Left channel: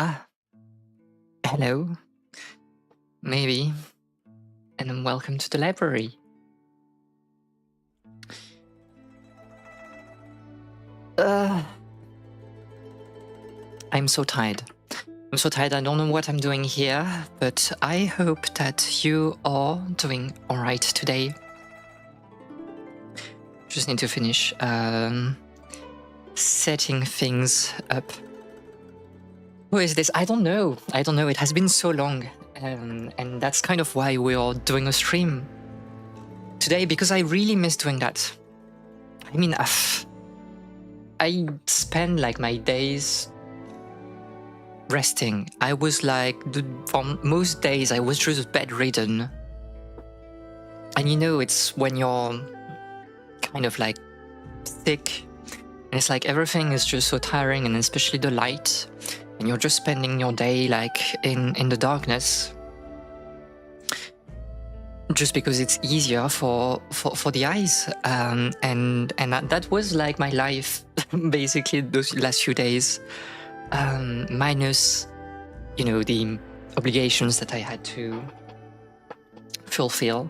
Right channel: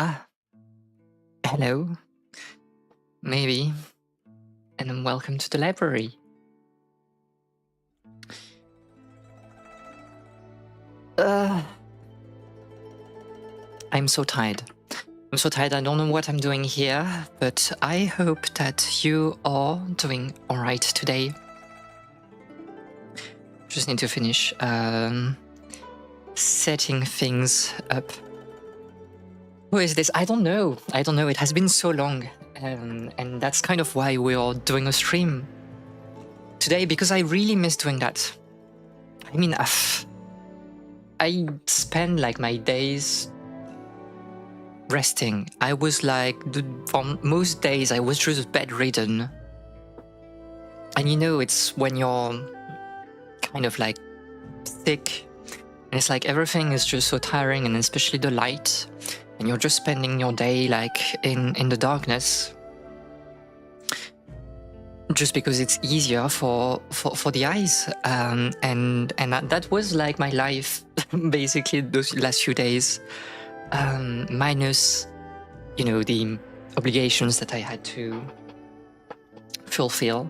Ah, hello, maybe, and then welcome to the library. Uh, I'm so tired. I'm so tired, I don't know what I'm doing here, but I hope that you are doing alright today. Just need to finish setting things up. Who is this? I don't know. It has been so long, and that's kind of why we are doing a stream today, because I really miss doing that. I mean, I spend like my days resting. I was like, for most days, I was just bedridden. And you know, it's when you're kind of like sick, and it's like everything is just so tiring, and especially the light, and you're just spending your day like in the darkness, just because it's easier for the eyes. And that was like my life, basically those last few days, minus, you know, the obligations that I had to fulfill.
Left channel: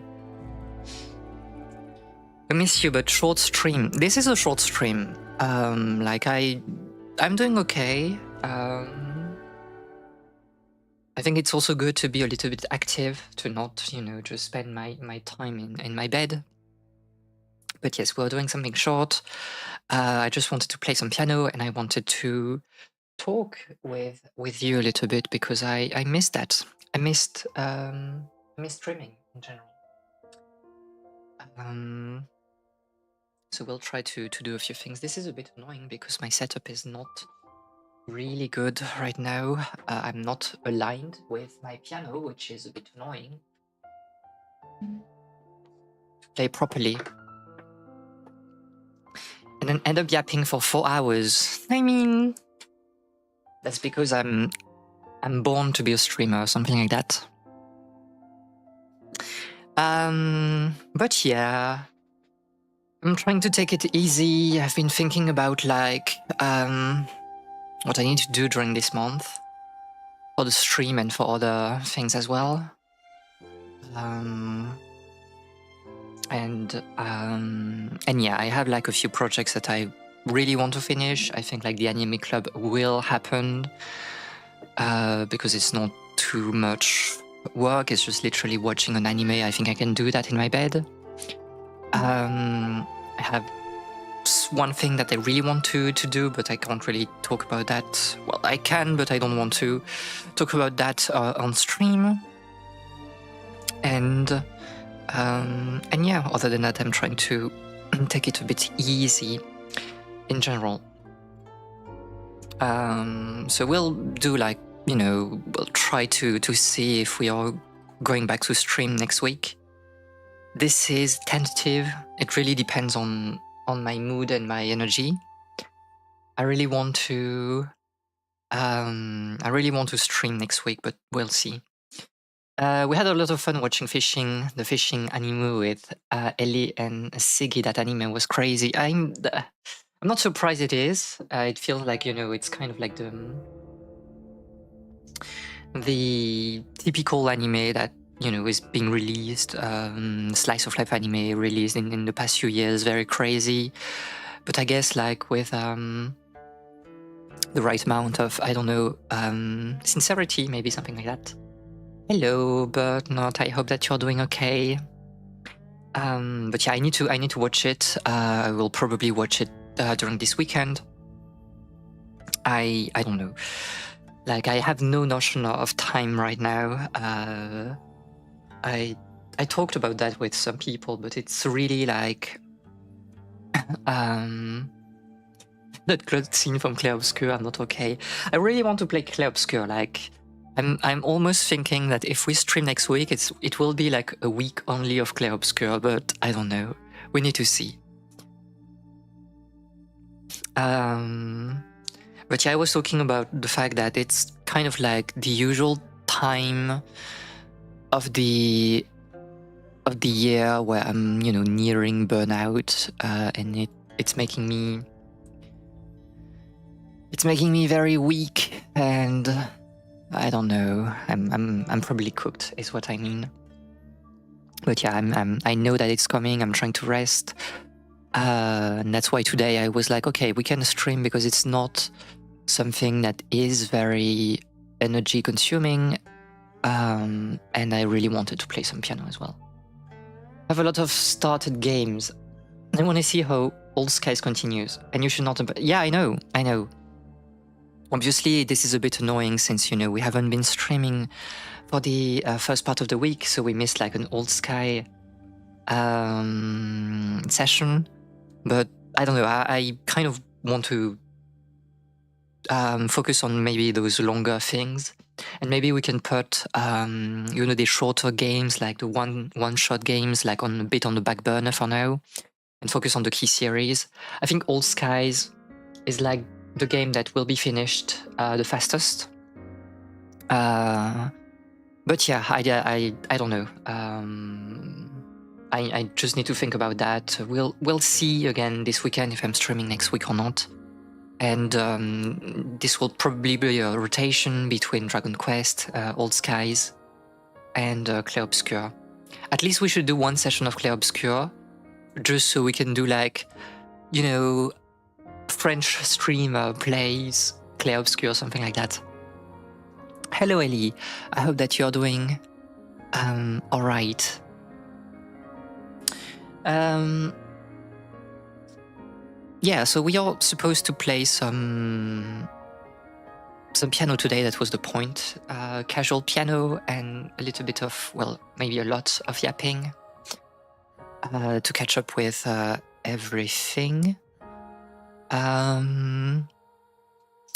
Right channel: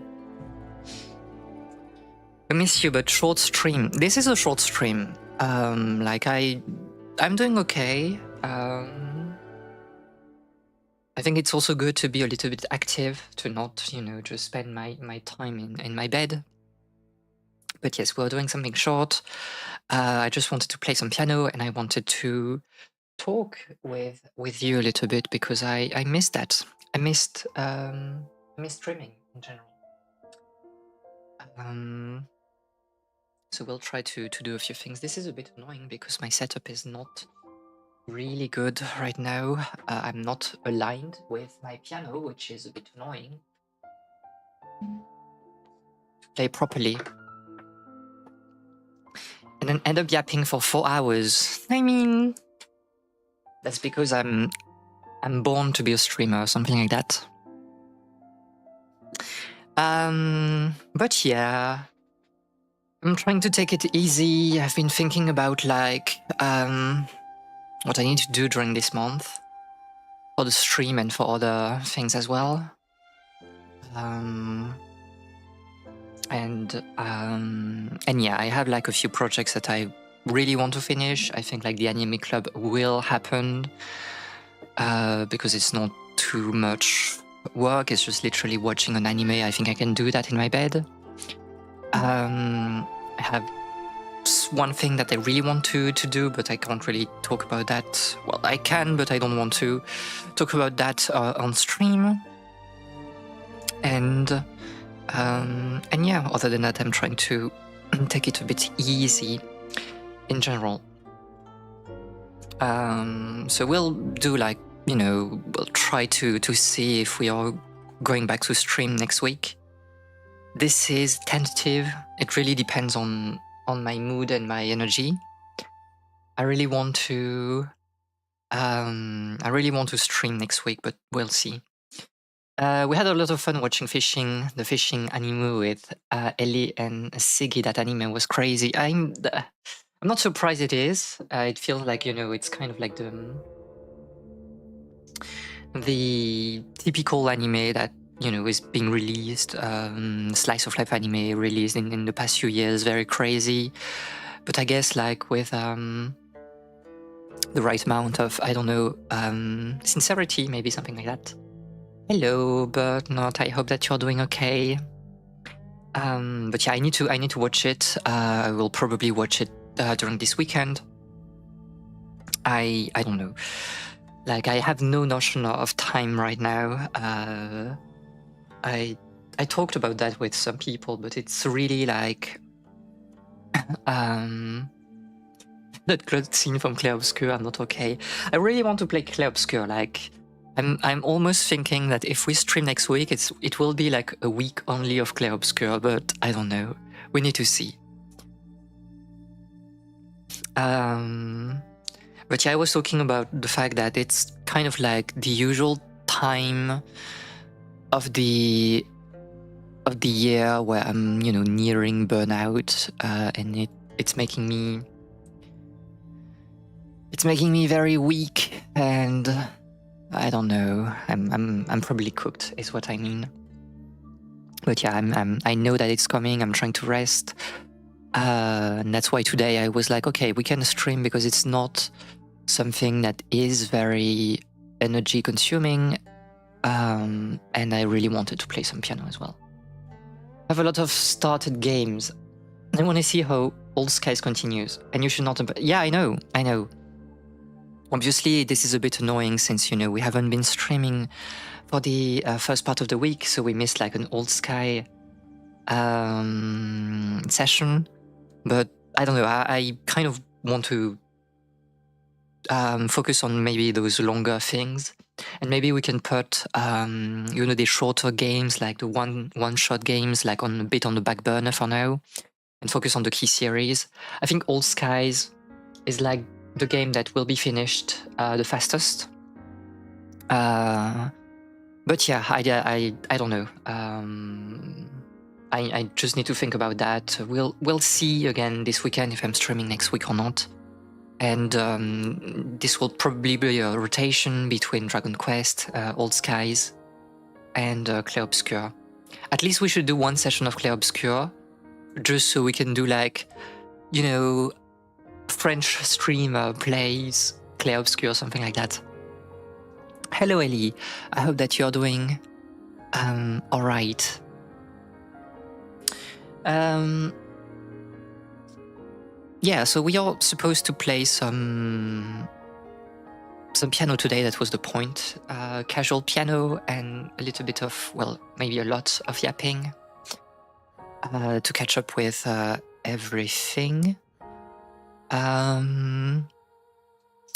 I miss you, but short stream. This is a short stream. Like I'm doing okay. I think it's also good to be a little bit active, to not, you know, just spend my time in my bed. But yes, we're doing something short. I just wanted to play some piano, and I wanted to talk with you a little bit, because I missed that. I missed streaming in general. So we'll try to do a few things. This is a bit annoying because my setup is not really good right now. I'm not aligned with my piano, which is a bit annoying. Play properly. And then end up yapping for 4 hours. I mean, that's because I'm born to be a streamer or something like that. But yeah, I'm trying to take it easy. I've been thinking about like what I need to do during this month for the stream and for other things as well. And yeah, I have like a few projects that I really want to finish. I think like the anime club will happen because it's not too much work. It's just literally watching an anime. I think I can do that in my bed. I have one thing that I really want to do, but I can't really talk about that. Well, I can, but I don't want to talk about that on stream. And yeah, other than that, I'm trying to take it a bit easy in general. So we'll do like, you know, we'll try to see if we are going back to stream next week. This is tentative. It really depends on my mood and my energy. I really want to stream next week, but we'll see. We had a lot of fun watching the fishing anime with Ellie and Siggy. That anime was crazy. I'm not surprised it is. It feels like, you know, it's kind of like the typical anime that, you know, is being released, slice of life anime released in the past few years. Very crazy. But I guess like with the right amount of, I don't know, sincerity, maybe something like that. Hello, but not. I hope that you're doing okay. But yeah, I need to watch it. I will probably watch it during this weekend. I don't know. Like, I have no notion of time right now. I talked about that with some people, but it's really like that closed scene from Clair Obscur. I'm not okay. I really want to play Clair Obscur. Like, I'm almost thinking that if we stream next week, it will be like a week only of Clair Obscur, but I don't know. We need to see. But yeah, I was talking about the fact that it's kind of like the usual time of the year where I'm, you know, nearing burnout, and it's making me very weak, and I don't know. I'm probably cooked, is what I mean. But yeah, I know that it's coming. I'm trying to rest, and that's why today I was like, okay, we can stream because it's not something that is very energy consuming, and I really wanted to play some piano as well. I have a lot of started games. I want to see how Old Skies continues, and you should not. Yeah, I know. Obviously, this is a bit annoying since we haven't been streaming for the first part of the week, so we missed like an Old Sky session. But I don't know. I kind of want to focus on maybe those longer things, and maybe we can put the shorter games, like the one shot games, like on a bit on the back burner for now, and focus on the key series. I think Old Skies is like the game that will be finished the fastest. But yeah, I don't know. I just need to think about that. We'll see again this weekend if I'm streaming next week or not. And this will probably be a rotation between Dragon Quest, Old Skies, and Clair Obscur. At least we should do one session of Clair Obscur, just so we can do like, French streamer plays Clair Obscur, something like that. Hello, Ellie. I hope that you're doing all right. Yeah, so we are supposed to play some piano today. That was the point. Casual piano and a little bit of, well, maybe a lot of yapping to catch up with everything.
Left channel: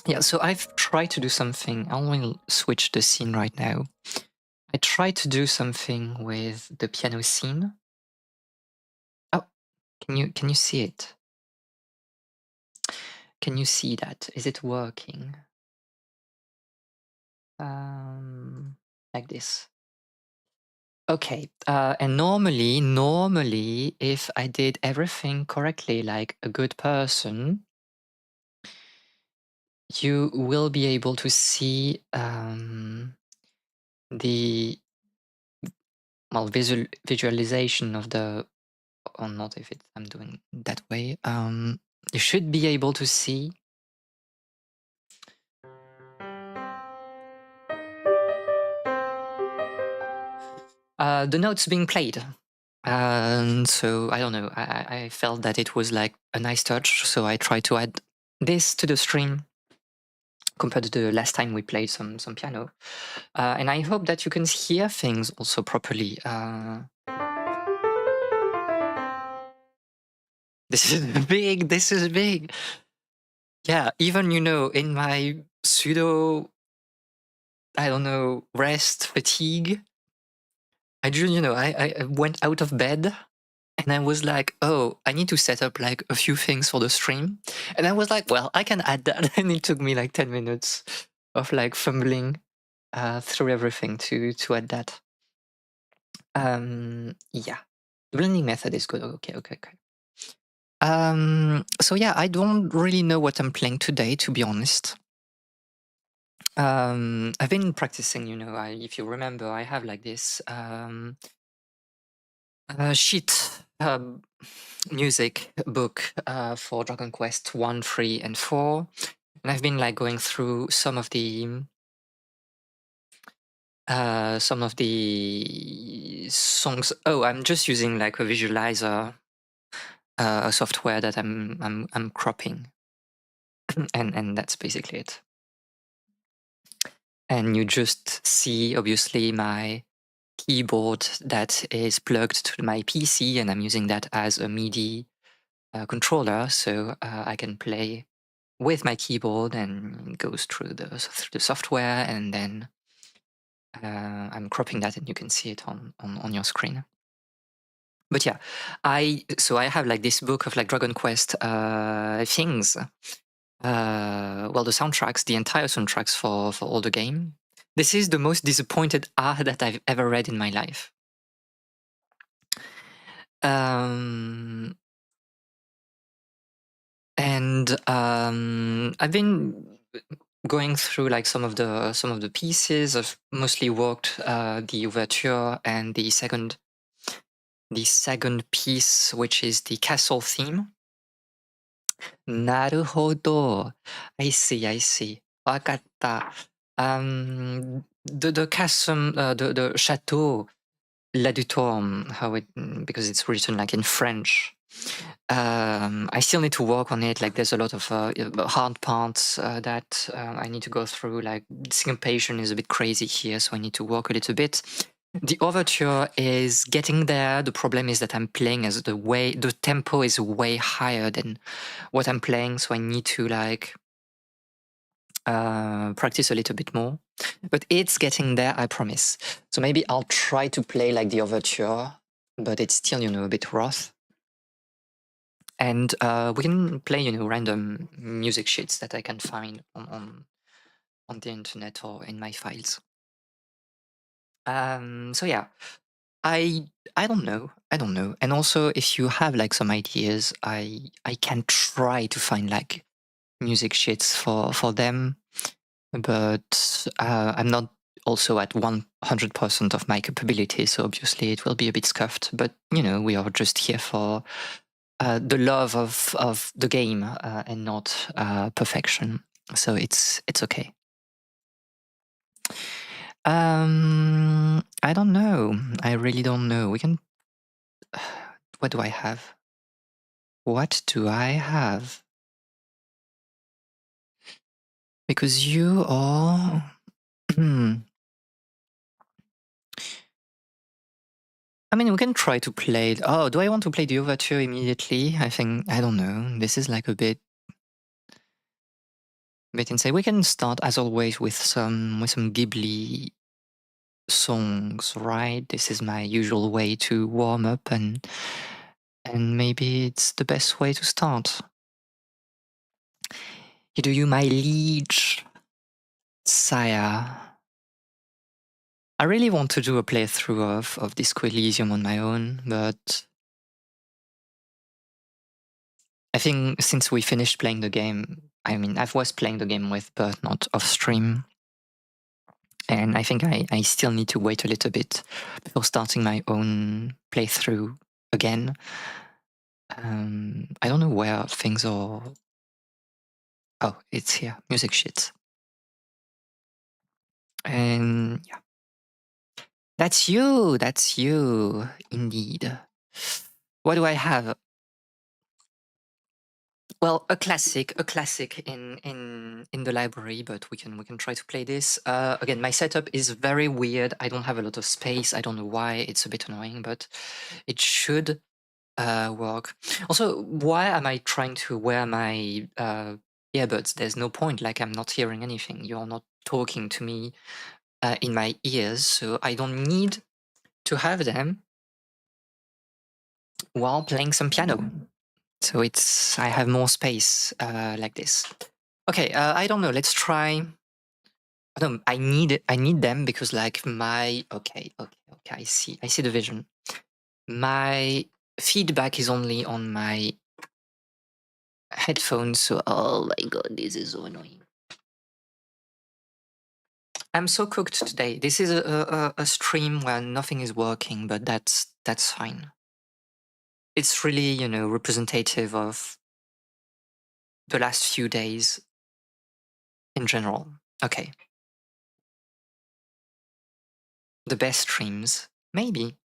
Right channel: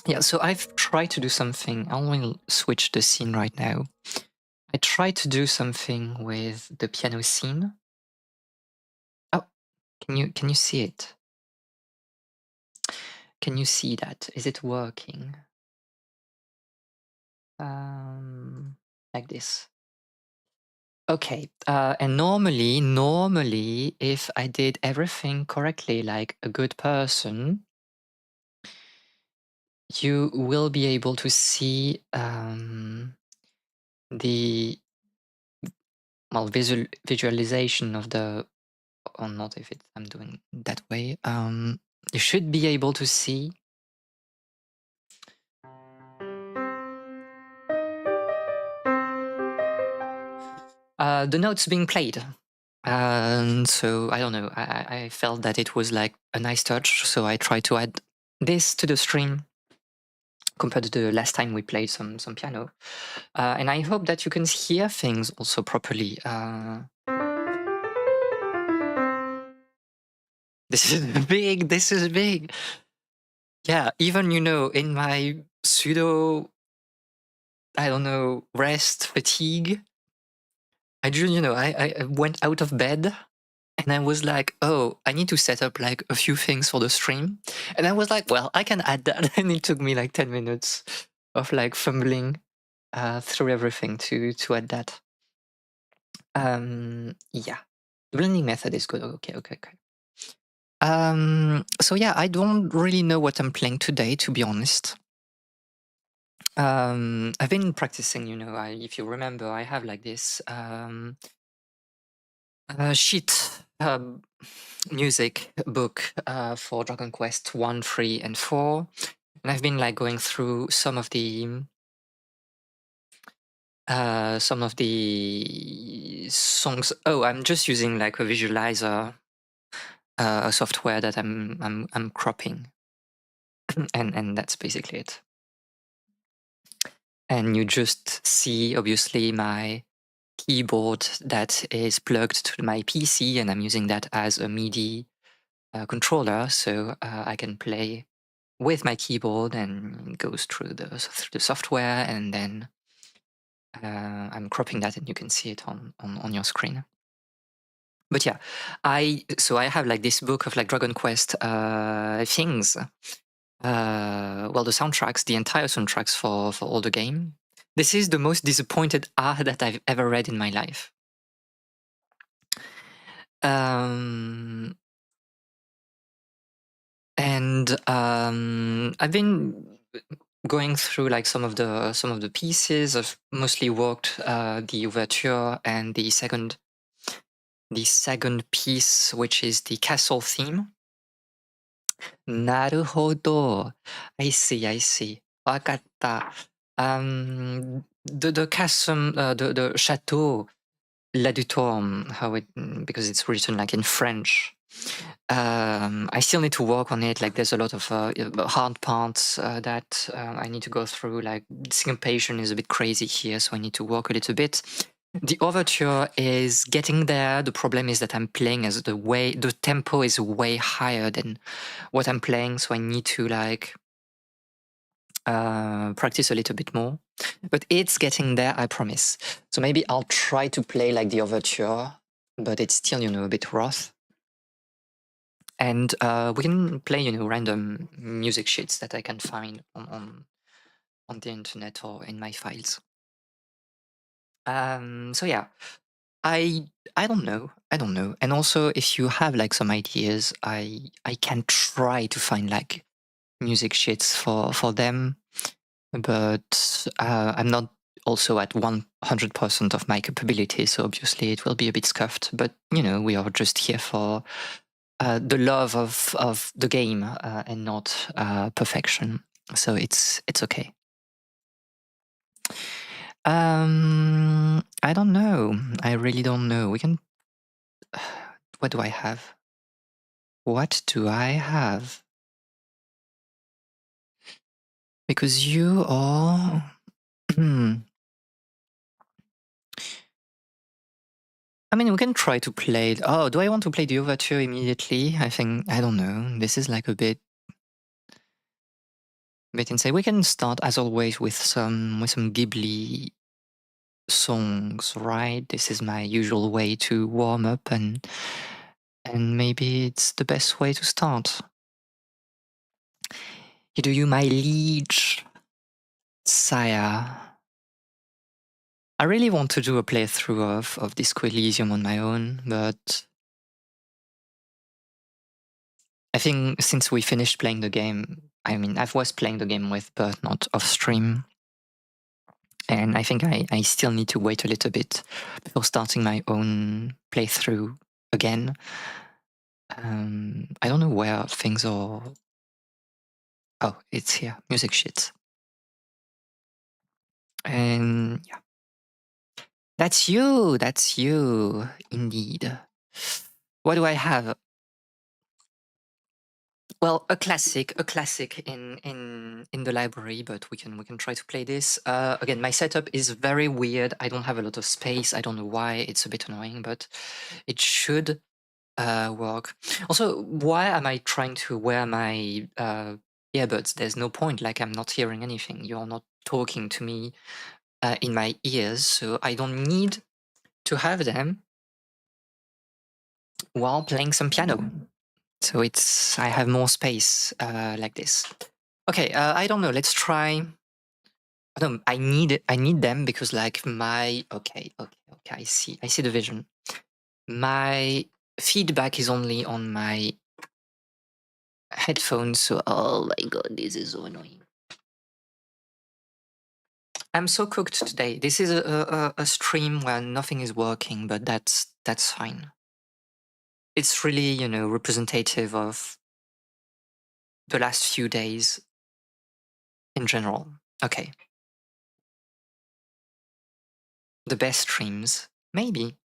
Yeah, so I've tried to do something. I will switch the scene right now. I tried to do something with the piano scene. Oh, can you see it? Can you see that? Is it working? Like this. Okay, and normally, if I did everything correctly, like a good person, you will be able to see the visualization of the, or not if I'm doing that way. You should be able to see the notes being played. And so I don't know. I felt that it was like a nice touch, so I tried to add this to the stream compared to the last time we played some piano. And I hope that you can hear things also properly. This is big. This is big. Yeah, even in my pseudo, I don't know, rest fatigue, I just I went out of bed. And I was like, oh, I need to set up like a few things for the stream. And I was like, well, I can add that. And it took me like 10 minutes of like fumbling through everything to add that. Yeah, the blending method is good. Okay. So yeah, I don't really know what I'm playing today, to be honest. I've been practicing, if you remember, I have like this sheet music book for Dragon Quest 1, 3, and 4. And I've been like going through some of the songs. Oh, I'm just using like a visualizer, a software that I'm cropping, and that's basically it. And you just see obviously my keyboard that is plugged to my PC, and I'm using that as a MIDI controller, so I can play with my keyboard and it goes through the software, and then I'm cropping that, and you can see it on your screen. But yeah, I have like this book of like Dragon Quest things. Well, the soundtracks, the entire soundtracks for all the game. This is the most disappointed art that I've ever read in my life. And I've been going through like some of the pieces. I've mostly worked the overture and the second piece, which is the castle theme. Naruhodo. I see, I see. Wakatta. The castle, the chateau, La du Torme, because it's written like in French. I still need to work on it. Like, there's a lot of hard parts that I need to go through. Like, syncopation is a bit crazy here, so I need to work a little bit. The overture is getting there. The problem is that I'm playing as the tempo is way higher than what I'm playing, so I need to like practice a little bit more. But it's getting there, I promise. So maybe I'll try to play like the overture, but it's still, a bit rough. And we can play, random music sheets that I can find on the internet or in my files. So yeah, I don't know. I don't know. And also, if you have like some ideas, I can try to find like music sheets for them, but I'm not also at 100% of my capability, so obviously it will be a bit scuffed. But we are just here for the love of the game and not perfection. So it's okay. I don't know. I really don't know. We can. What do I have? What do I have? Because you are. I mean, we can try to play. Oh, do I want to play the overture immediately? I think I don't know. This is like a bit insane. We can start as always with some Ghibli songs, right? This is my usual way to warm up, and maybe it's the best way to start. Do you, my liege, sire? I really want to do a playthrough of Disco Elysium on my own, but I think since we finished playing the game, I mean, I was playing the game with Bert, not off stream. And I think I still need to wait a little bit before starting my own playthrough again. I don't know where things are. Oh, it's here. Music sheets. And yeah. That's you. That's you. Indeed. What do I have? Well, a classic in the library, but we can try to play this. Again, my setup is very weird. I don't have a lot of space. I don't know why. It's a bit annoying, but it should work. Also, why am I trying to wear my earbuds? There's no point. Like, I'm not hearing anything. You're not talking to me in my ears, so I don't need to have them while playing some piano. So I have more space like this. Okay, I don't know. Let's try. No, I need them because like okay. I see the vision. My feedback is only on my headphones, so oh my god, this is so annoying. I'm so cooked today. This is a stream where nothing is working, but that's fine. It's really representative of the last few days in general. Okay. The best streams, maybe.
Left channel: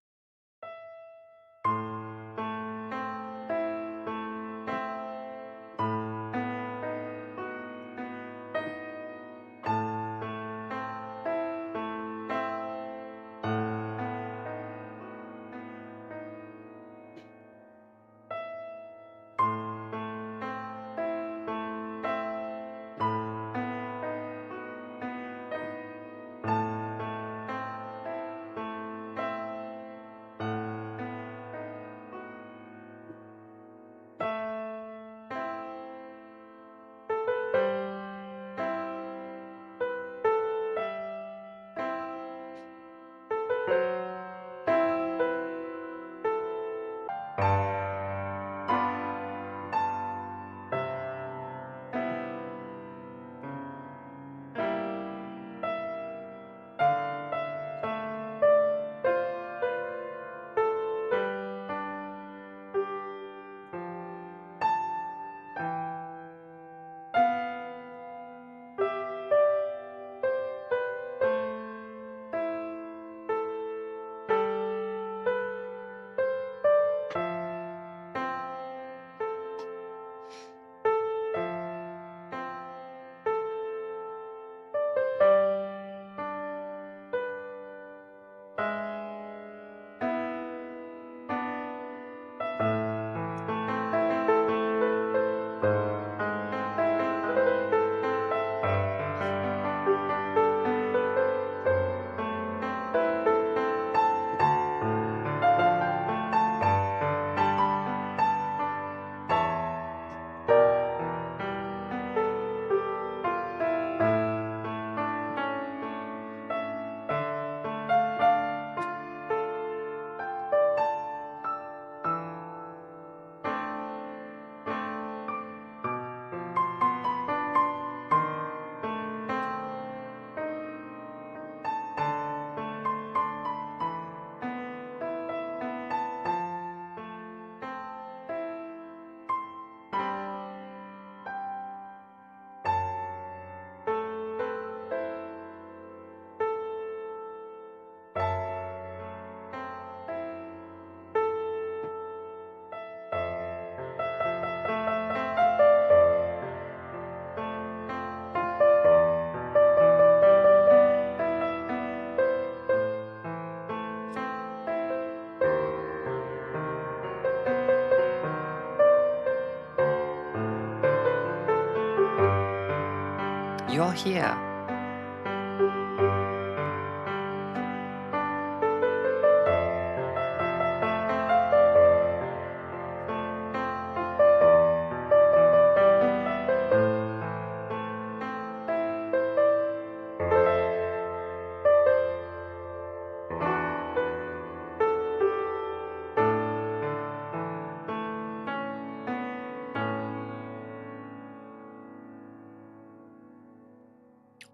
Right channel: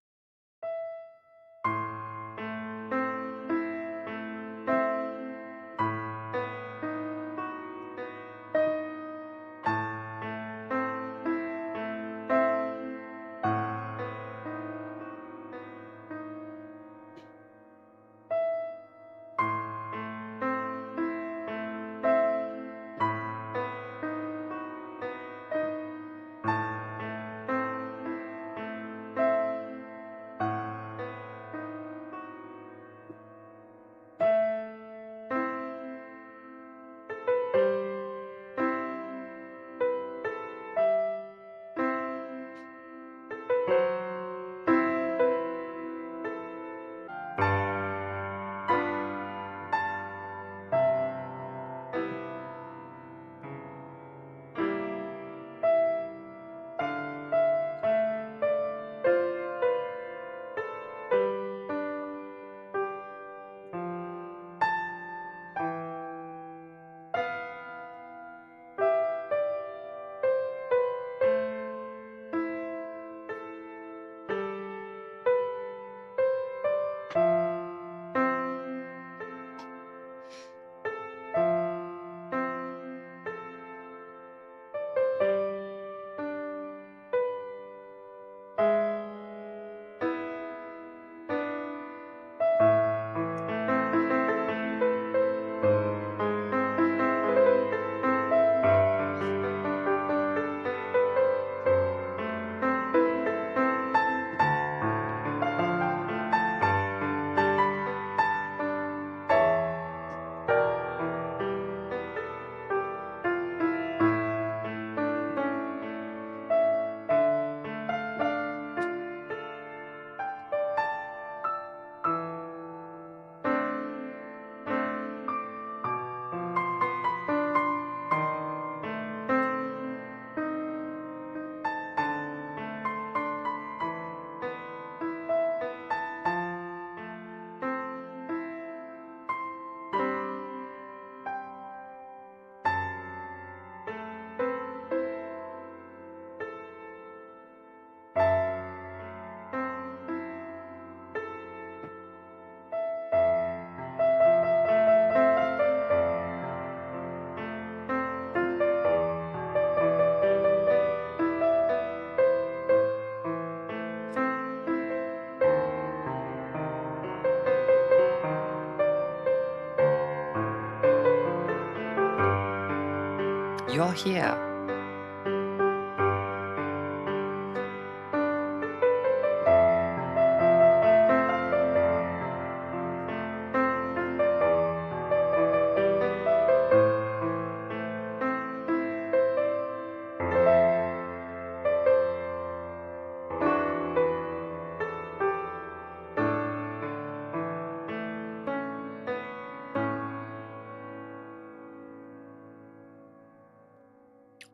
You're here.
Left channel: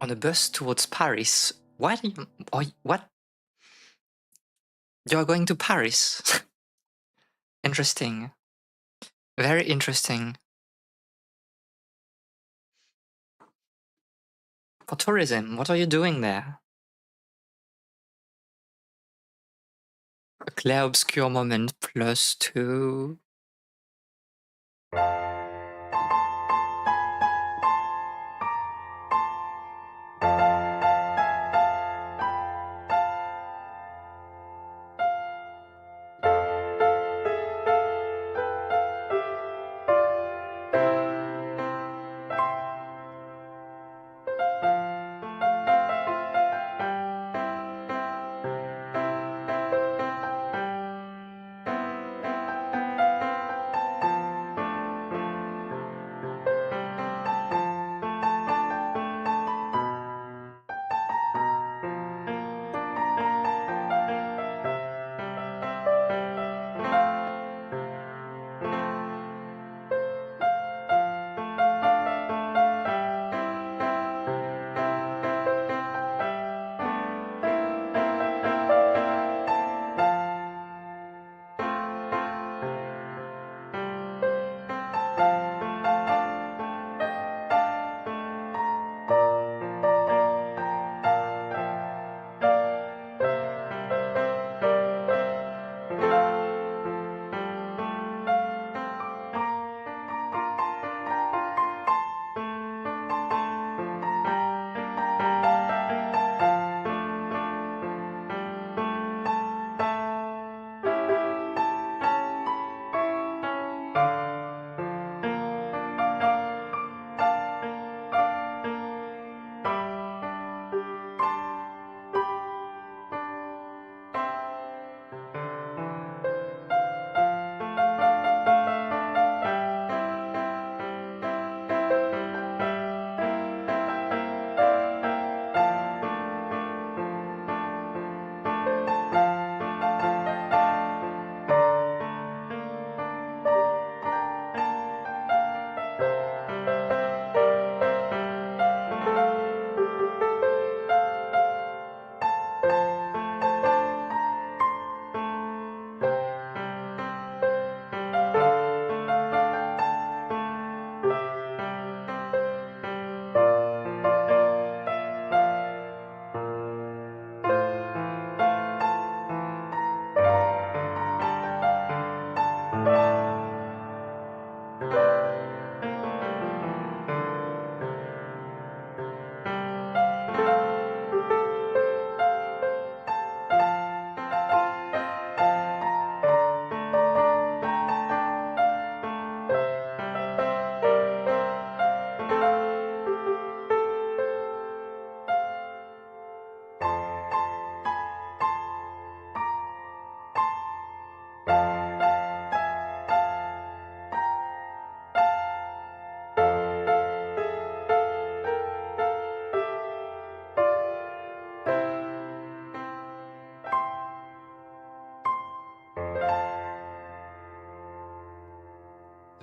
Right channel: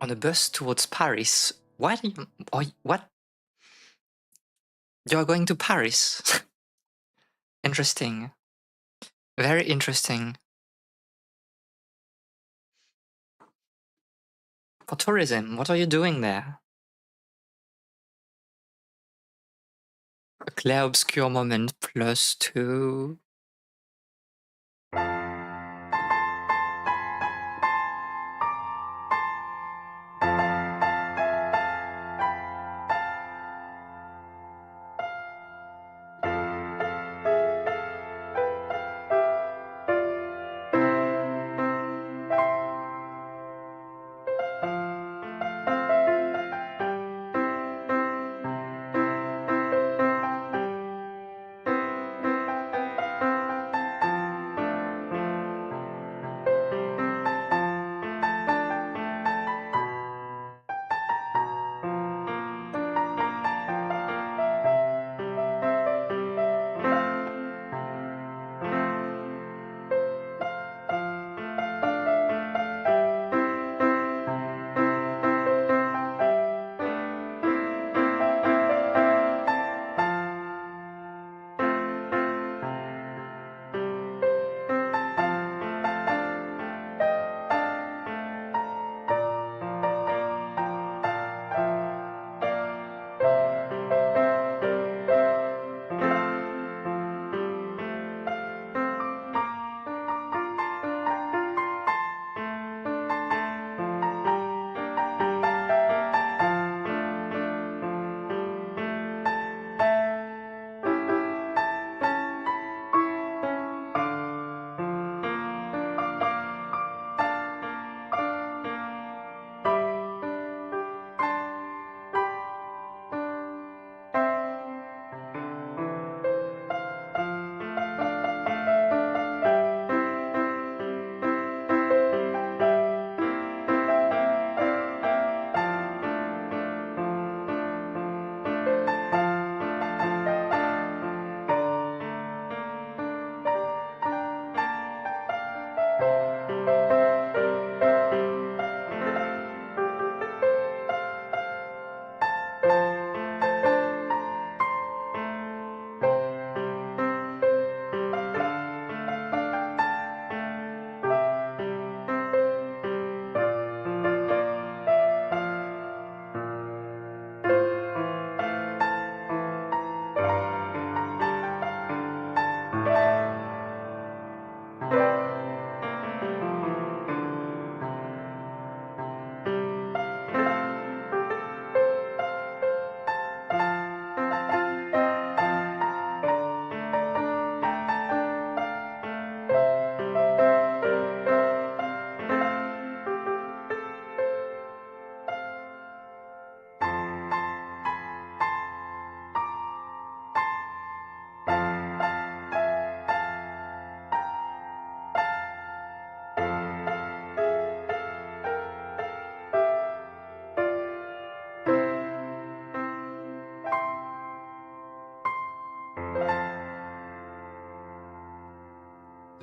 On a bus towards Paris. What? What? You're going to Paris? Interesting. Very interesting. For tourism, what are you doing there? A clair obscure moment +2.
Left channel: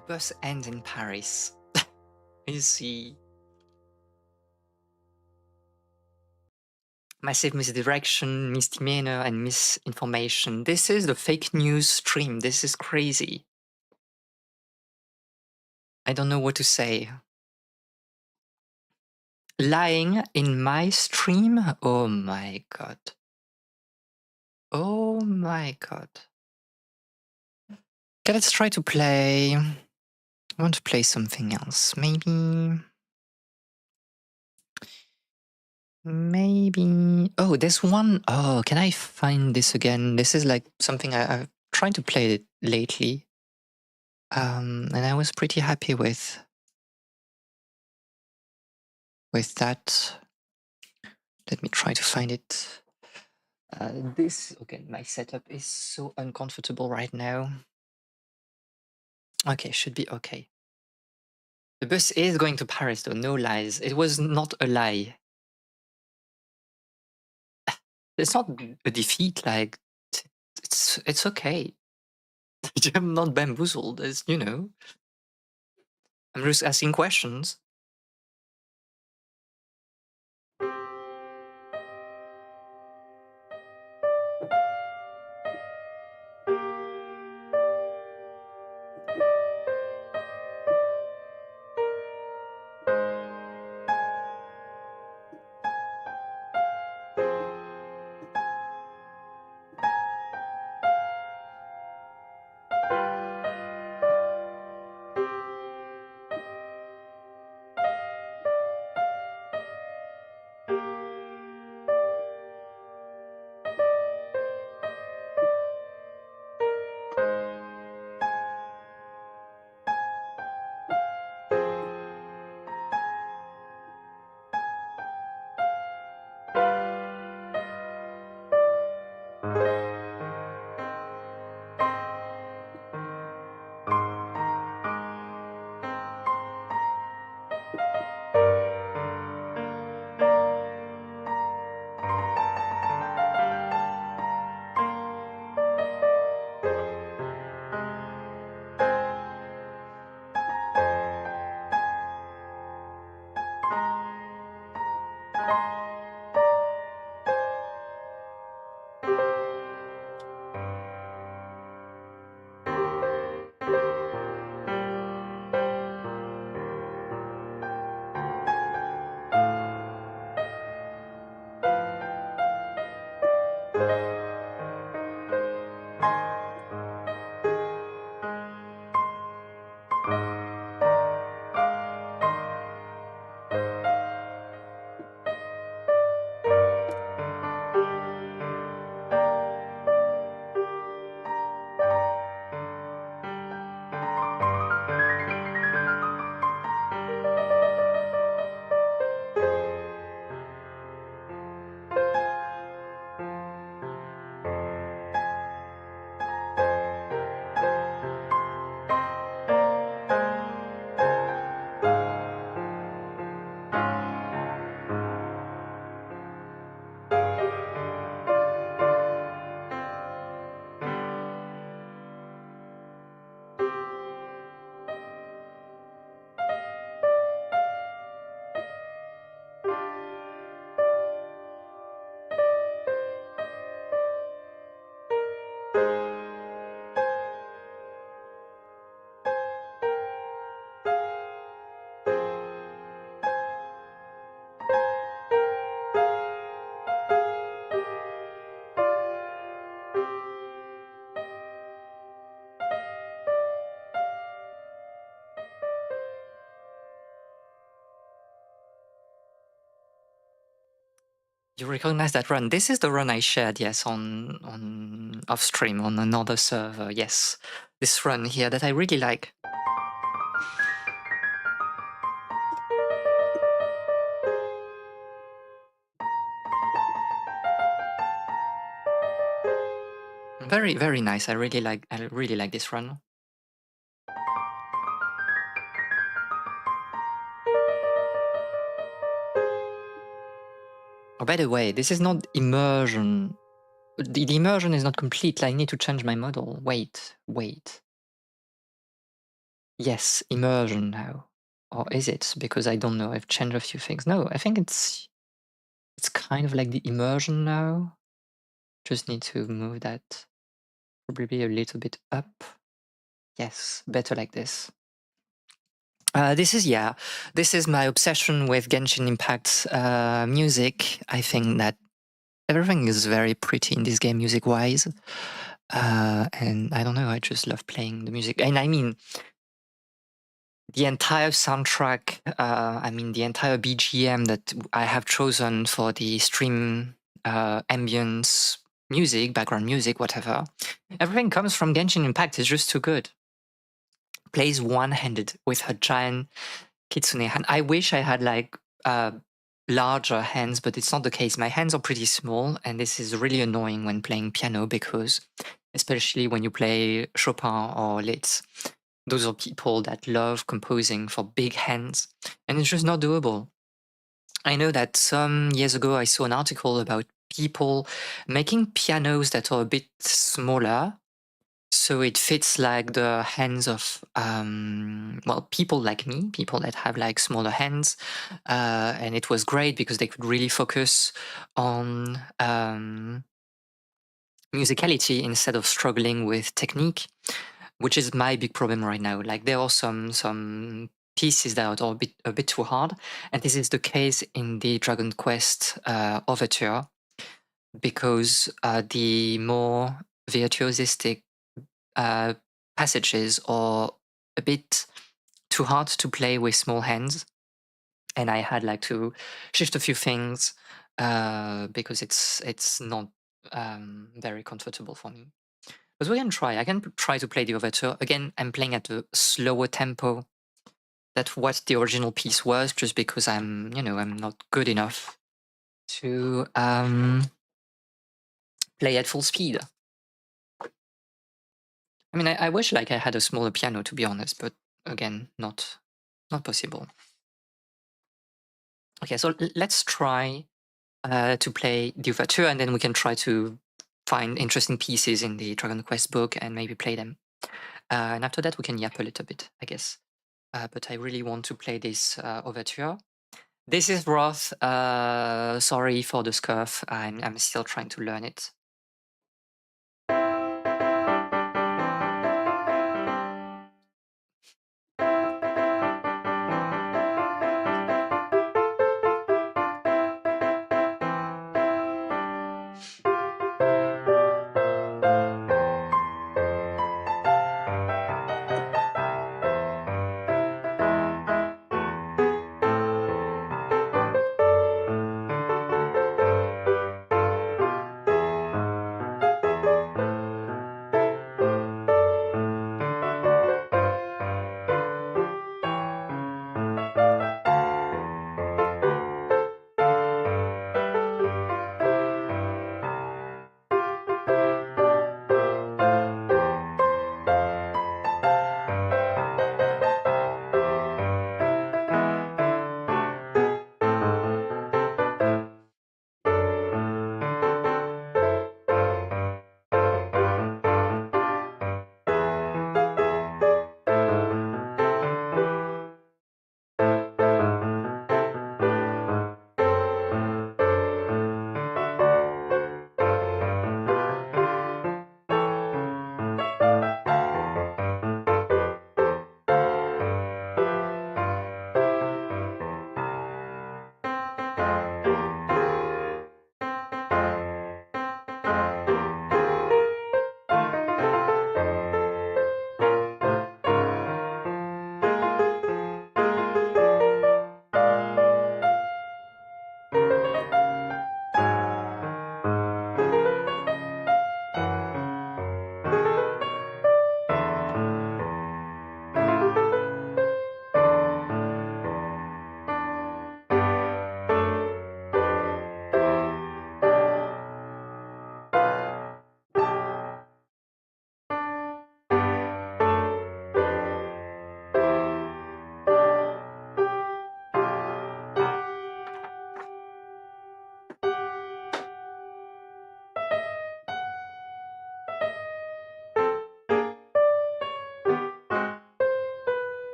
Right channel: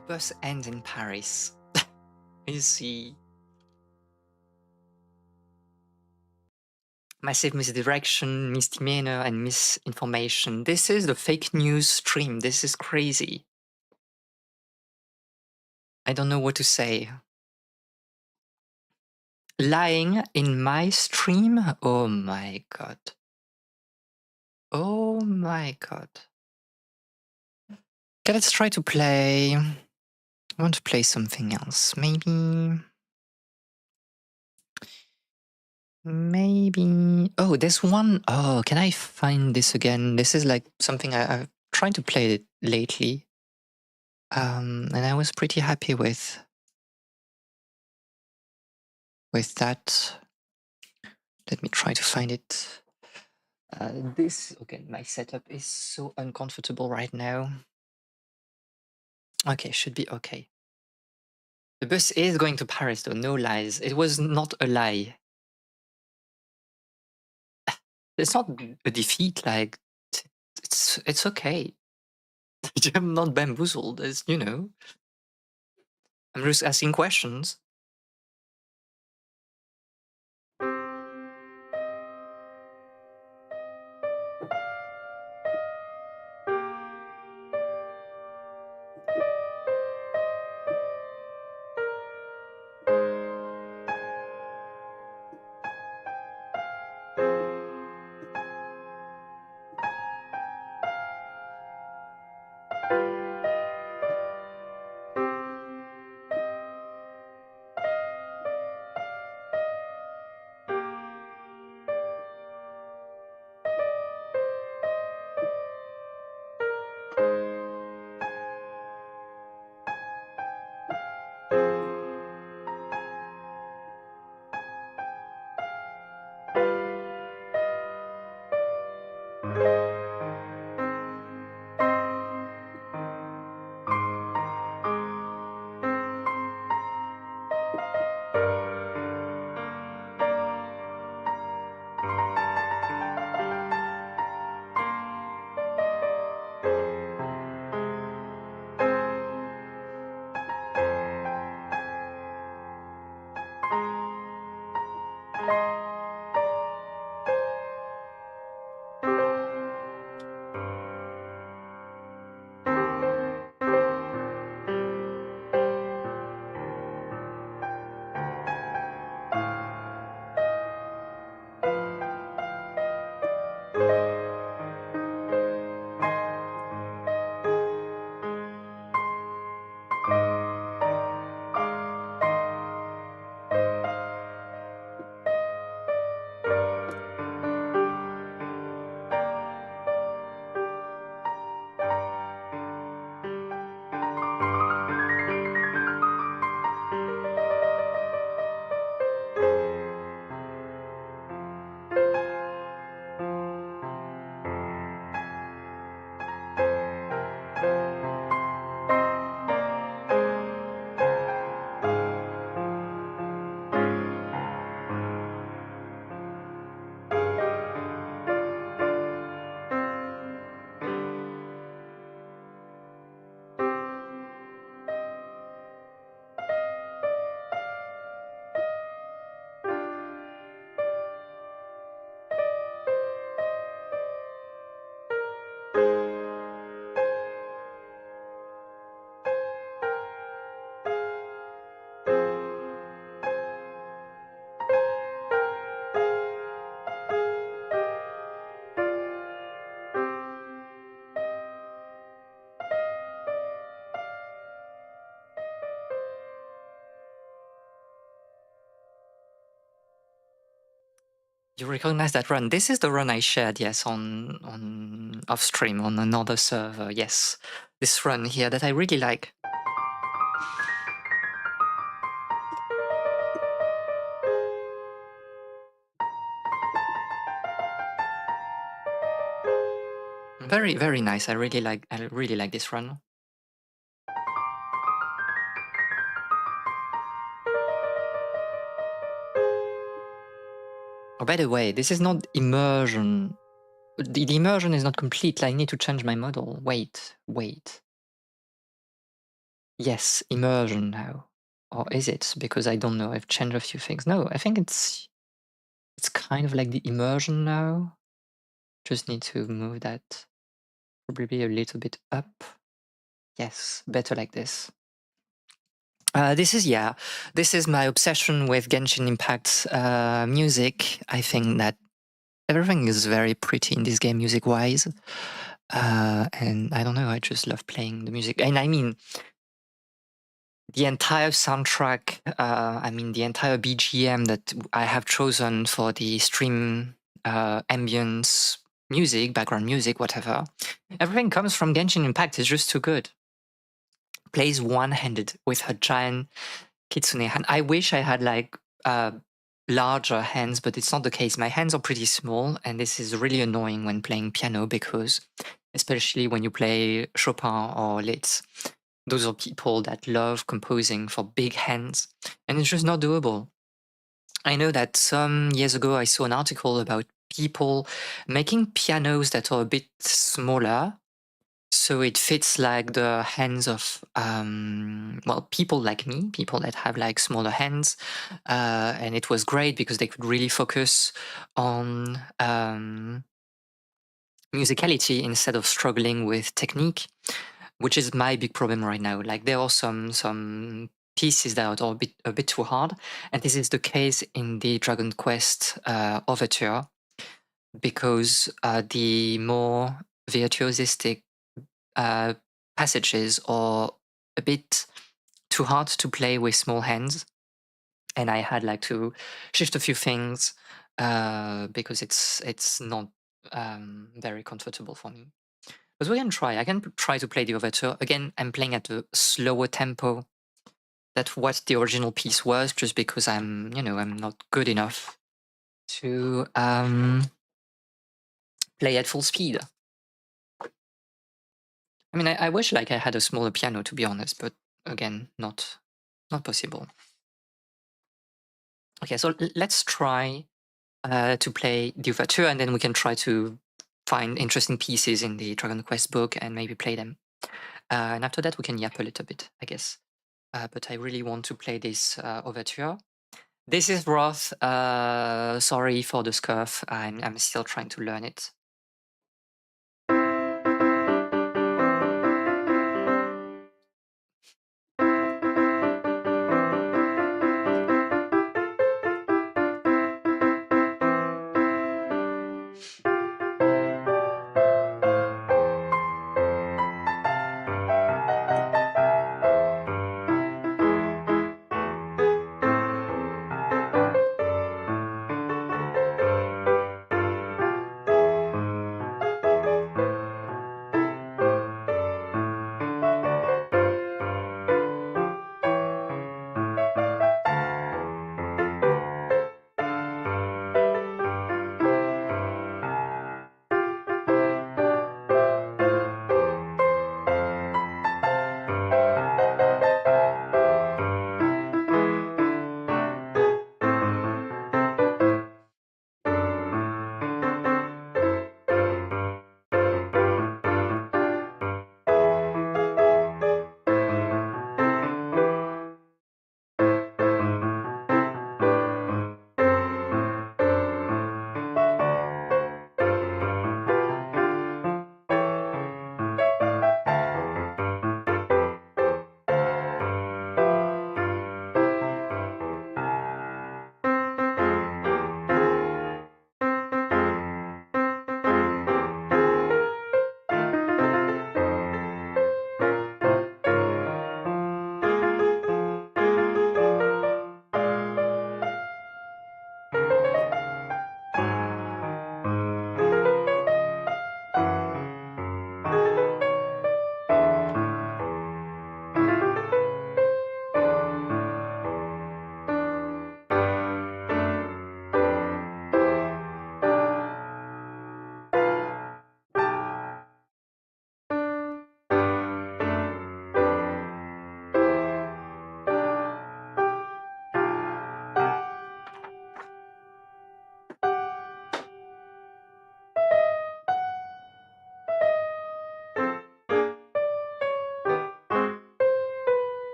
The bus ends in Paris. You see. Massive misdirection, misdemeanor, and misinformation. This is the fake news stream. This is crazy. I don't know what to say. Lying in my stream? Oh my god. Oh my god. Okay, let's try to play. I want to play something else. Maybe. Oh, there's one. Oh, can I find this again? This is like something I've tried to play it lately. And I was pretty happy with. with that. Let me try to find it. Okay, my setup is so uncomfortable right now. Okay, should be okay. The bus is going to Paris though, no lies. It was not a lie. It's not a defeat, like, it's okay. I'm not bamboozled, it's, I'm just asking questions. You recognize that run? This is the run I shared, yes, on off stream on another server. Yes, this run here that I really like. Very, very nice. I really like this run. Oh, by the way, this is not immersion. The immersion is not complete. I need to change my model. Wait. Yes, immersion now. Or is it? Because I don't know. I've changed a few things. No, I think it's kind of like the immersion now. Just need to move that probably a little bit up. Yes, better like this. This is my obsession with Genshin Impact music. I think that everything is very pretty in this game music-wise. And I don't know, I just love playing the music. And I mean, the entire soundtrack, the entire BGM that I have chosen for the stream ambience music, background music, whatever, everything comes from Genshin Impact. It's just too good. Plays one-handed with her giant kitsune hand. I wish I had like uh, larger hands, but it's not the case. My hands are pretty small, and this is really annoying when playing piano because, especially when you play Chopin or Liszt, those are people that love composing for big hands, and it's just not doable. I know that some years ago I saw an article about people making pianos that are a bit smaller, so it fits like the hands of well, people like me, people that have like smaller hands, and it was great because they could really focus on musicality instead of struggling with technique, which is my big problem right now. Like there are some pieces that are a bit too hard, and this is the case in the Dragon Quest overture, because the more virtuosistic uh, passages are a bit too hard to play with small hands, and I had like to shift a few things because it's not very comfortable for me. But we can try. I can try to play the overture again. I'm playing at a slower tempo than what the original piece was, just because I'm not good enough to play at full speed. I mean, I wish like I had a smaller piano, to be honest, but again, not possible. Okay, so let's try to play the overture, and then we can try to find interesting pieces in the Dragon Quest book and maybe play them. And after that, we can yap a little bit, I guess. But I really want to play this overture. This is rough. Sorry for the scuff. I'm still trying to learn it.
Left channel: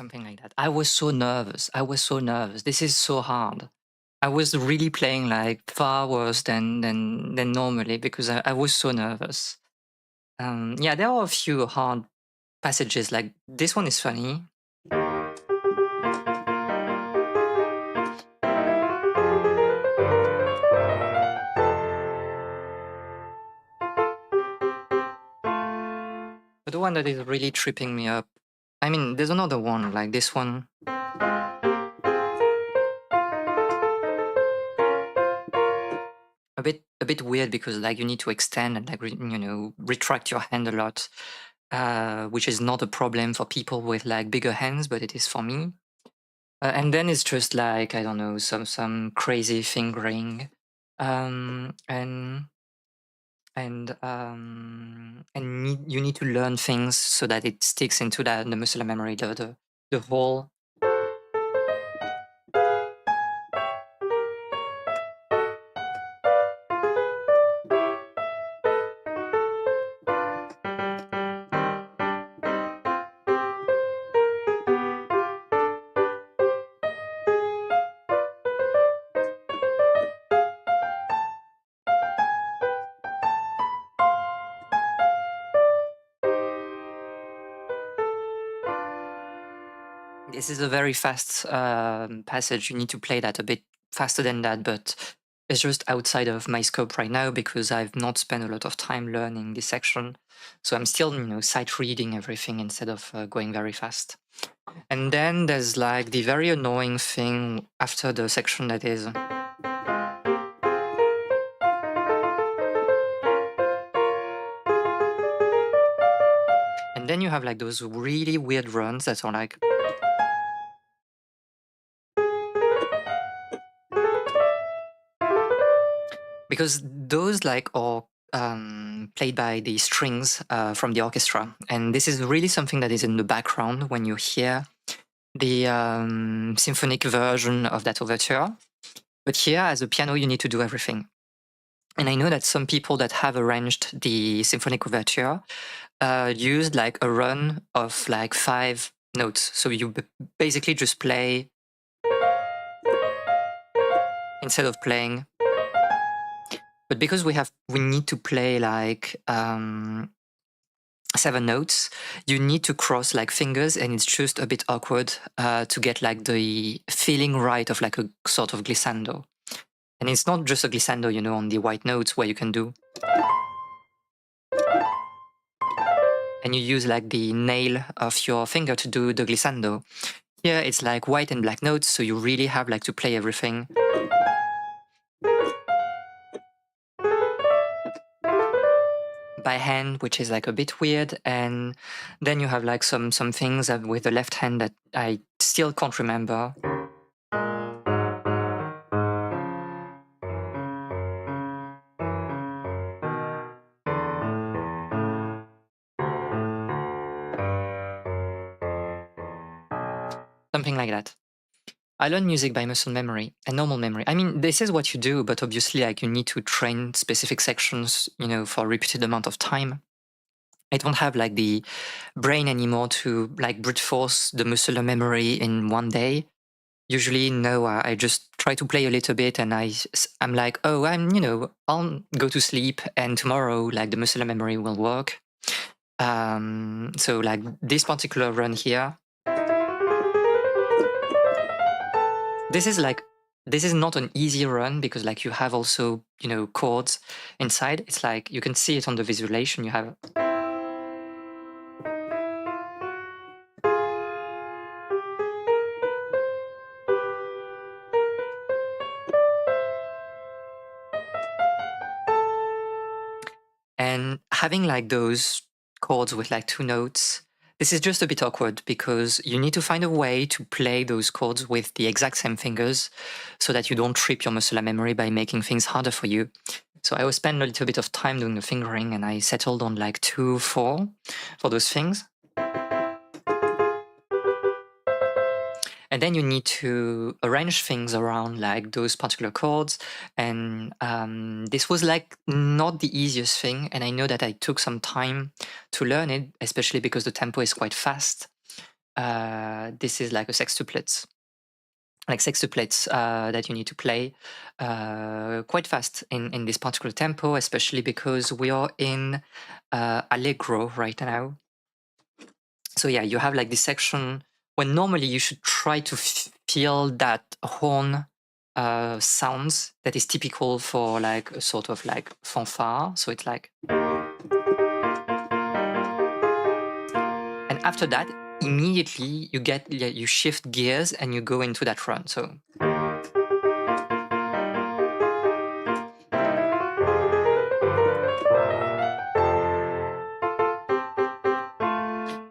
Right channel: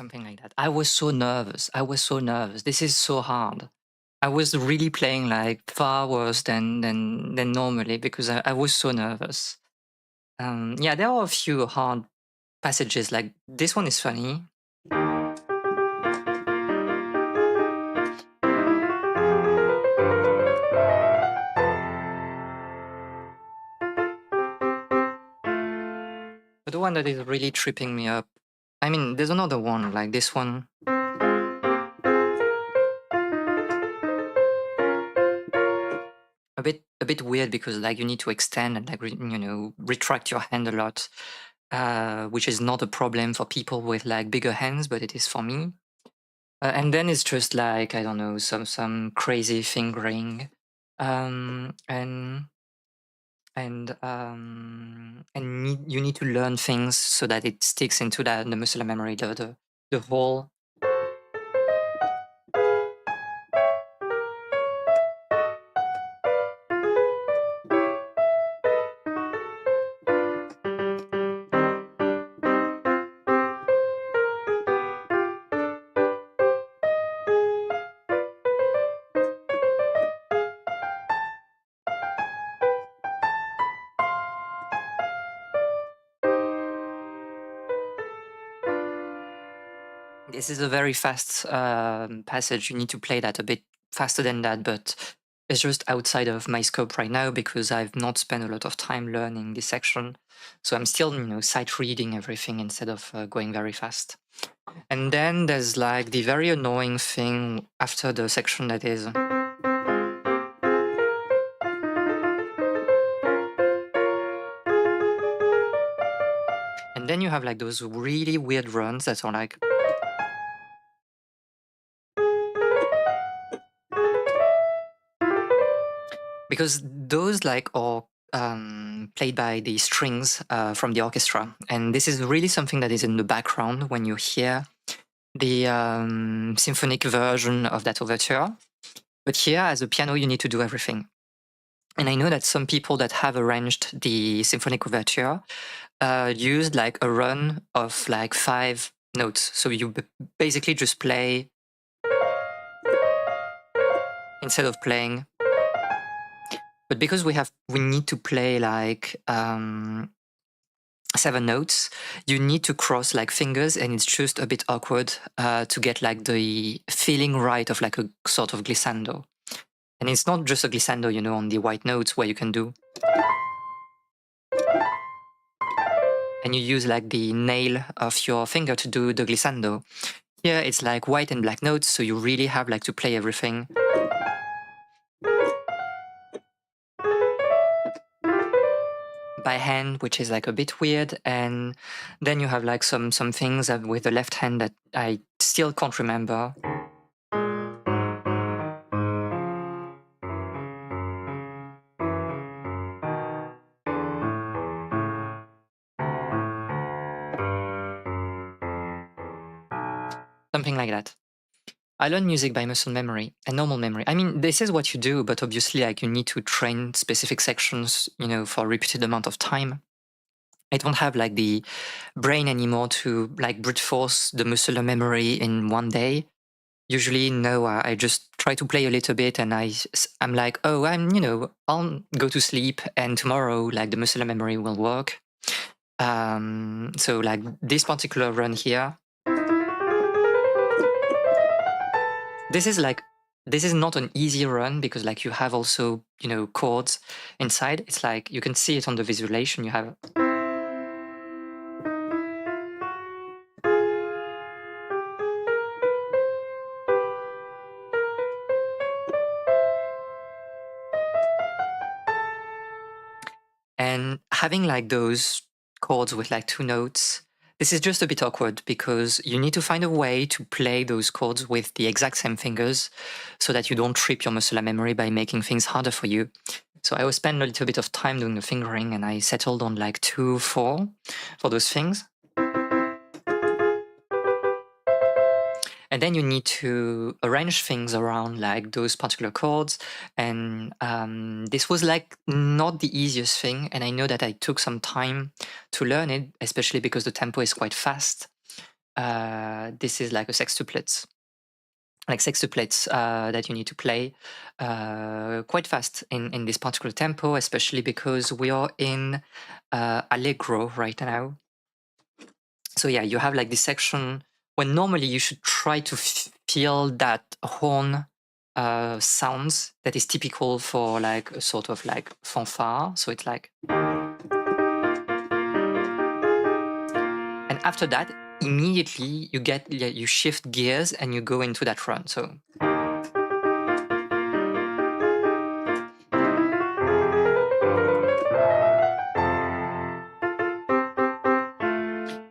something like that. I was so nervous. I was so nervous. This is so hard. I was really playing like far worse than normally because I was so nervous. Yeah, there are a few hard passages. Like this one is funny. But the one that is really tripping me up. I mean, there's another one like this one. A bit weird because like you need to extend and like retract your hand a lot, which is not a problem for people with like bigger hands, but it is for me. And then it's just like I don't know some crazy fingering, and you need to learn things so that it sticks into the muscle memory, the whole. This is a very fast passage. You need to play that a bit faster than that, but it's just outside of my scope right now because I've not spent a lot of time learning this section. So I'm still, sight reading everything instead of going very fast. And then there's like the very annoying thing after the section that is. And then you have like those really weird runs that are like. Because those like are played by the strings from the orchestra, and this is really something that is in the background when you hear the symphonic version of that overture. But here, as a piano, you need to do everything. And I know that some people that have arranged the symphonic overture used like a run of like 5 notes. So you basically just play instead of playing. But because we need to play like 7 notes, you need to cross like fingers, and it's just a bit awkward to get like the feeling right of like a sort of glissando. And it's not just a glissando, on the white notes where you can do. And you use like the nail of your finger to do the glissando. Here it's like white and black notes, so you really have like to play everything. By hand, which is like a bit weird, and then you have like some things with the left hand that I still can't remember. Something like that. I learned music by muscle memory and normal memory. I mean, this is what you do, but obviously, like you need to train specific sections, for a repeated amount of time. I don't have like the brain anymore to like brute force the muscular memory in one day. Usually, no, I just try to play a little bit, and I'm like, oh, I'll go to sleep, and tomorrow, like the muscular memory will work. So like this particular run here. This is not an easy run because like you have also, chords inside. It's like you can see it on the visualization. You have. And having like those chords with like 2 notes, this is just a bit awkward because you need to find a way to play those chords with the exact same fingers so that you don't trip your muscular memory by making things harder for you. So I will spend a little bit of time doing the fingering, and I settled on like 2, 4 for those things. And then you need to arrange things around like those particular chords. And this was like not the easiest thing. And I know that I took some time to learn it, especially because the tempo is quite fast. this is like a sextuplets, that you need to play quite fast in this particular tempo, especially because we are in allegro right now. So yeah, you have like this section when normally you should try to feel that horn sounds that is typical for like a sort of like fanfare. So it's like, and after that, immediately you shift gears and you go into that run. So.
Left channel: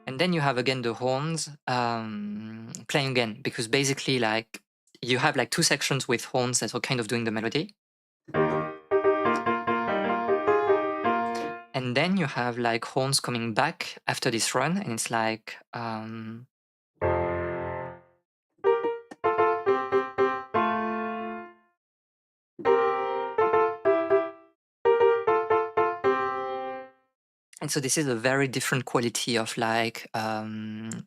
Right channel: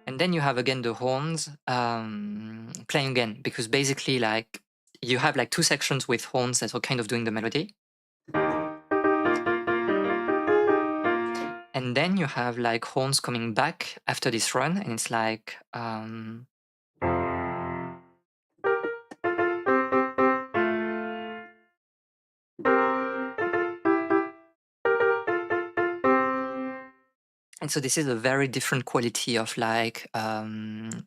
And then you have again the horns playing again, because basically like you have like two sections with horns that are kind of doing the melody. And then you have like horns coming back after this run, and it's like and so this is a very different quality of like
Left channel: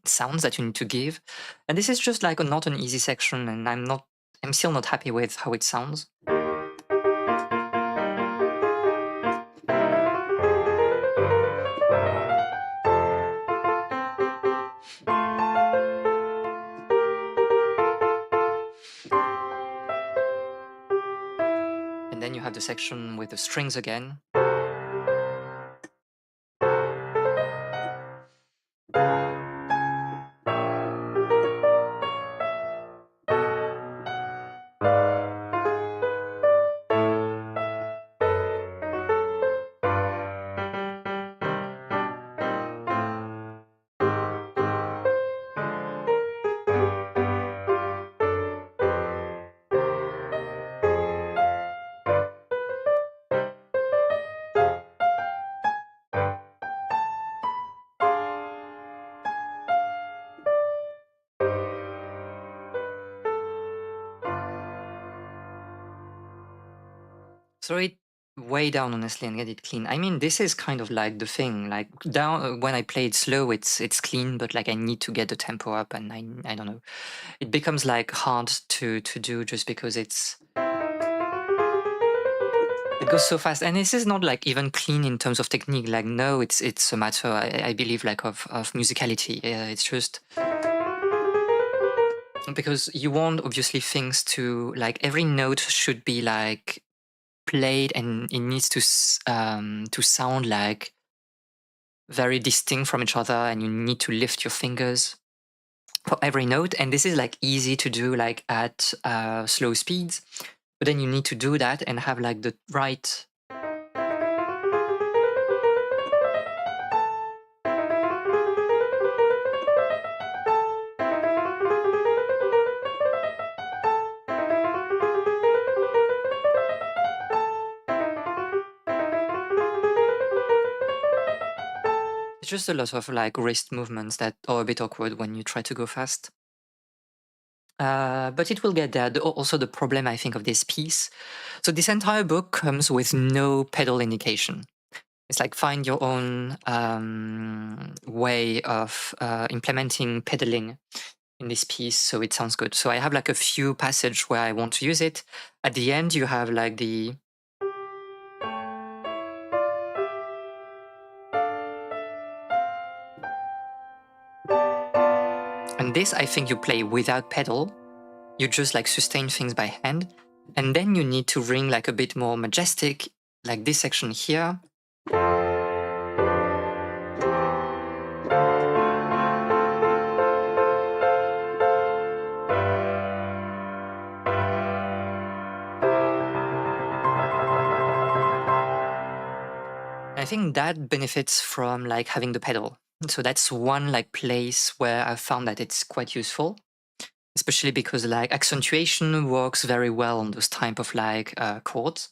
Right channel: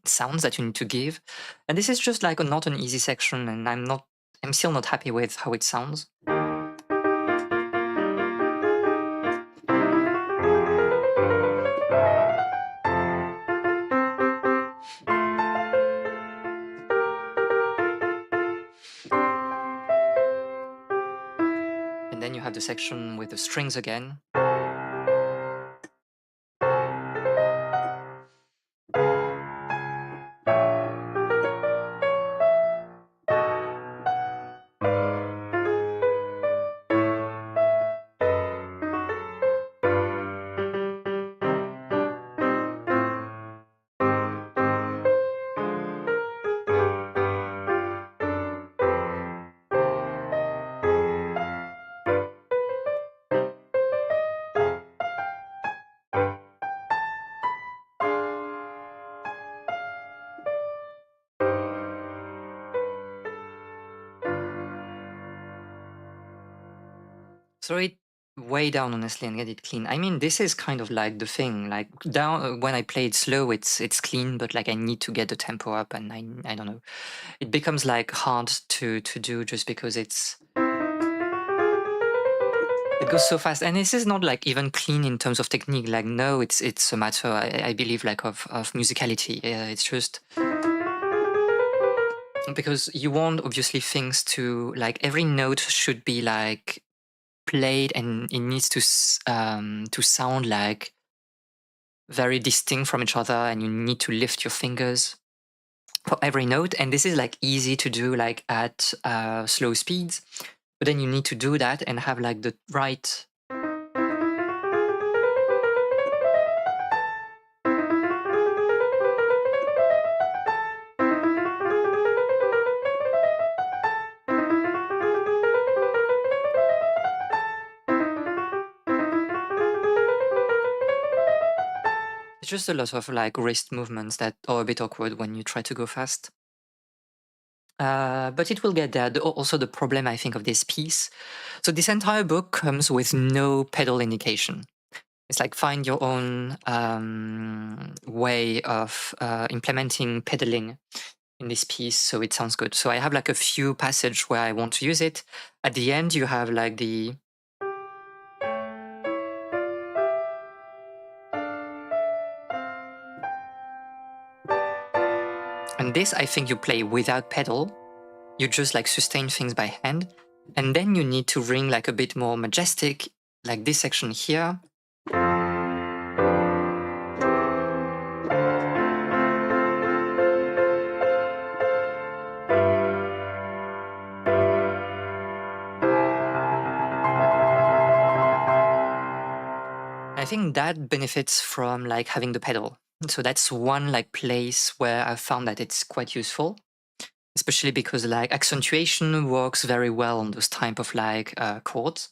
sounds that you need to give. And this is just like not an easy section, and I'm still not happy with how it sounds. And then you have the section with the strings again. Throw it way down honestly and get it clean. I mean, this is kind of like the thing. Like down when I play it slow, it's clean, but like I need to get the tempo up, and I don't know. It becomes like hard to do just because it goes so fast. And this is not like even clean in terms of technique. Like no, it's a matter I believe like of musicality. It's just because you want obviously things to like every note should be like played, and it needs to sound like very distinct from each other, and you need to lift your fingers for every note. And this is like easy to do like at slow speeds, but then you need to do that and have like the right it's just a lot of like wrist movements that are a bit awkward when you try to go fast. But it will get there. Also, the problem I think of this piece. So this entire book comes with no pedal indication. It's like find your own way of implementing pedaling in this piece so it sounds good. So I have like a few passages where I want to use it. At the end, you have like the and this I think you play without pedal. You just like sustain things by hand, and then you need to ring like a bit more majestic, like this section here. I think that benefits from like having the pedal. So that's one like place where I found that it's quite useful, especially because like accentuation works very well on those type of like chords.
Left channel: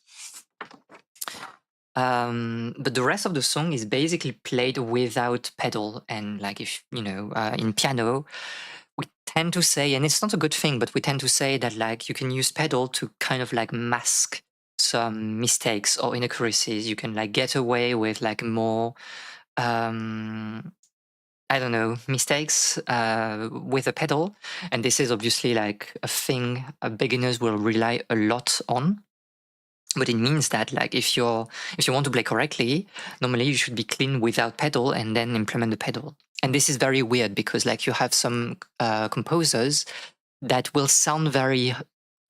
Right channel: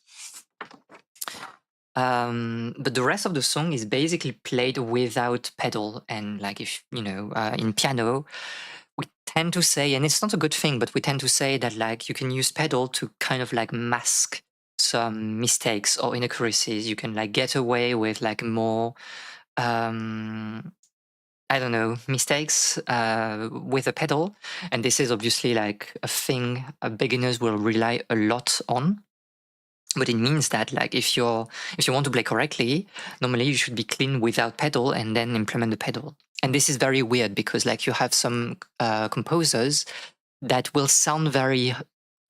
But the rest of the song is basically played without pedal, and like if you know in piano, we tend to say, and it's not a good thing, but we tend to say that like you can use pedal to kind of like mask some mistakes or inaccuracies. You can like get away with like more I don't know, mistakes with a pedal. And this is obviously like a thing beginners will rely a lot on. But it means that like if you want to play correctly, normally you should be clean without pedal and then implement the pedal. And this is very weird because like you have some composers that will sound very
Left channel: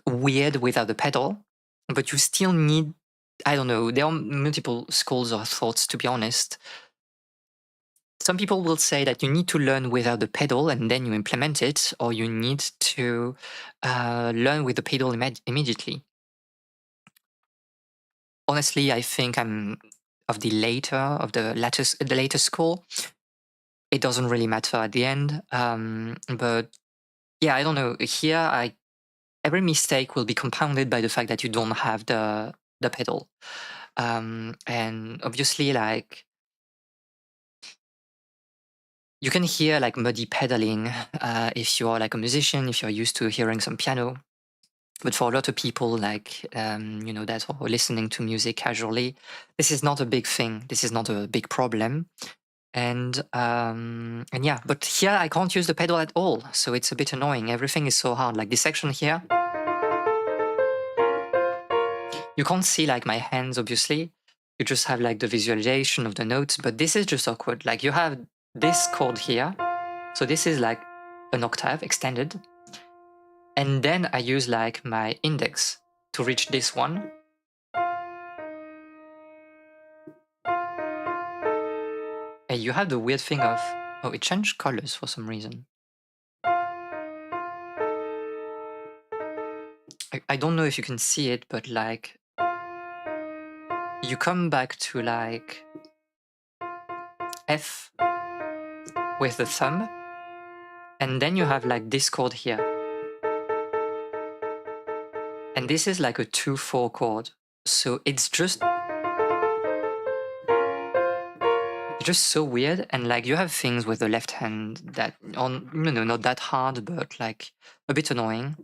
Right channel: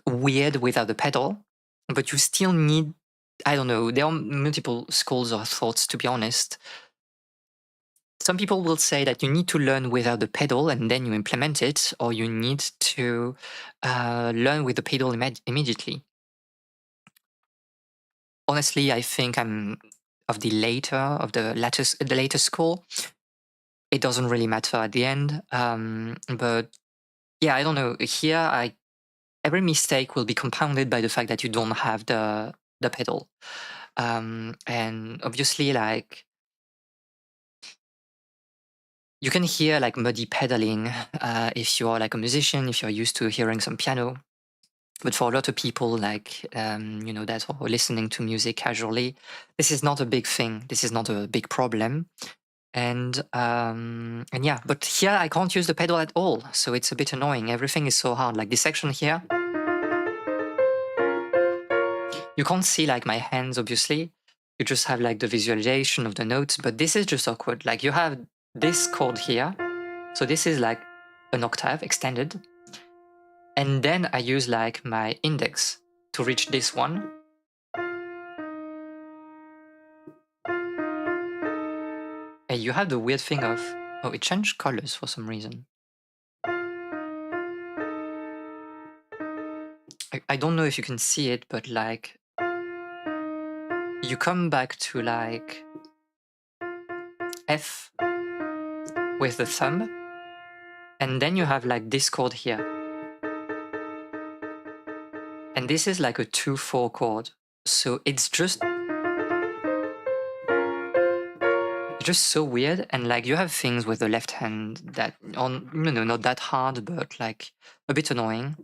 weird without the pedal, but you still need, I don't know, there are multiple schools of thoughts, to be honest. Some people will say that you need to learn without the pedal and then you implement it, or you need to learn with the pedal immediately. Honestly, I think I'm of the later school. It doesn't really matter at the end. But yeah, I don't know. Here, every mistake will be compounded by the fact that you don't have the pedal. And obviously, like you can hear like muddy pedaling if you're like a musician, if you're used to hearing some piano. But for a lot of people, like that are listening to music casually, this is not a big thing. This is not a big problem. And yeah, but here I can't use the pedal at all, so it's a bit annoying. Everything is so hard. Like this section here, you can't see like my hands, obviously. You just have like the visualization of the notes, but this is just awkward. Like you have this chord here, so this is like an octave extended, and then I use like my index to reach this one. And you have the weird thing of, oh, it changed colors for some reason. I don't know if you can see it, but like you come back to like F with the thumb, and then you have like this chord here. And this is like a 2/4 chord. So it's just so weird. And like you have things with the left hand that on not that hard, but like a bit annoying.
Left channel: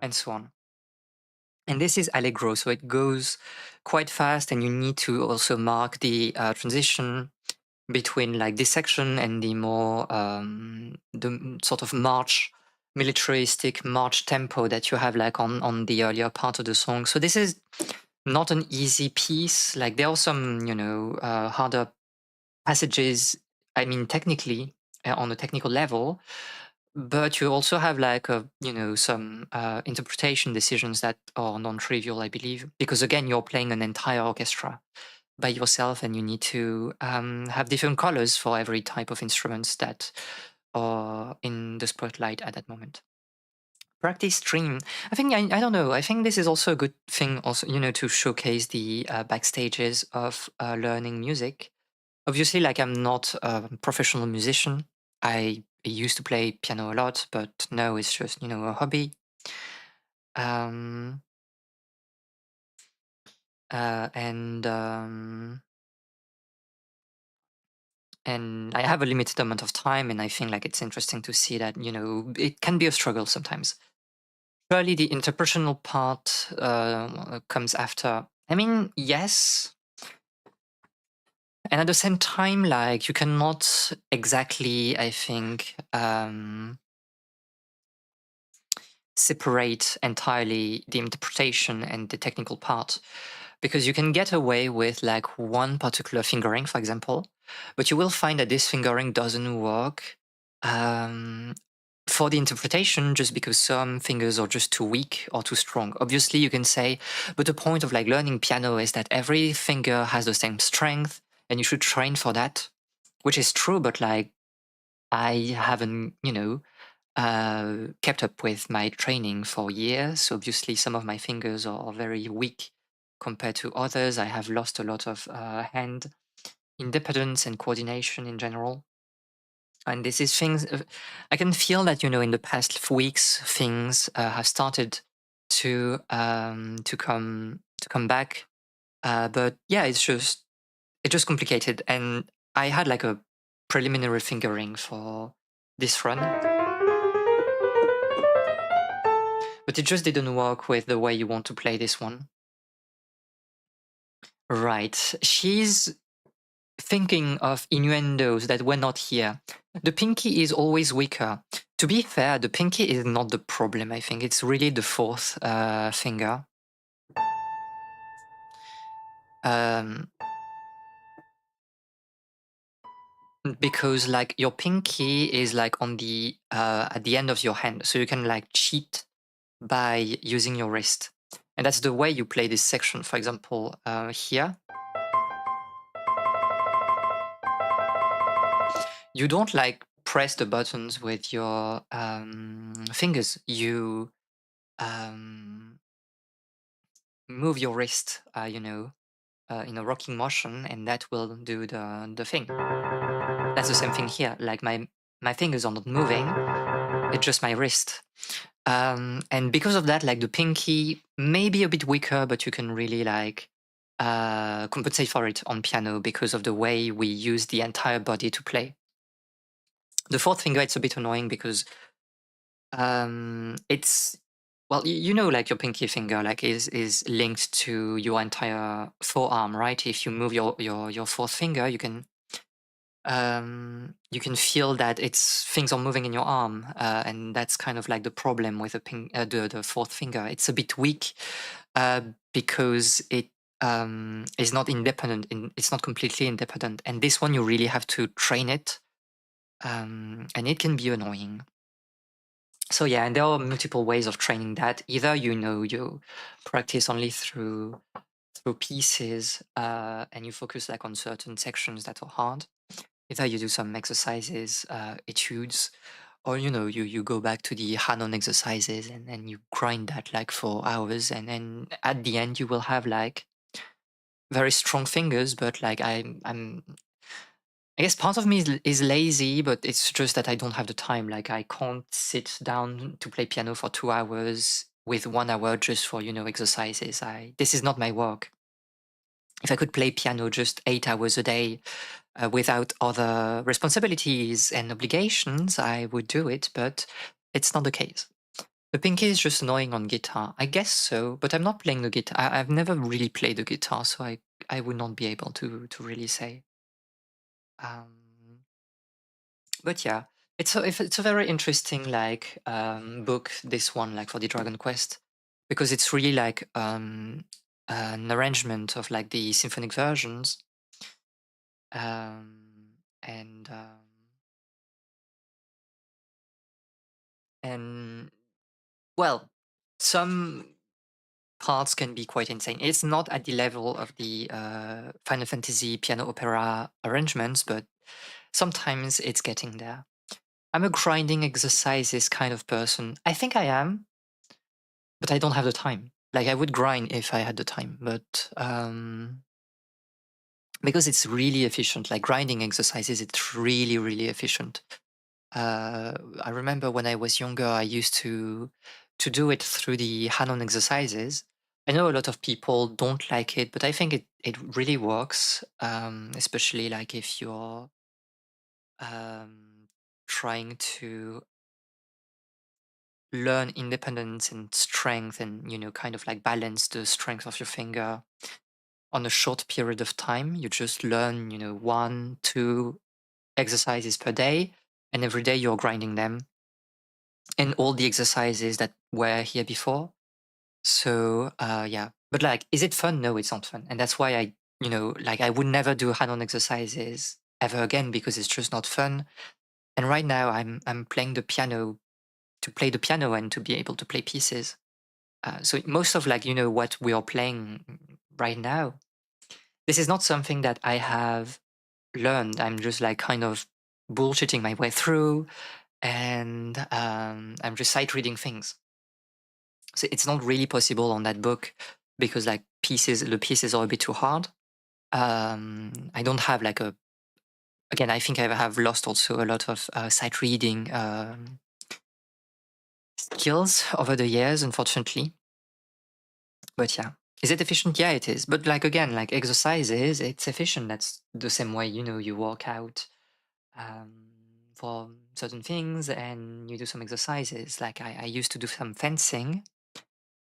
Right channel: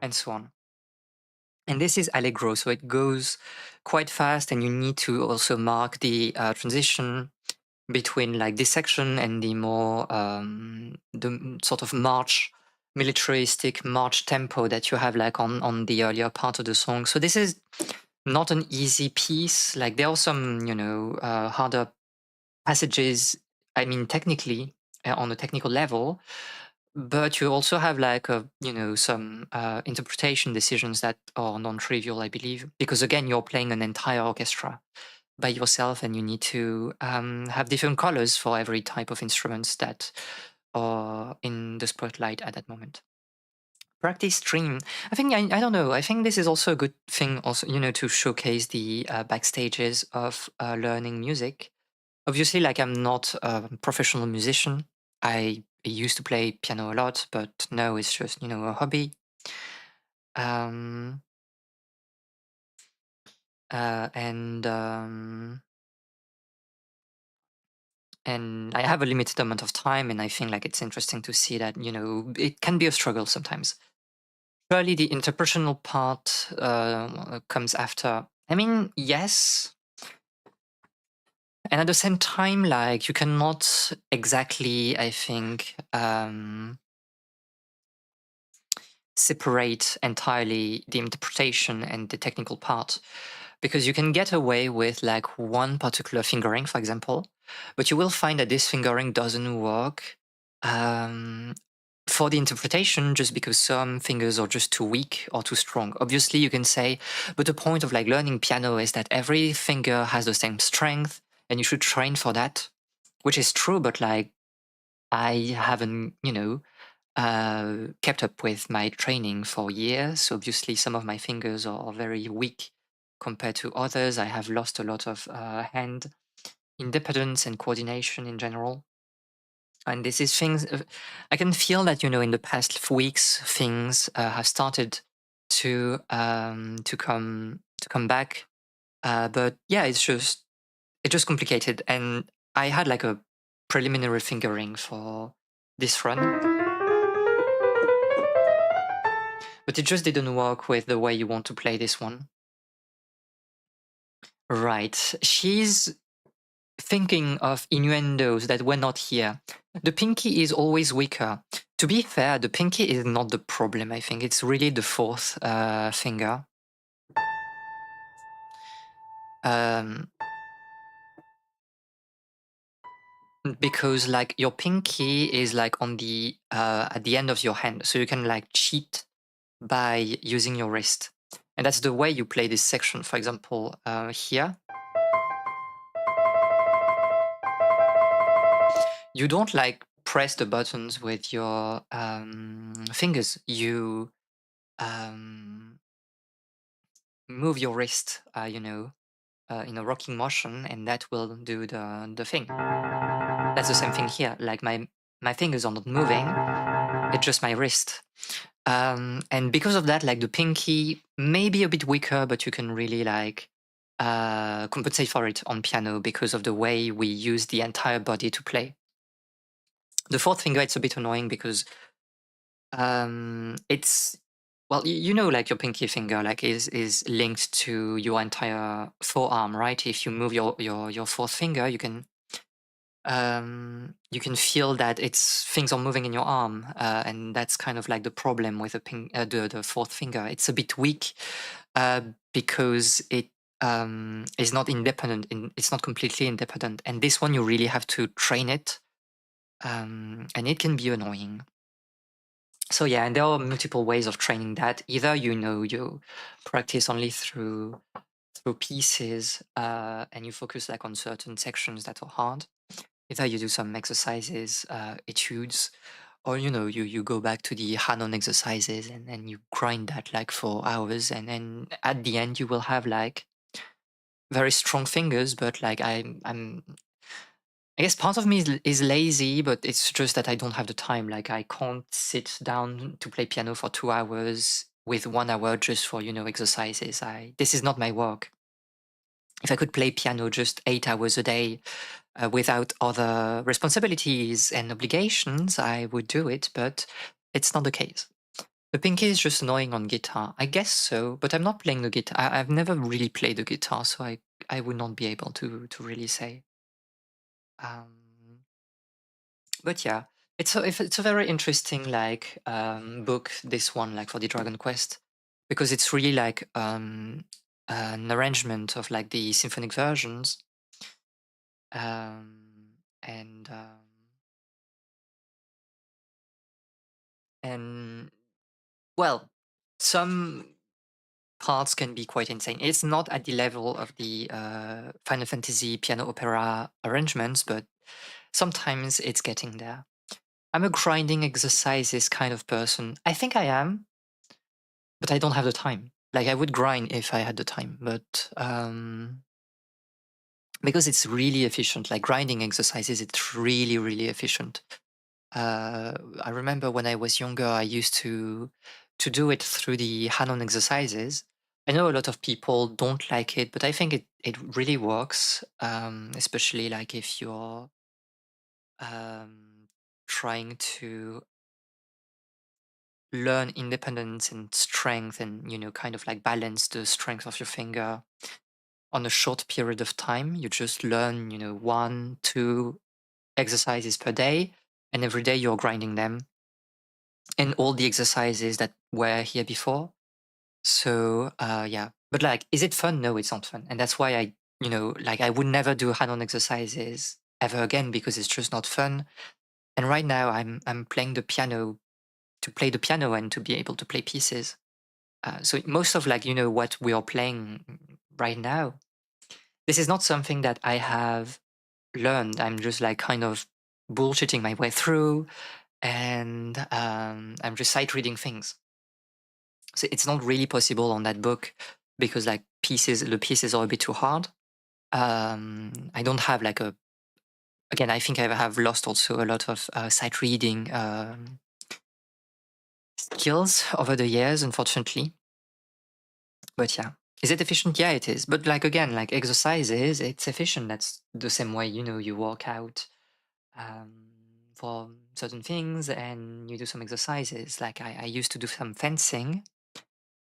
And so on. And this is allegro, so it goes quite fast, and you need to also mark the transition between like this section and the more sort of militaristic march tempo that you have like on the earlier part of the song. So this is not an easy piece. Like there are some harder passages. I mean, technically on a technical level, but you also have like some interpretation decisions that are non-trivial, I believe, because again you're playing an entire orchestra by yourself, and you need to have different colors for every type of instruments that are in the spotlight at that moment. Practice stream. I think I don't know. I think this is also a good thing, also to showcase the backstages of learning music. Obviously, like I'm not a professional musician. I used to play piano a lot, but now it's just a hobby. Um, and I have a limited amount of time, and I think like it's interesting to see that it can be a struggle sometimes. Surely the interpersonal part comes after. I mean, yes, and at the same time, like you cannot exactly, I think, separate entirely the interpretation and the technical part, because you can get away with like one particular fingering, for example, but you will find that this fingering doesn't work um, for the interpretation just because some fingers are just too weak or too strong. Obviously, you can say, but the point of like learning piano is that every finger has the same strength and you should train for that, which is true, but like I haven't, kept up with my training for years. So obviously, some of my fingers are very weak compared to others. I have lost a lot of hand independence and coordination in general. And this is things I can feel that in the past weeks things have started to come back. But yeah, it's just complicated. And I had like a preliminary fingering for this run, but it just didn't work with the way you want to play this one. Right. She's thinking of innuendos that were not here. The pinky is always weaker. To be fair, the pinky is not the problem, I think. It's really the fourth finger. Um, because like your pinky is like on the at the end of your hand, so you can like cheat by using your wrist. And that's the way you play this section. For example, here, you don't like press the buttons with your fingers. You um, move your wrist, in a rocking motion, and that will do the thing. That's the same thing here. Like my fingers are not moving; it's just my wrist. And because of that, like the pinky may be a bit weaker, but you can really like compensate for it on piano because of the way we use the entire body to play. The fourth finger, it's a bit annoying because it's well, like your pinky finger like is linked to your entire forearm, right? If you move your fourth finger, you can feel that it's things are moving in your arm, and that's kind of like the problem with the fourth finger. It's a bit weak because it is not independent. It's not completely independent, and this one you really have to train it, and it can be annoying. So yeah, and there are multiple ways of training that. Either you practice only through pieces, and you focus like on certain sections that are hard. Either you do some exercises, etudes, or you go back to the Hanon exercises and then you grind that like for hours, and then at the end you will have like very strong fingers. But like I guess part of me is lazy, but it's just that I don't have the time. Like I can't sit down to play piano for 2 hours with 1 hour just for exercises. This is not my work. If I could play piano just 8 hours a day without other responsibilities and obligations, I would do it, but it's not the case. The pinky is just annoying on guitar. I guess so, but I'm not playing the guitar. I've never really played the guitar, so I would not be able to really say. Um, but yeah, it's a very interesting like book. This one, like for the Dragon Quest, because it's really like an arrangement of like the symphonic versions, and and well, some parts can be quite insane. It's not at the level of the Final Fantasy piano opera arrangements, but sometimes it's getting there. I'm a grinding exercises kind of person. I think I am, but I don't have the time. Like I would grind if I had the time, but because it's really efficient. Like grinding exercises, it's really really efficient. I remember when I was younger, I used to do it through the Hanon exercises. I know a lot of people don't like it, but I think it really works, especially like if you're um, trying to learn independence and strength, and kind of like balance the strength of your finger on a short period of time. You just learn 1, 2 exercises per day, and every day you're grinding them and all the exercises that were here before. So yeah, but like, is it fun? No, it's not fun, and that's why like I would never do Hanon exercises ever again because it's just not fun. And right now, I'm playing the piano to play the piano and to be able to play pieces. So most of like what we are playing right now, this is not something that I have learned. I'm just like kind of bullshitting my way through, and I'm just sight reading things. So it's not really possible on that book because like the pieces are a bit too hard. I don't have like a again. I think I have lost also a lot of sight reading skills over the years, unfortunately. But yeah, Is it efficient? Yeah, it is. But like again, like exercises, it's efficient. That's the same way, you work out um, for certain things and you do some exercises. Like I used to do some fencing,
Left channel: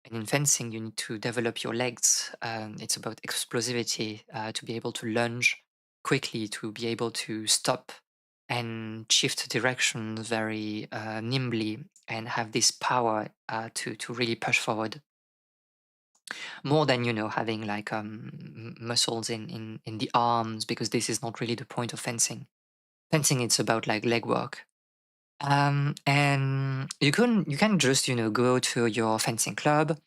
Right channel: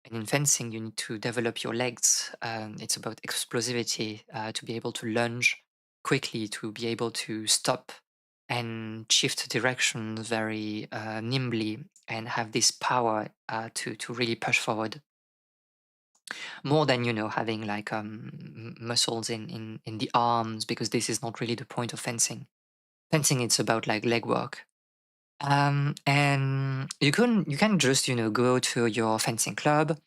and in fencing, you need to develop your legs. It's about explosivity, to be able to lunge quickly, to be able to stop and shift direction very nimbly, and have this power to really push forward more than having like muscles in the arms, because this is not really the point of fencing. Fencing, it's about like leg work. And you can just go to your fencing club,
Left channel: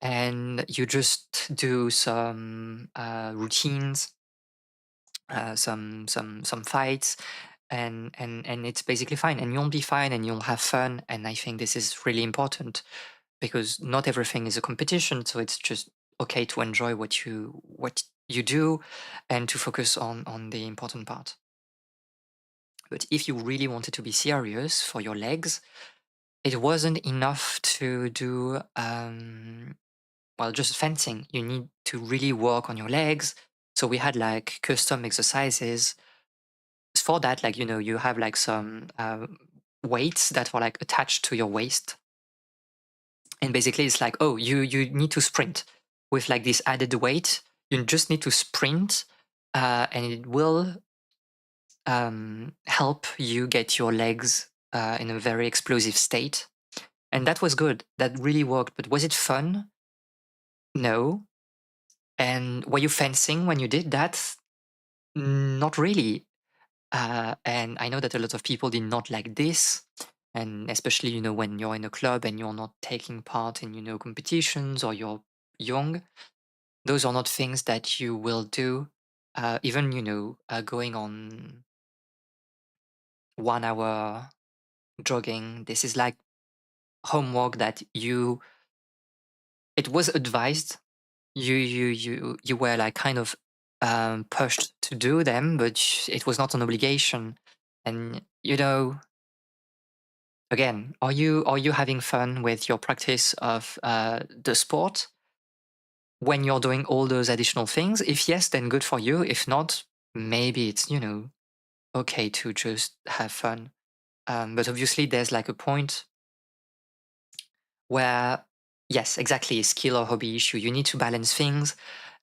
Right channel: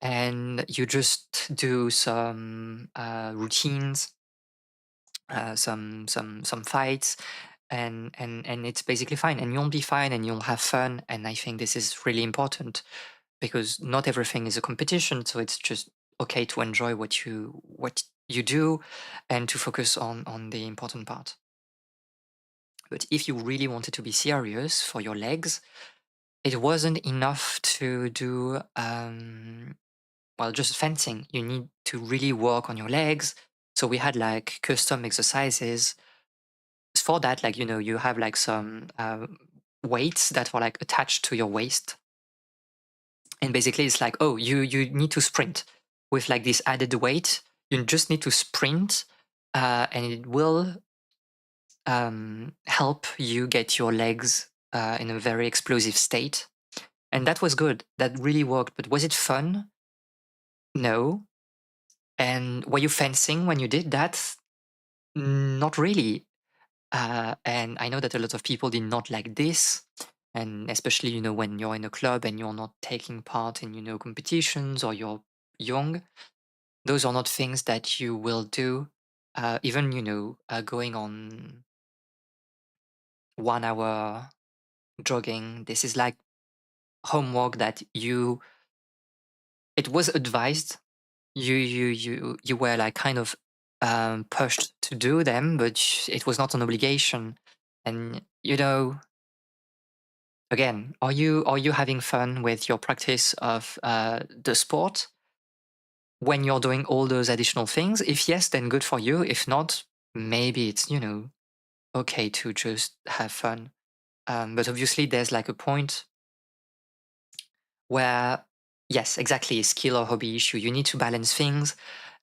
and you just do some routines, some fights, and it's basically fine, and you'll be fine, and you'll have fun. And I think this is really important, because not everything is a competition, so it's just okay to enjoy what you do, and to focus on the important part. But if you really wanted to be serious for your legs, it wasn't enough to do well, just fencing. You need to really work on your legs. So we had like custom exercises for that. Like, you have like some weights that were like attached to your waist. And basically it's like, oh, you need to sprint with like this added weight. You just need to sprint, and it will help you get your legs in a very explosive state. And that was good. That really worked. But was it fun? No. And were you fencing when you did that? Not really. And I know that a lot of people did not like this. And especially, when you're in a club and you're not taking part in, competitions, or you're young, those are not things that you will do. Even, going on 1 hour jogging, this is like homework that it was advised. You were like kind of pushed to do them, but it was not an obligation. And again, are you having fun with your practice of the sport when you're doing all those additional things? If yes, then good for you. If not, maybe it's okay to just have fun. But obviously, there's like a point where, yes, exactly, a skill or hobby issue. You need to balance things.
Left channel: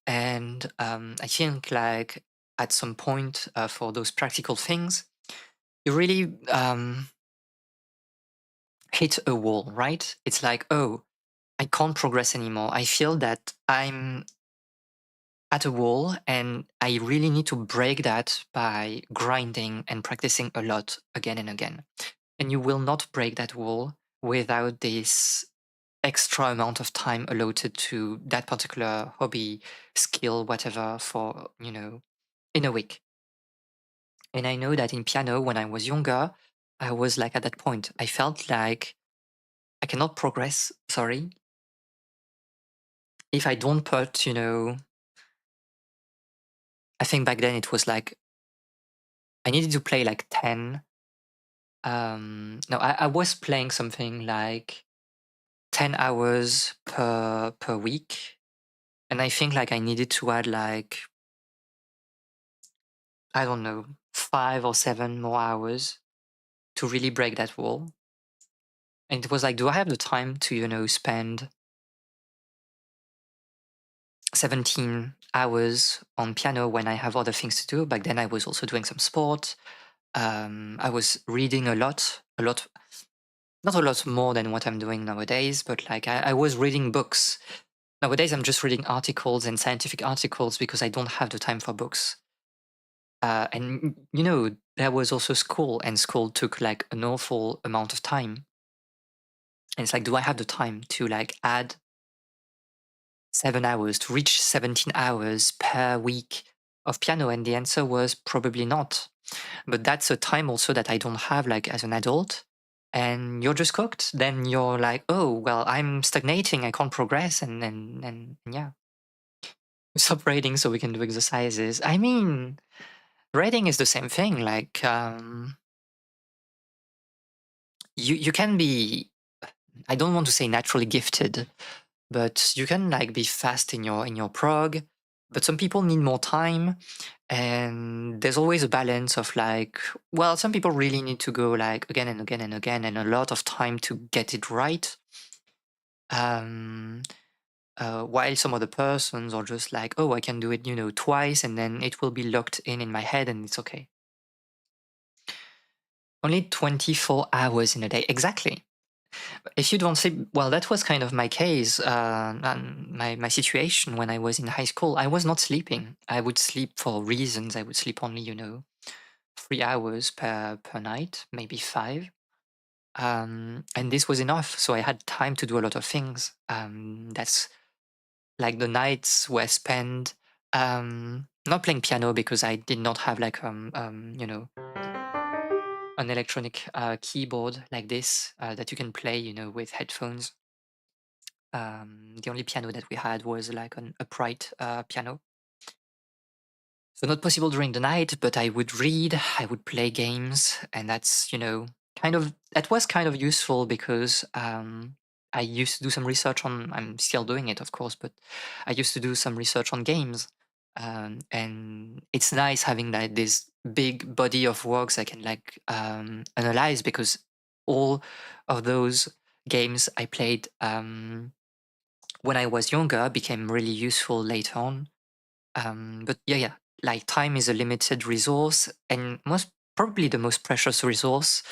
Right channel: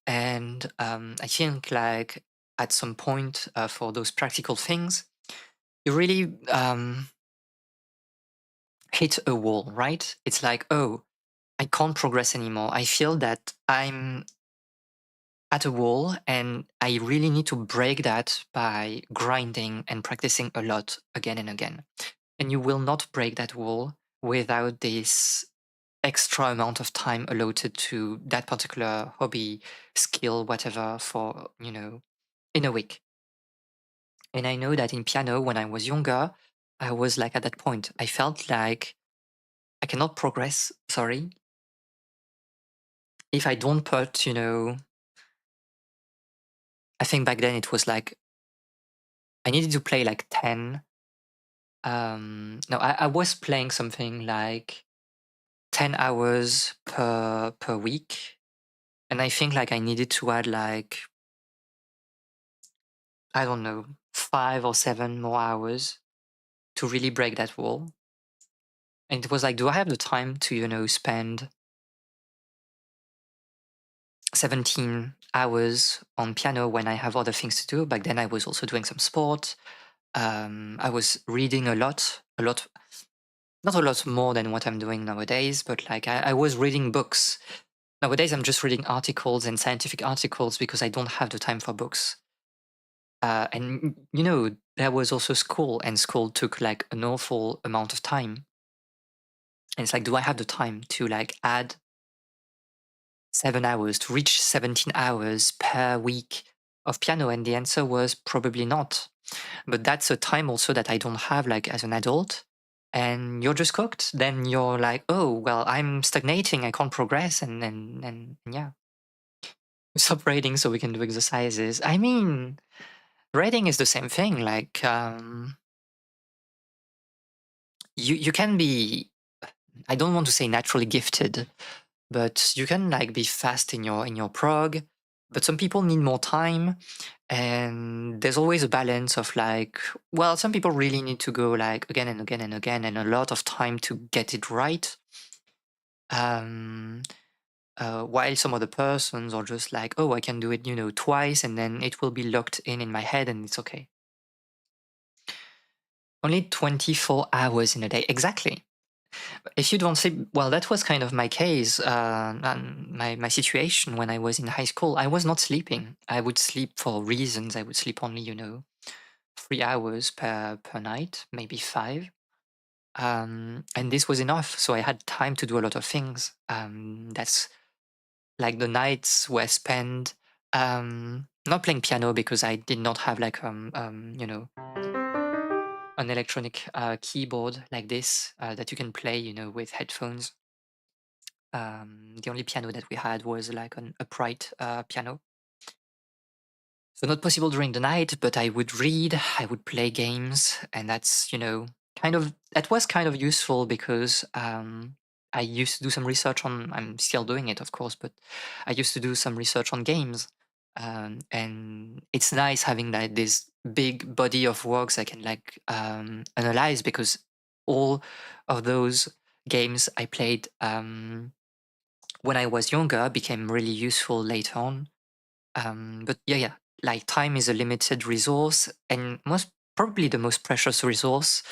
And I think like at some point, for those practical things, you really hit a wall, right? It's like, oh, I can't progress anymore. I feel that I'm at a wall, and I really need to break that by grinding and practicing a lot again and again. And you will not break that wall without this extra amount of time allotted to that particular hobby, skill, whatever, for, in a week. And I know that in piano, when I was younger, I was like at that point. I felt like I cannot progress, sorry, if I don't put, I think back then it was like I needed to play like 10. No, I was playing something like 10 hours per week. And I think like I needed to add like, I don't know, 5 or 7 more hours to really break that wall. And it was like, do I have the time to, spend 17 hours on piano when I have other things to do? Back then I was also doing some sport. I was reading a lot, not a lot more than what I'm doing nowadays, but like I was reading books. Nowadays I'm just reading articles and scientific articles because I don't have the time for books. And there was also school, and school took like an awful amount of time. And it's like, do I have the time to like add 7 hours to reach 17 hours per week of piano? And the answer was probably not. But that's a time also that I don't have like as an adult. And you're just cooked. Then you're like, oh, well, I'm stagnating. I can't progress. And yeah, stop reading so we can do exercises. I mean, reading is the same thing. Like, you can be, I don't want to say naturally gifted, but you can like be fast in your prog. But some people need more time, and there's always a balance of like, well, some people really need to go like again and again and again, and a lot of time to get it right. Um, while some other persons are just like, oh, I can do it, twice, and then it will be locked in my head, and it's okay. Only 24 hours in a day, exactly. If you don't sleep, well, that was kind of my case, and my situation when I was in high school. I was not sleeping. I would sleep for reasons. I would sleep only, 3 hours per night, maybe five. And this was enough. So I had time to do a lot of things. That's like the nights were spent not playing piano because I did not have like an electronic keyboard like this that you can play, with headphones. The only piano that we had was like an upright piano. So not possible during the night, but I would read, I would play games, and that's, that was kind of useful because I used to do some research on, I'm still doing it, of course, but I used to do some research on games. And it's nice having like this big body of works I can like analyze, because all of those games I played when I was younger became really useful later on. But yeah, like time is a limited resource, and most probably the most precious resource.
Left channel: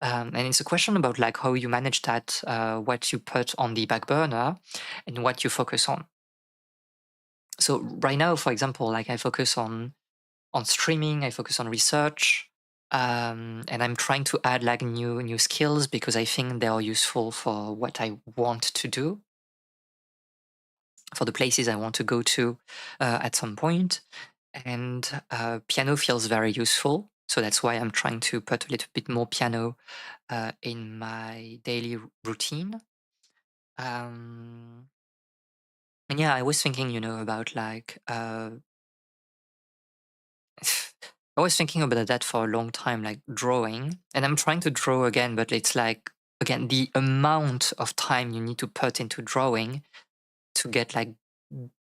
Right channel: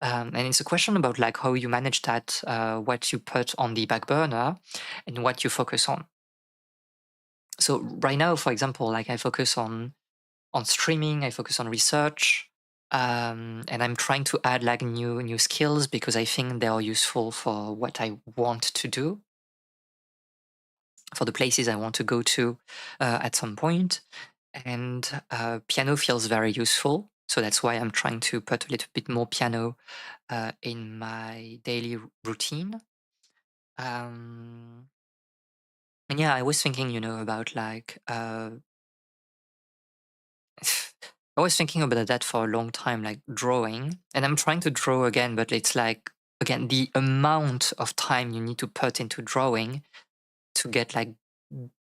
And it's a question about like how you manage that, what you put on the back burner, and what you focus on. So right now, for example, like I focus on streaming, I focus on research, and I'm trying to add like new skills because I think they are useful for what I want to do, for the places I want to go to at some point. And piano feels very useful. So that's why I'm trying to put a little bit more piano in my daily routine. Um, and yeah, I was thinking, about like, I was thinking about that for a long time, like drawing. And I'm trying to draw again, but it's like, again, the amount of time you need to put into drawing to get like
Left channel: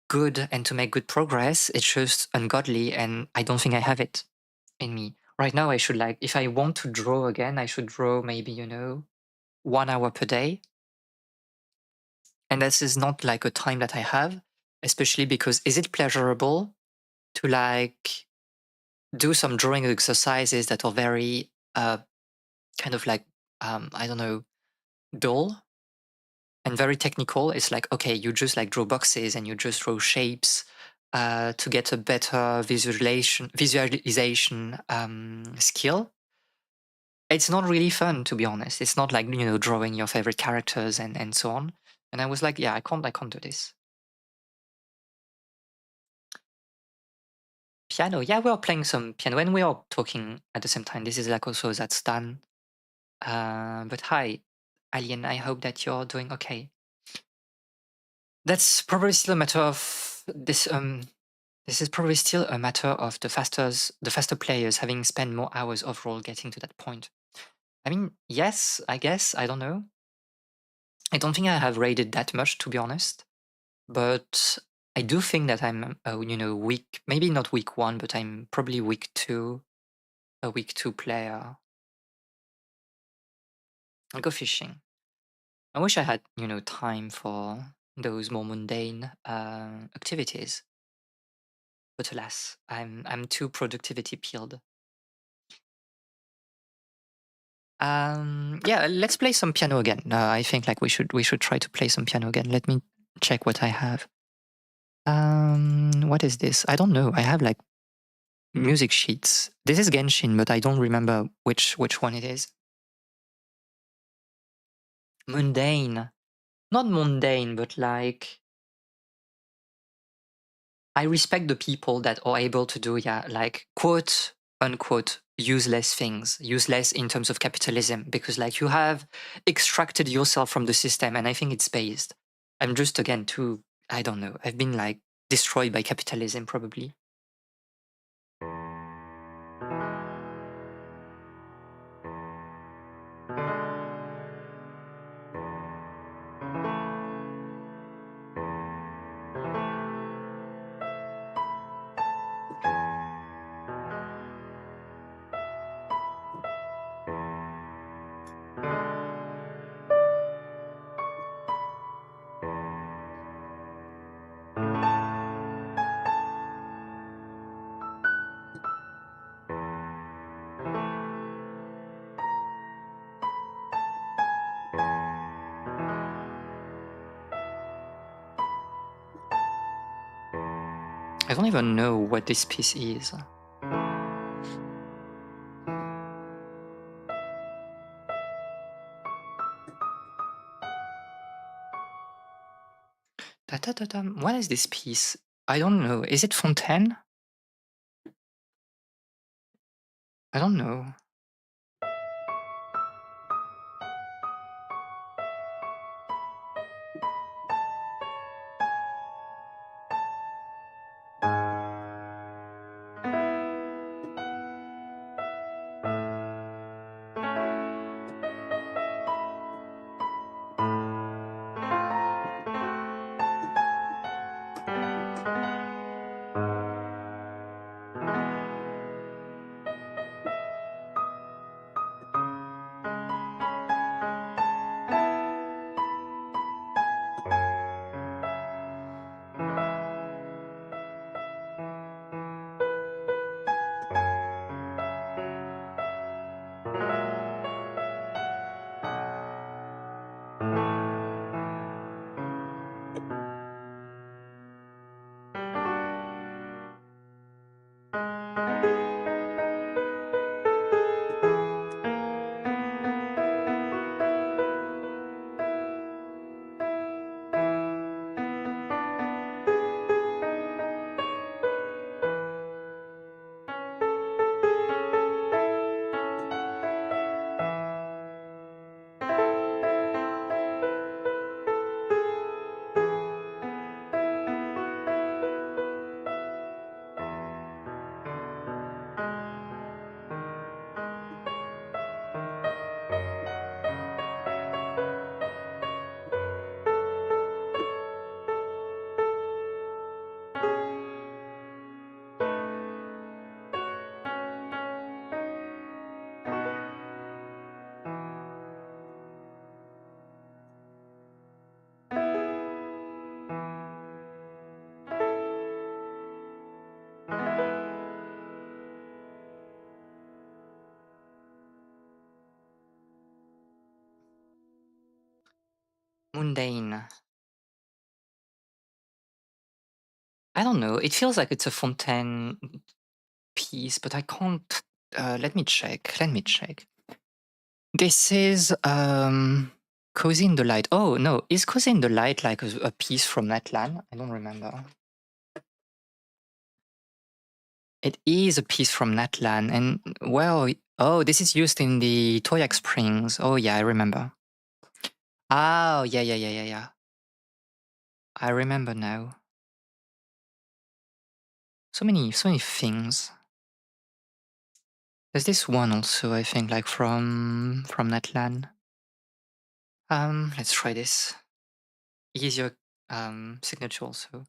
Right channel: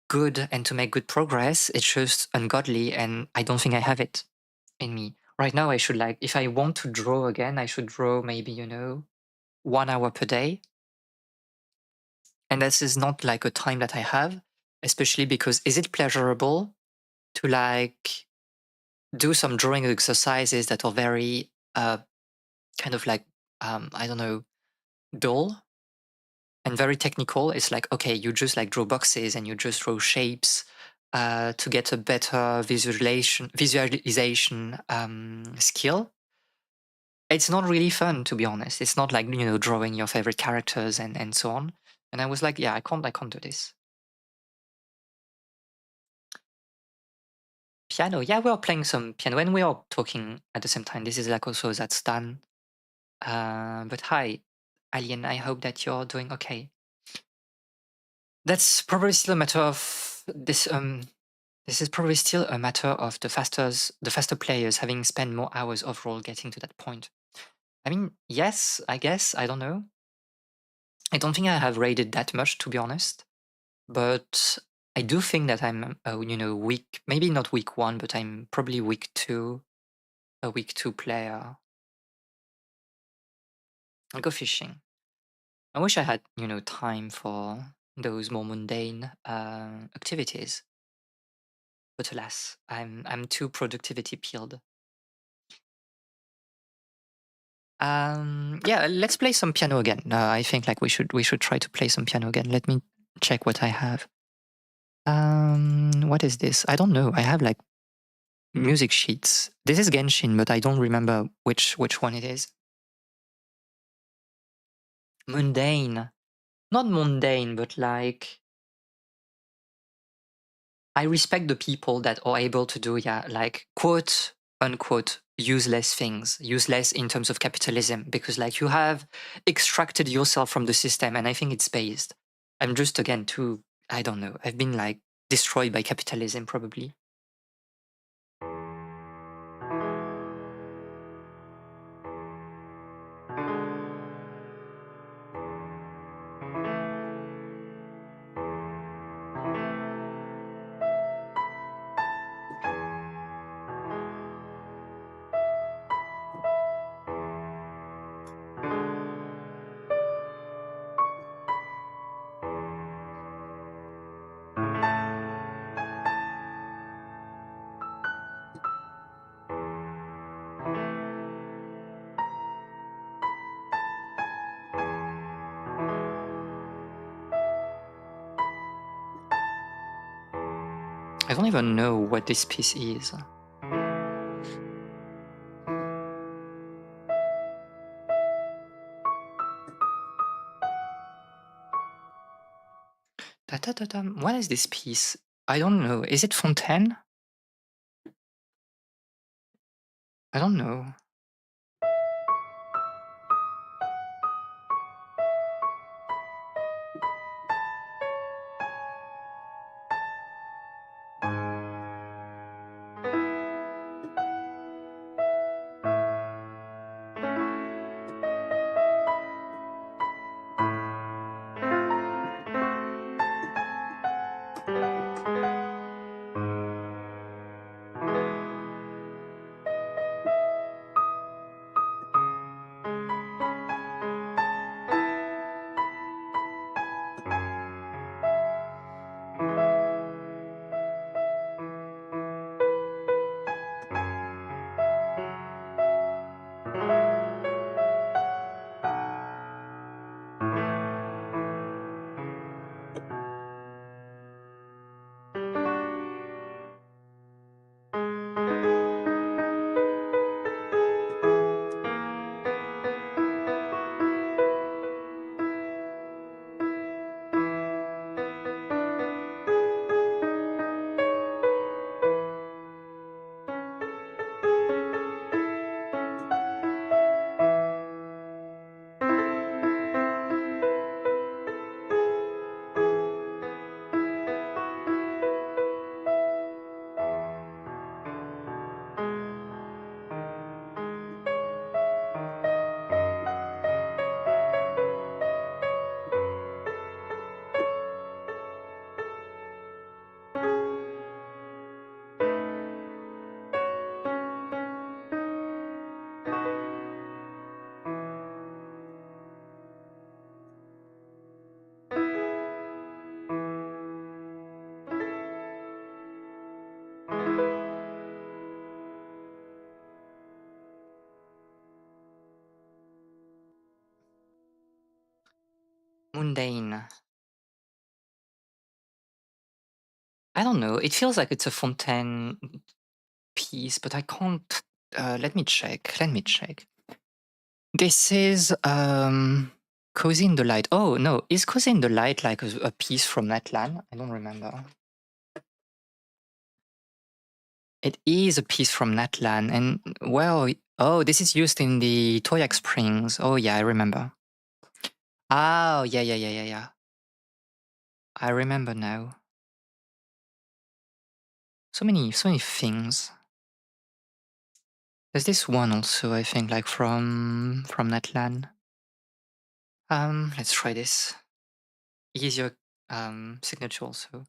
good and to make good progress, it's just ungodly. And I don't think I have it in me. Right now, I should like, if I want to draw again, I should draw maybe, 1 hour per day. And this is not like a time that I have, especially because is it pleasurable to like do some drawing exercises that are very kind of like, I don't know, dull and very technical? It's like, okay, you just like draw boxes and you just draw shapes to get a better visualization skill. It's not really fun, to be honest. It's not like, drawing your favorite characters and so on. And I was like, yeah, I can't do this. Piano, yeah, we are playing some piano and we are talking at the same time. This is like also zatsudan. But hi, Alien, I hope that you're doing okay. That's probably still a matter of this. This is probably still a matter of the faster players having spent more hours overall getting to that point. I mean, yes, I guess, I don't know. I don't think I have rated that much, to be honest. But I do think that I'm, week, maybe not week one, but I'm probably week two, a week two player. I'll go fishing. I wish I had, time for those more mundane activities. But alas, I'm too productivity peeled. Yeah, let's play some piano again. I think like we should try to play some piano again. Let me check what I have. What is this? I don't know. I have like music sheets. This is Genshin, but I don't remember which one it is. Mundane. Not mundane, but like I respect the people that are able to do, yeah, like quote unquote useless things, useless in terms of capitalism, because like you have extracted yourself from the system, and I think it's based. I'm just again too, I don't know. I've been like destroyed by capitalism probably. I don't even know what this piece is. What is this piece? I don't know. Is it Fontaine? I don't know. Mundane. I don't know. It feels like it's a Fontaine piece, but I can't. Let me check. Let me check. This is Cozy in the Light. Oh no, is Cozy in the Light like a piece from Natlan? I don't remember. It is a piece from Natlan, and well, oh, this is used in the Toyak Springs. Oh yeah, I remember. Oh yeah. I remember now. So many things. There's this one also, I think, like from Natlan. Let's try this. Easier signature also.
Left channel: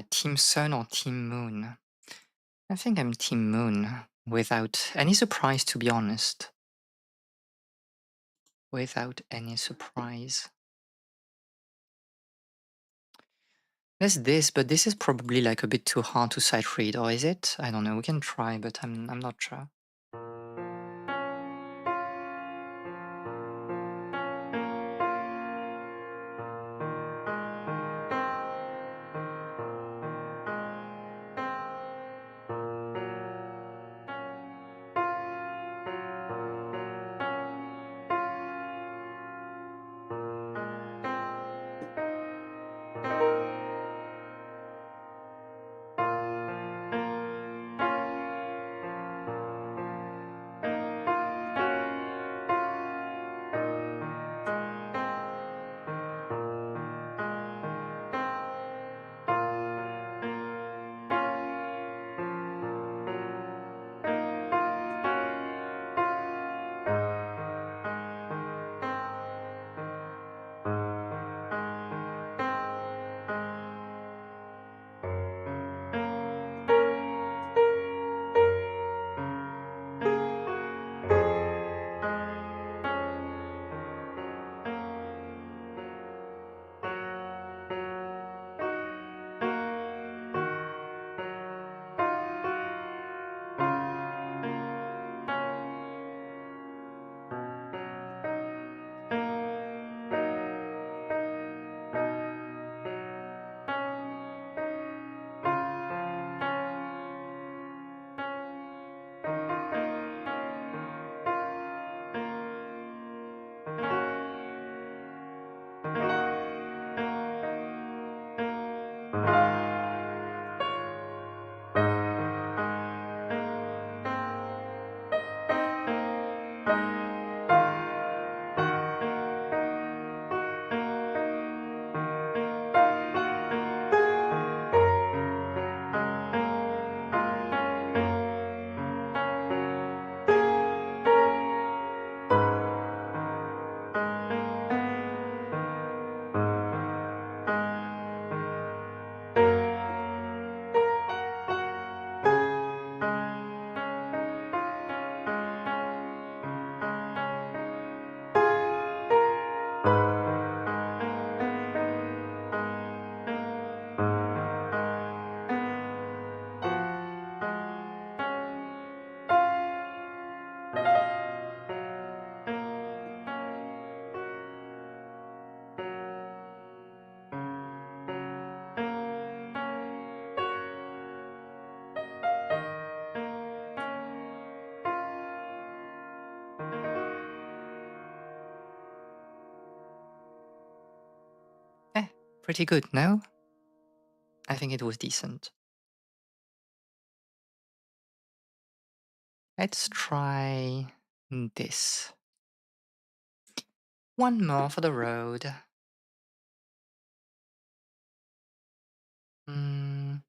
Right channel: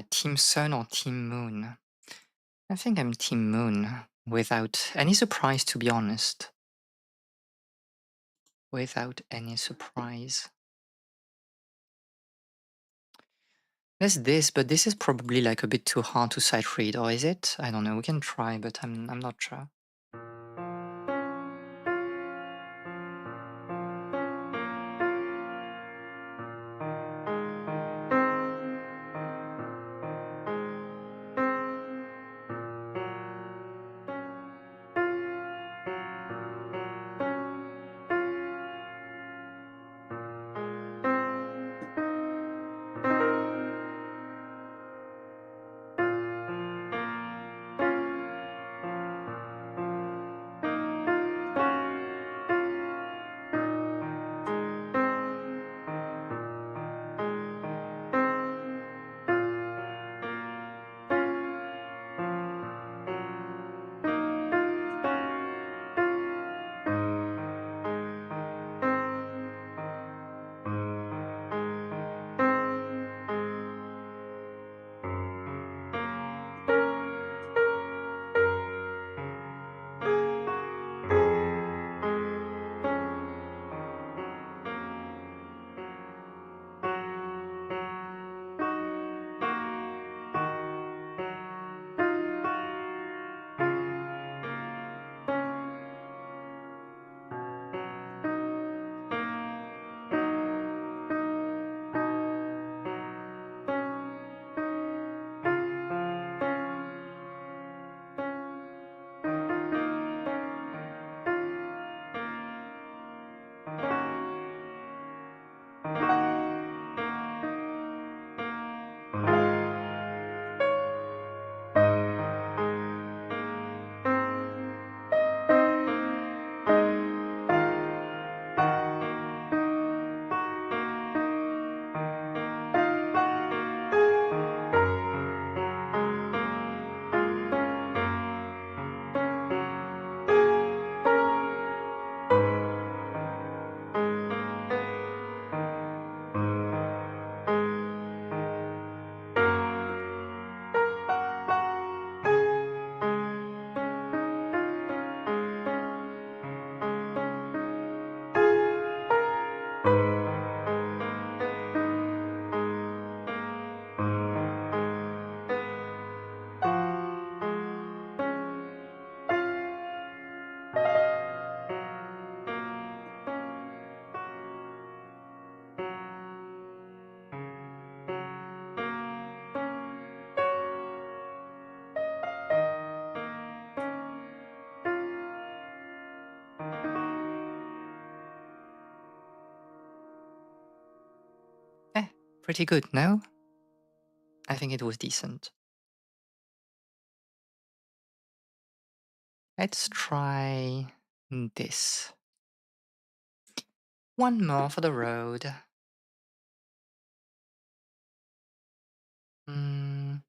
Team Sun or Team Moon? I think I'm Team Moon without any surprise, to be honest. Without any surprise. There's this, but this is probably like a bit too hard to sight read, or is it? I don't know. We can try, but I'm not sure. Eh, pretty good, no? I think it was decent. Let's try this. One more for the road. Mm,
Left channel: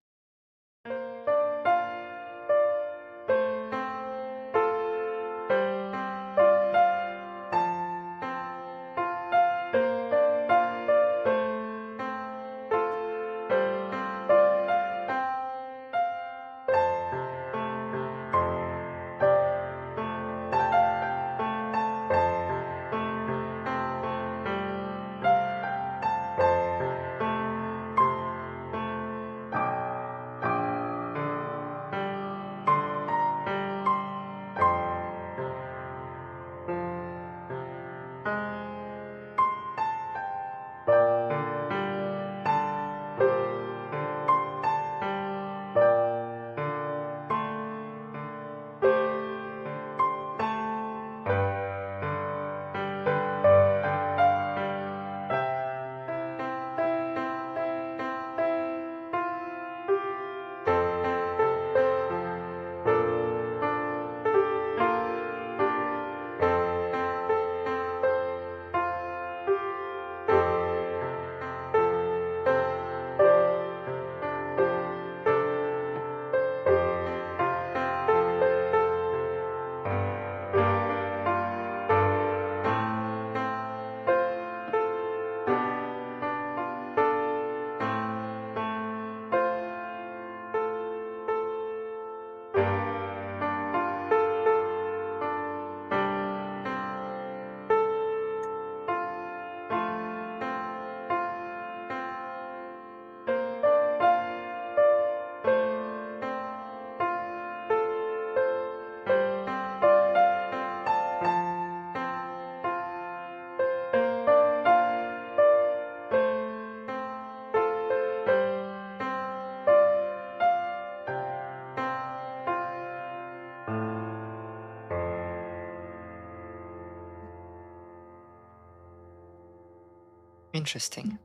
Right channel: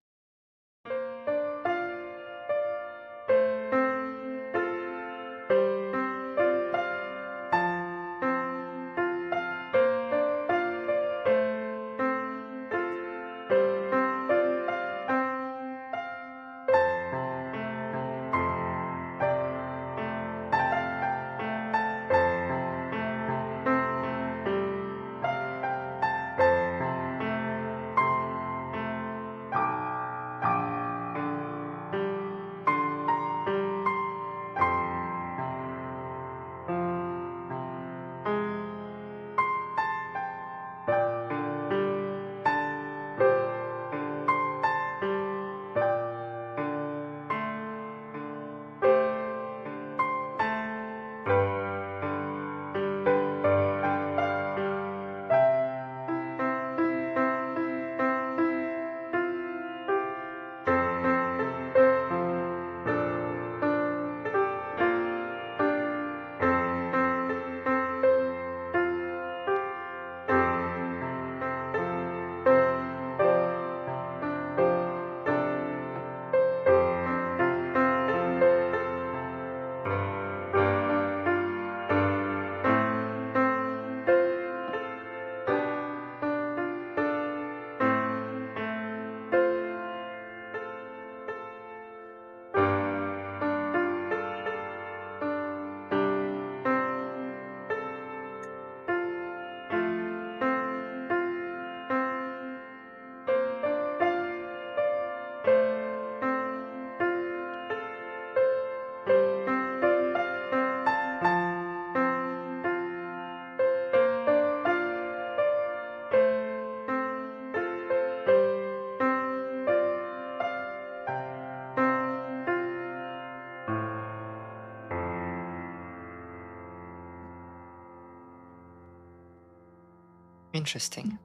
Interesting.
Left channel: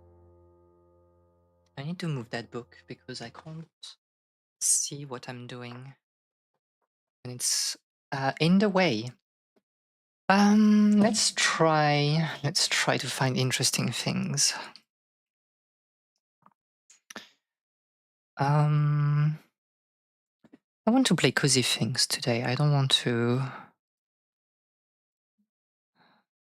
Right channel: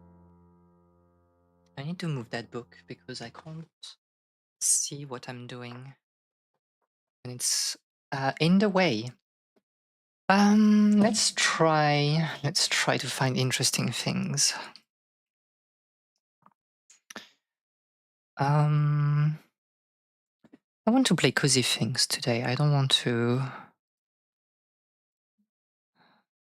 I need to move that book because I can't see what I'm doing. And it's in the way. Let's try to find interesting things. I want to play cozy things today. I don't want to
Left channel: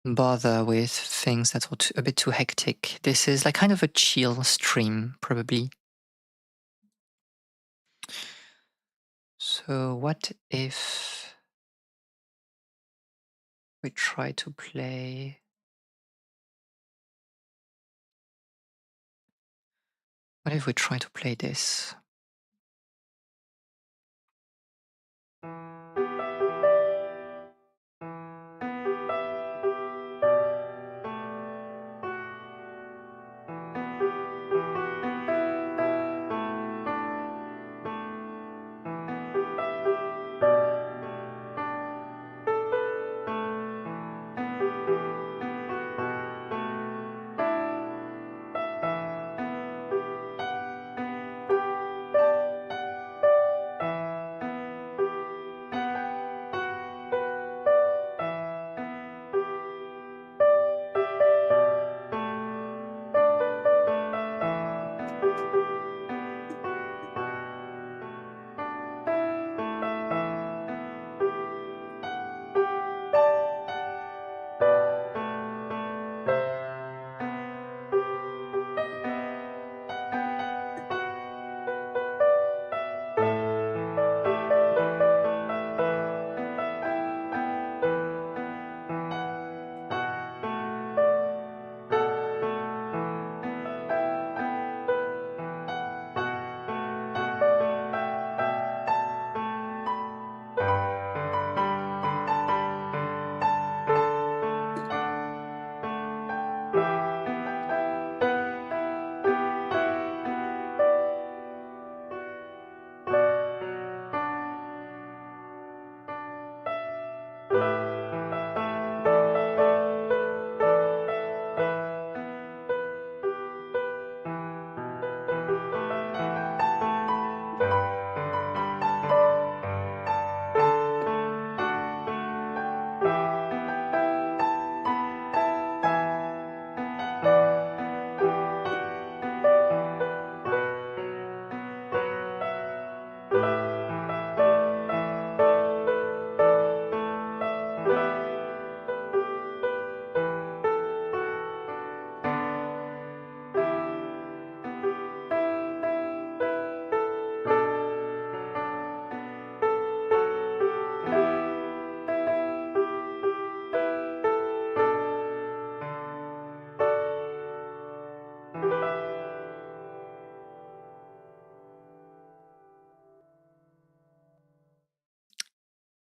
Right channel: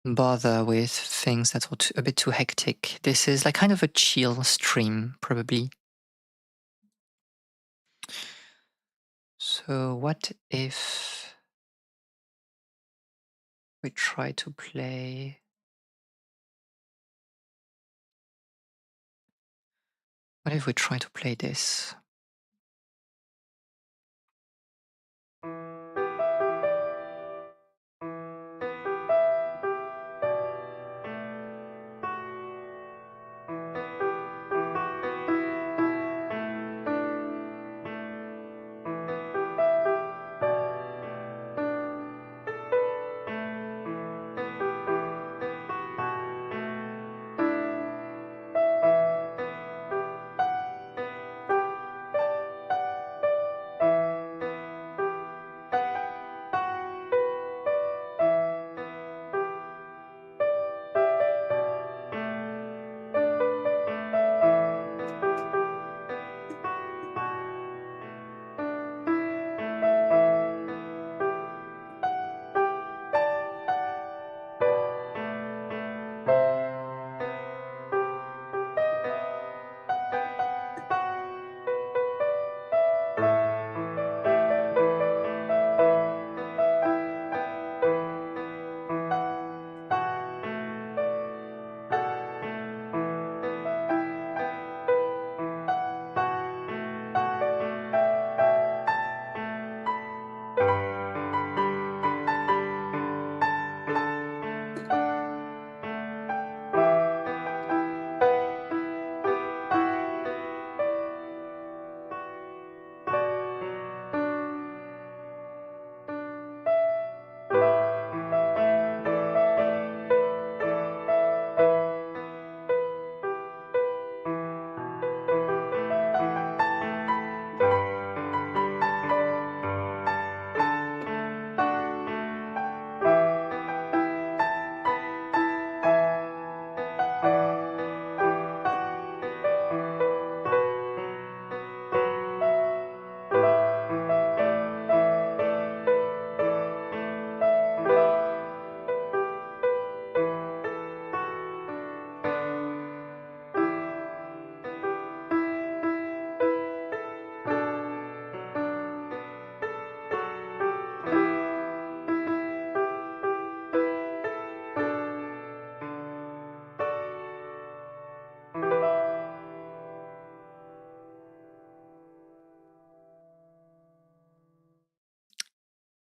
bother with things that are a bit too hectic. This is like kind of a chill stream, probably. So what if we try to play... What if we try to play this?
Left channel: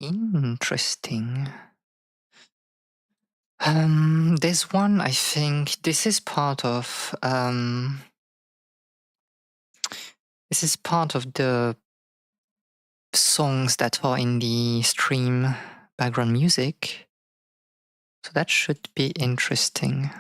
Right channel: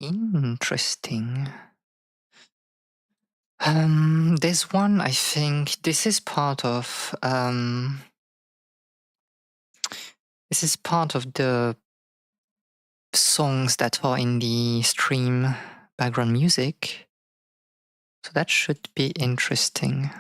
Interesting. There's one, I think this is part of the songs that are in the stream background music. So that should be interesting.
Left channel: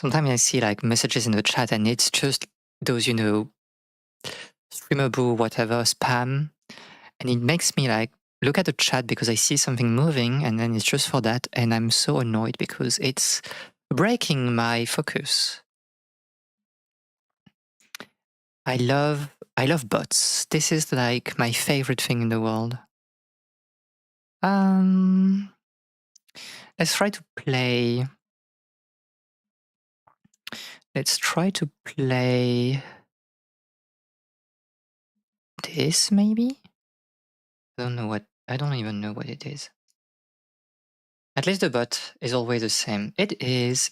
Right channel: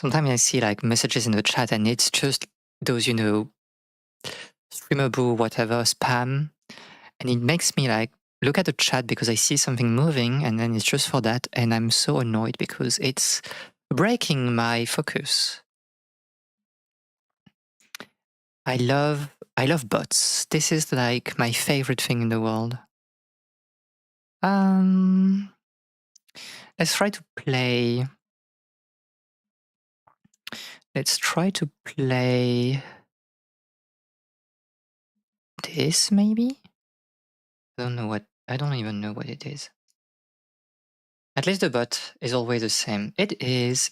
sometimes I see like messages in the chat and it's just those, streamable, whatever, spam. And it makes me like look at the chat because I see something moving and then it's just for that. And I'm so annoyed because it's breaking my focus. I love bots. This is like my favorite thing in the world. Let's try to play. Let's try to play this maybe? I don't even know what it is. At least the bot is always the same. It is.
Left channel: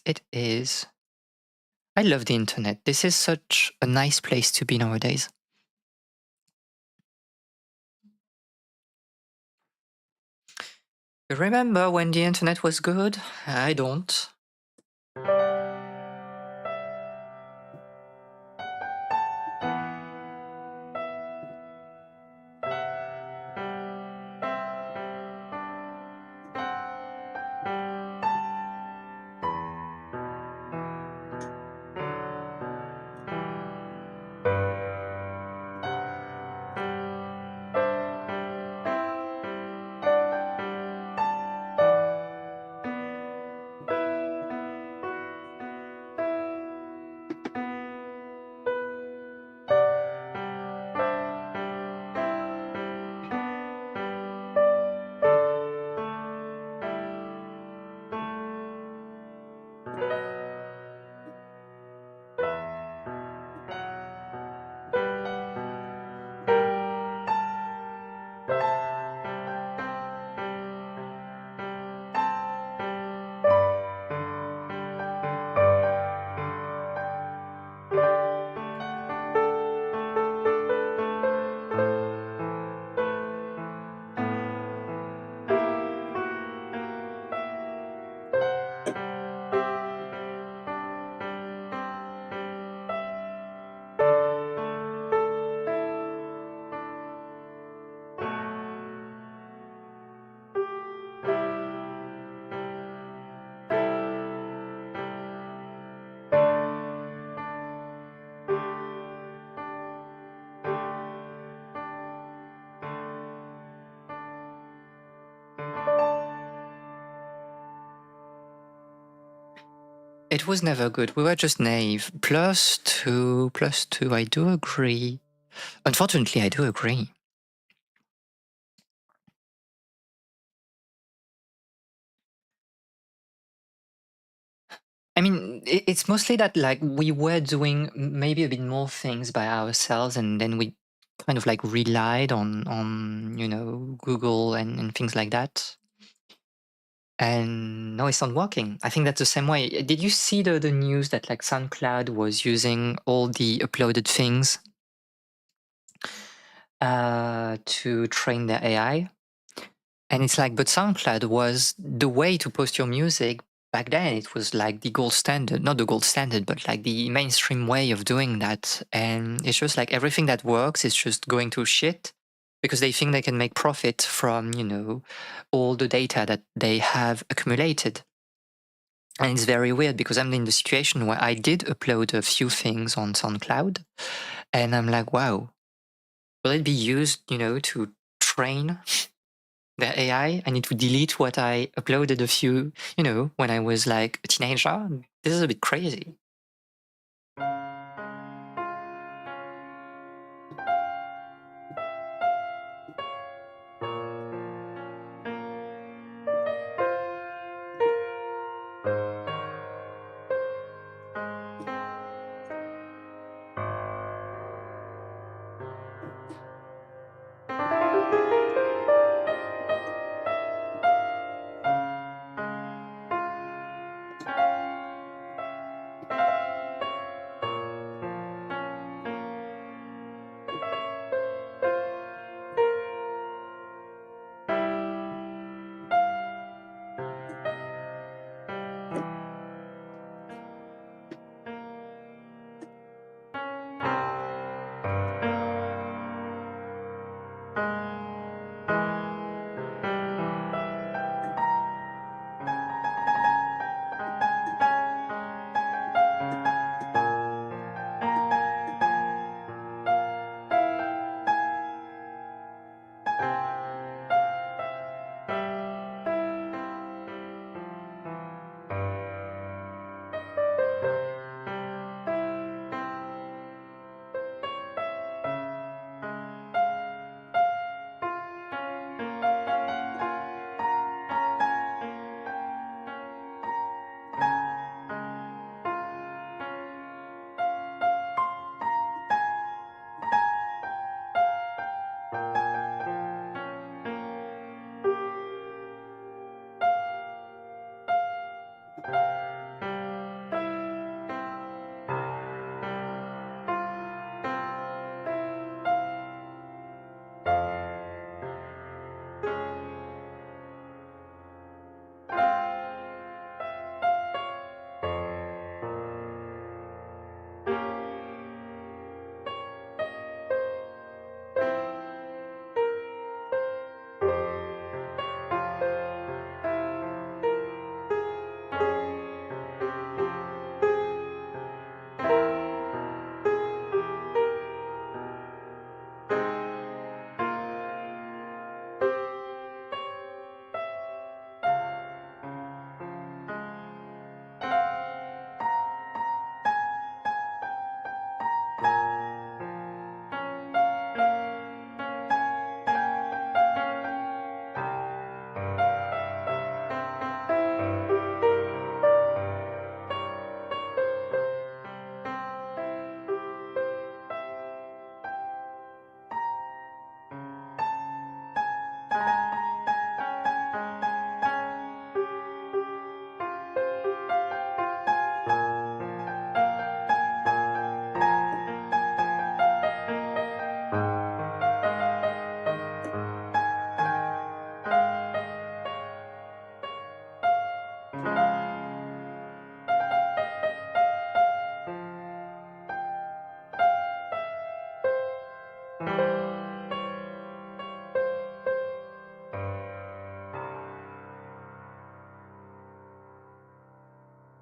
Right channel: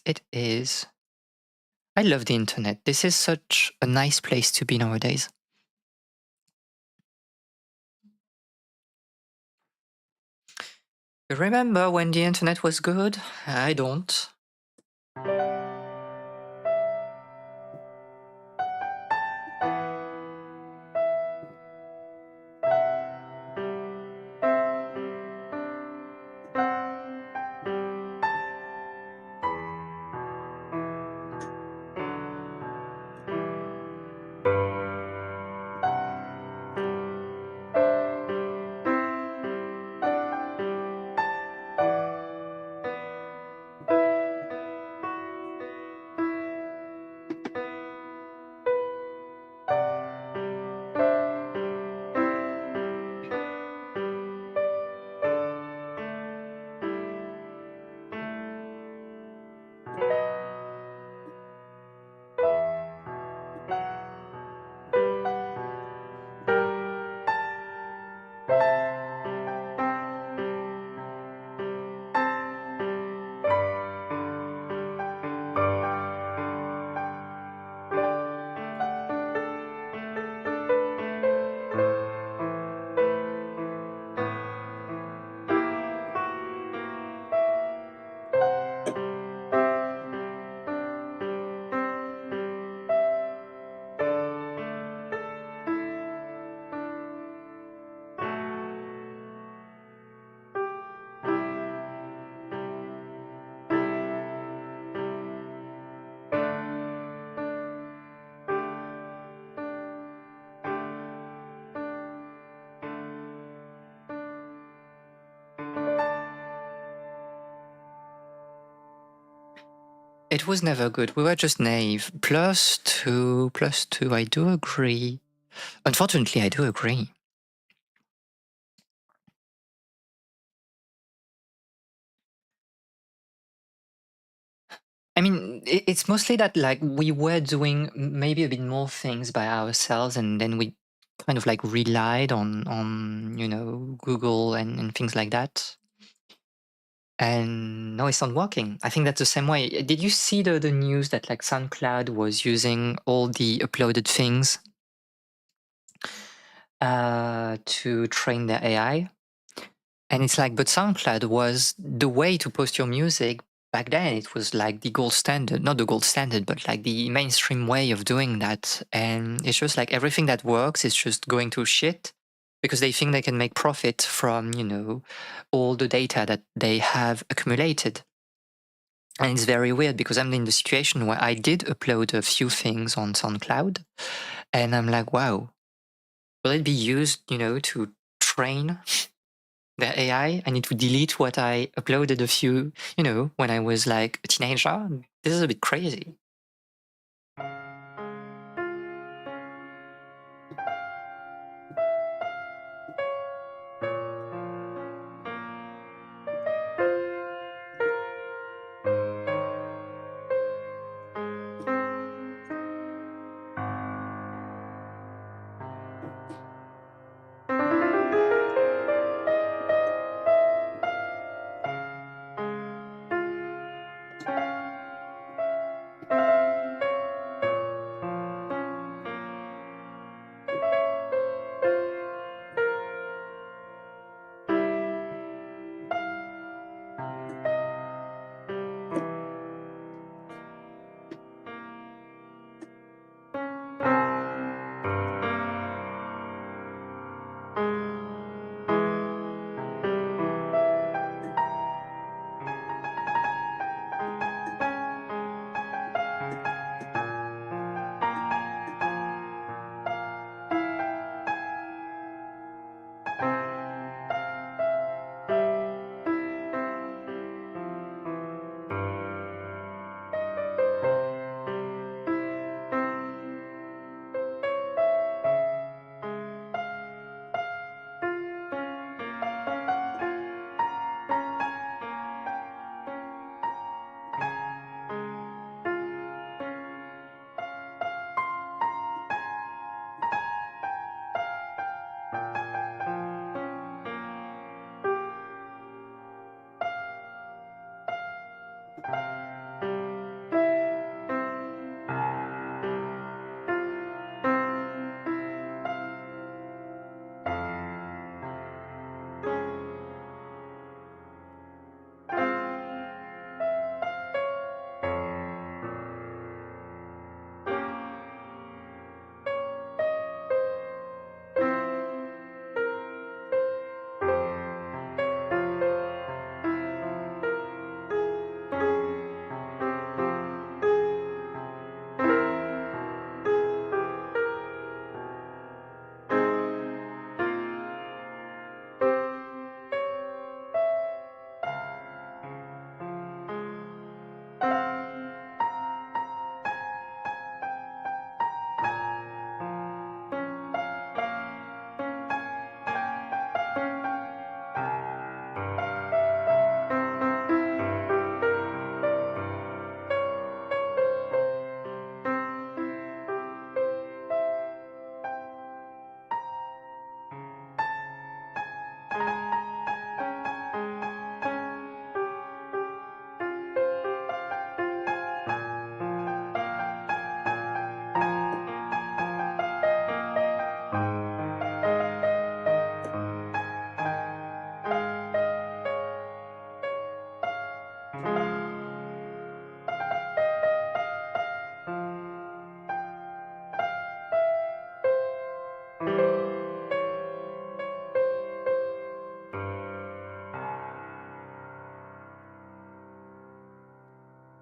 I love the internet. This is such a nice place to be nowadays. You remember when the internet was good? I don't. It was never good. We were just naive. Plus two. I do agree. Unfortunately, I do agree. I mean, it's mostly that like we were doing maybe a bit more things by ourselves, and then we kind of like relied on Google and things like that. And no, it's not working. I think that's the same way. Did you see the news that like SoundCloud was using all the uploaded things to train their AI? And it's like, but SoundCloud was the way to post your music back then. It was like the gold standard, not the gold standard, but like the mainstream way of doing that. And it's just like everything that works is just going to shit because they think they can make profit from, all the data that they have accumulated. And it's very weird because I'm in the situation where I did upload a few things on SoundCloud and I'm like, wow, will it be used, to train the AI? I need to delete what I uploaded a few, when I was like a teenager. This is a bit crazy.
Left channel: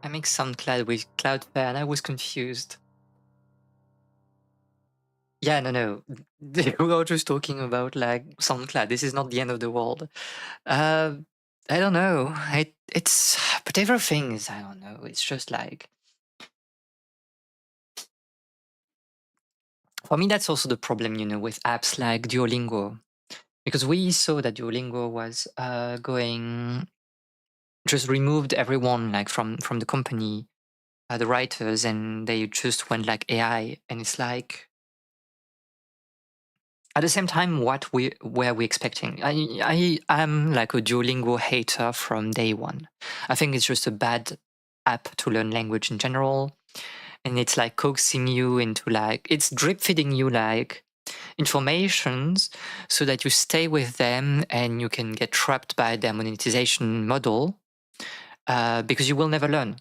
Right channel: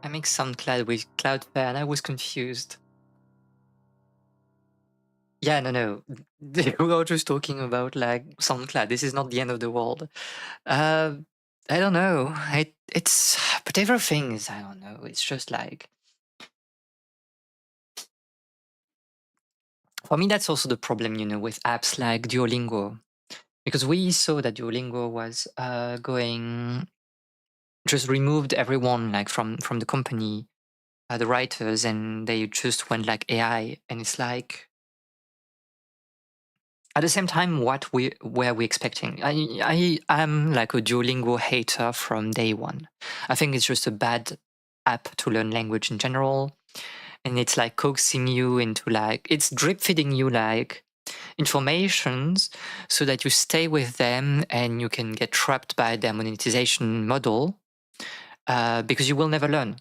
I mixed SoundCloud with Cloudflare and I was confused. Yeah, no. We were just talking about like SoundCloud. This is not the end of the world. Uh, I don't know. It's but everything is, I don't know. It's just like, for me, that's also the problem, with apps like Duolingo, because we saw that Duolingo was going, just removed everyone like from the company, the writers, and they just went like AI, and it's like, at the same time, what we were we expecting? I am like a Duolingo hater from day one. I think it's just a bad app to learn language in general, and it's like coaxing you into like, it's drip feeding you like informations so that you stay with them and you can get trapped by their monetization model, because you will never learn.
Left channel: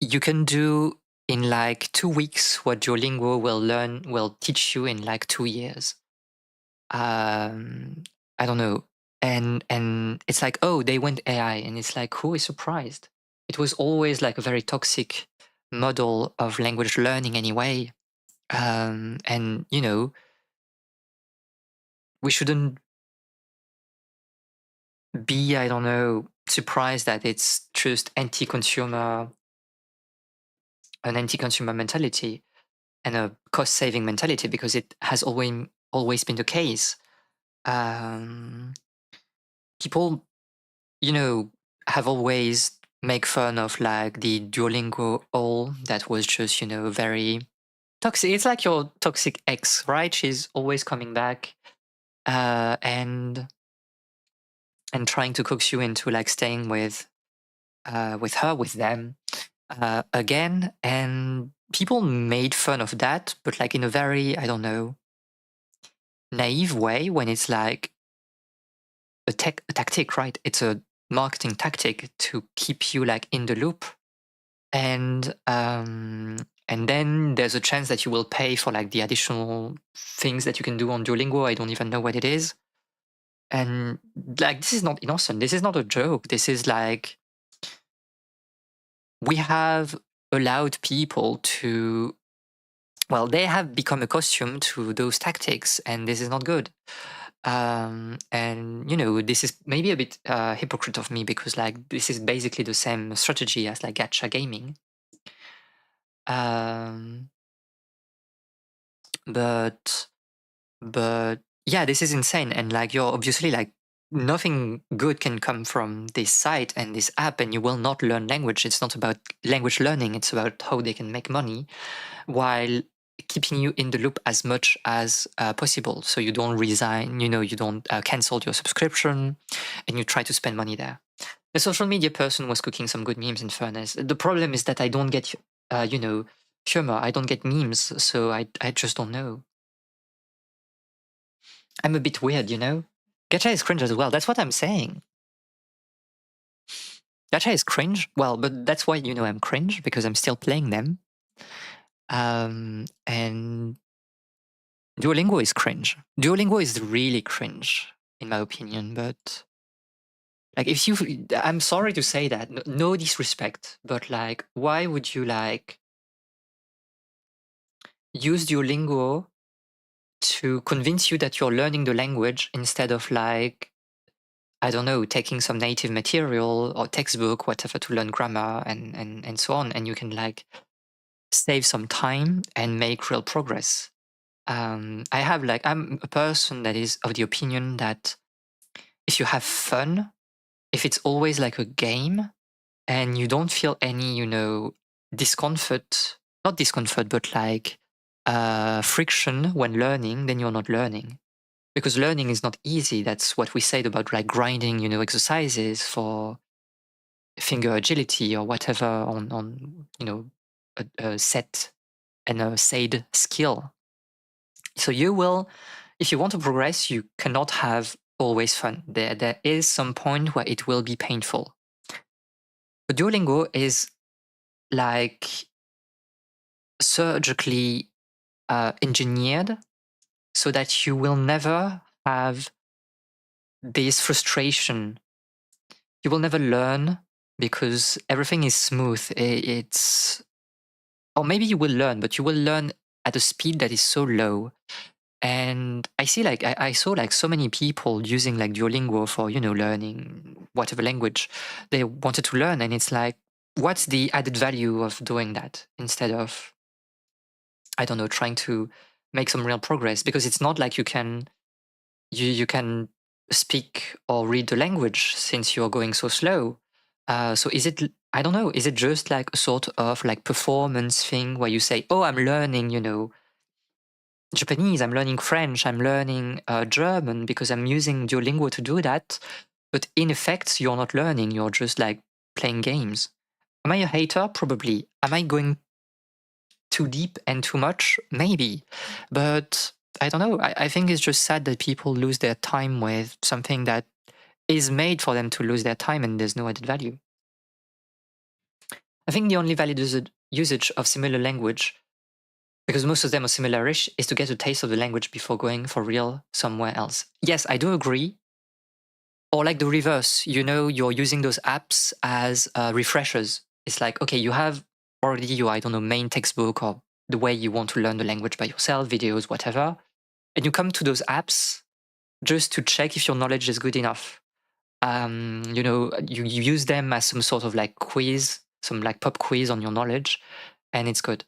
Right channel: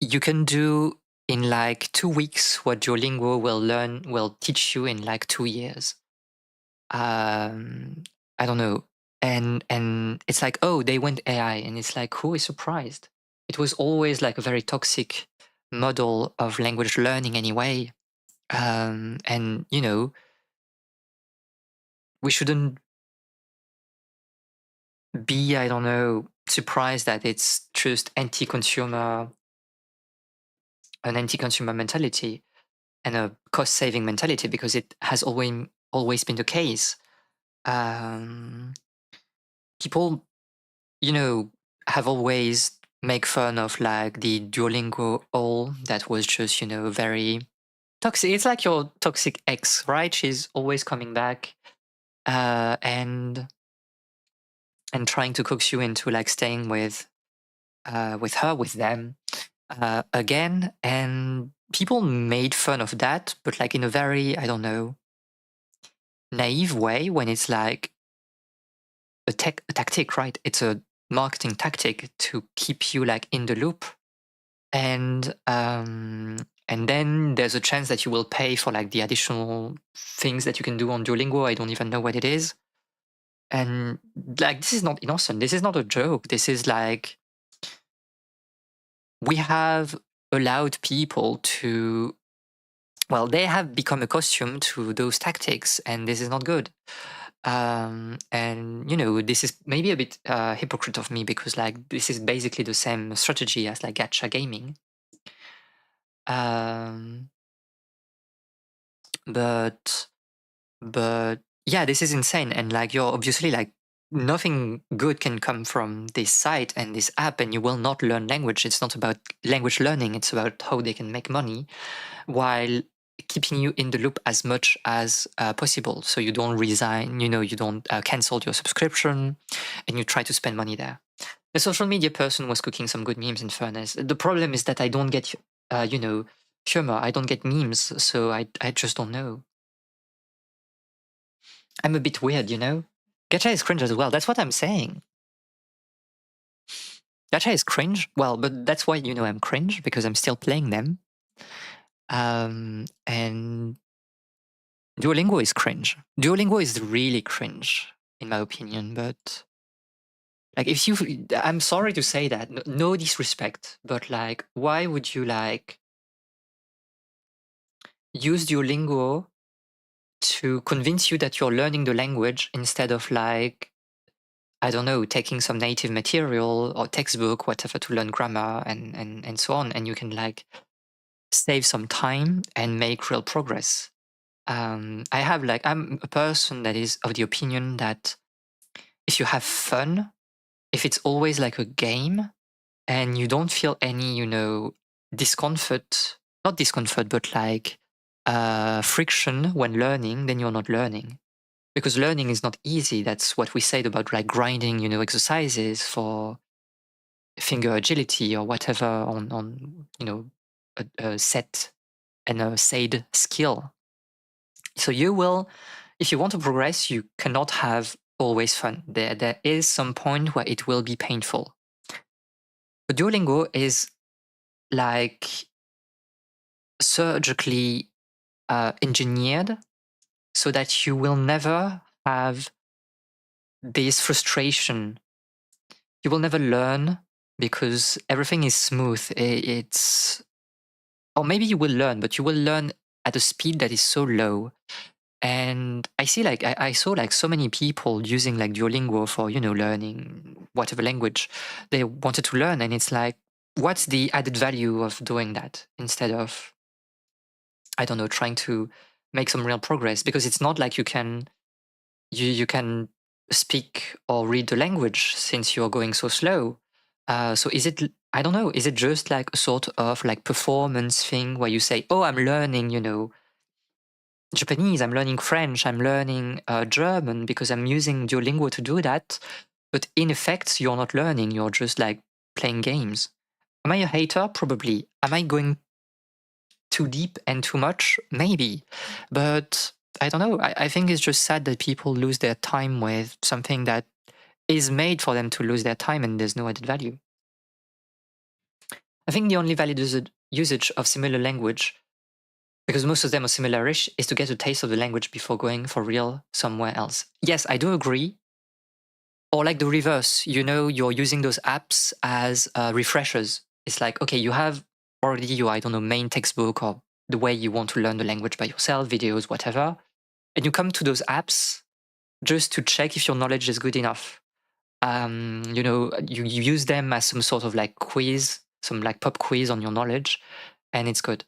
You can do in like 2 weeks what Duolingo will teach you in like 2 years. um I don't know. And it's like, oh, they went AI, and it's like, who is surprised? It was always like a very toxic model of language learning anyway. And we shouldn't be, I don't know, surprised that it's just an anti-consumer mentality and a cost-saving mentality, because it has always been the case. um People, you know, have always make fun of like the Duolingo all that was just, very toxic. It's like your toxic ex, right? She's always coming back, and trying to coax you into like staying with her, with them, again. And people made fun of that, but like in a very, I don't know, naive way, when it's like a tactic, right? It's a marketing tactic to keep you like in the loop. And then there's a chance that you will pay for like the additional things that you can do on Duolingo. I don't even know what it is. And like, this is not innocent. This is not a joke. This is like, we have allowed people to, well, they have become accustomed to those tactics, and this is not good. And this is maybe a bit hypocrite of me, because like, this is basically the same strategy as like gacha gaming. um but but yeah, this is insane. And like, you're obviously like, nothing good can come from this site and this app, and you will not learn language. It's not about language learning, it's about how they can make money while keeping you in the loop as much as possible, so you don't resign, you don't cancel your subscription, and you try to spend money there. The social media person was cooking some good memes, in fairness. The problem is that I don't get humor. I don't get memes, so I just don't know. I'm a bit weird, Gacha is cringe as well. That's what I'm saying. Gacha is cringe. Well, but that's why I'm cringe, because I'm still playing them. And Duolingo is cringe. Duolingo is really cringe, in my opinion. But like, I'm sorry to say that, no disrespect, but like, why would you like use Duolingo to convince you that you're learning the language, instead of like, I don't know, taking some native material or textbook, whatever, to learn grammar and so on, and you can like save some time and make real progress. I'm a person that is of the opinion that if you have fun, if it's always like a game, and you don't feel any, discomfort, not discomfort, but like friction when learning, then you're not learning. Because learning is not easy. That's what we said about like grinding, exercises for finger agility or whatever on a set and a said skill. So if you want to progress, you cannot have always fun. There is some point where it will be painful. But Duolingo is like surgically engineered so that you will never have this frustration. You will never learn because everything is smooth. It's, or maybe you will learn, but you will learn at a speed that is so low. And I see like I saw like so many people using like Duolingo for, you know, learning whatever language they wanted to learn. And it's like, what's the added value of doing that instead of, I don't know, trying to make some real progress? Because it's not like you can speak or read the language since you're going so slow. So is it, I don't know, is it just like a sort of like performance thing where you say, oh, I'm learning, you know, Japanese, I'm learning French, I'm learning German because I'm using Duolingo to do that. But in effect, you're not learning, you're just like playing games. Am I a hater? Probably. Am I going too deep and too much? Maybe. But I don't know. I think it's just sad that people lose their time with something that is made for them to lose their time and there's no added value. I think the only valid usage of similar language, because most of them are similar-ish, is to get a taste of the language before going for real somewhere else. Yes, I do agree. Or like the reverse, you know, you're using those apps as refreshers. It's like, okay, you have already your, I don't know, main textbook or the way you want to learn the language by yourself, videos, whatever. And you come to those apps just to check if your knowledge is good enough. You know, you use them as some sort of like quiz, some like pop quiz on your knowledge, and it's good.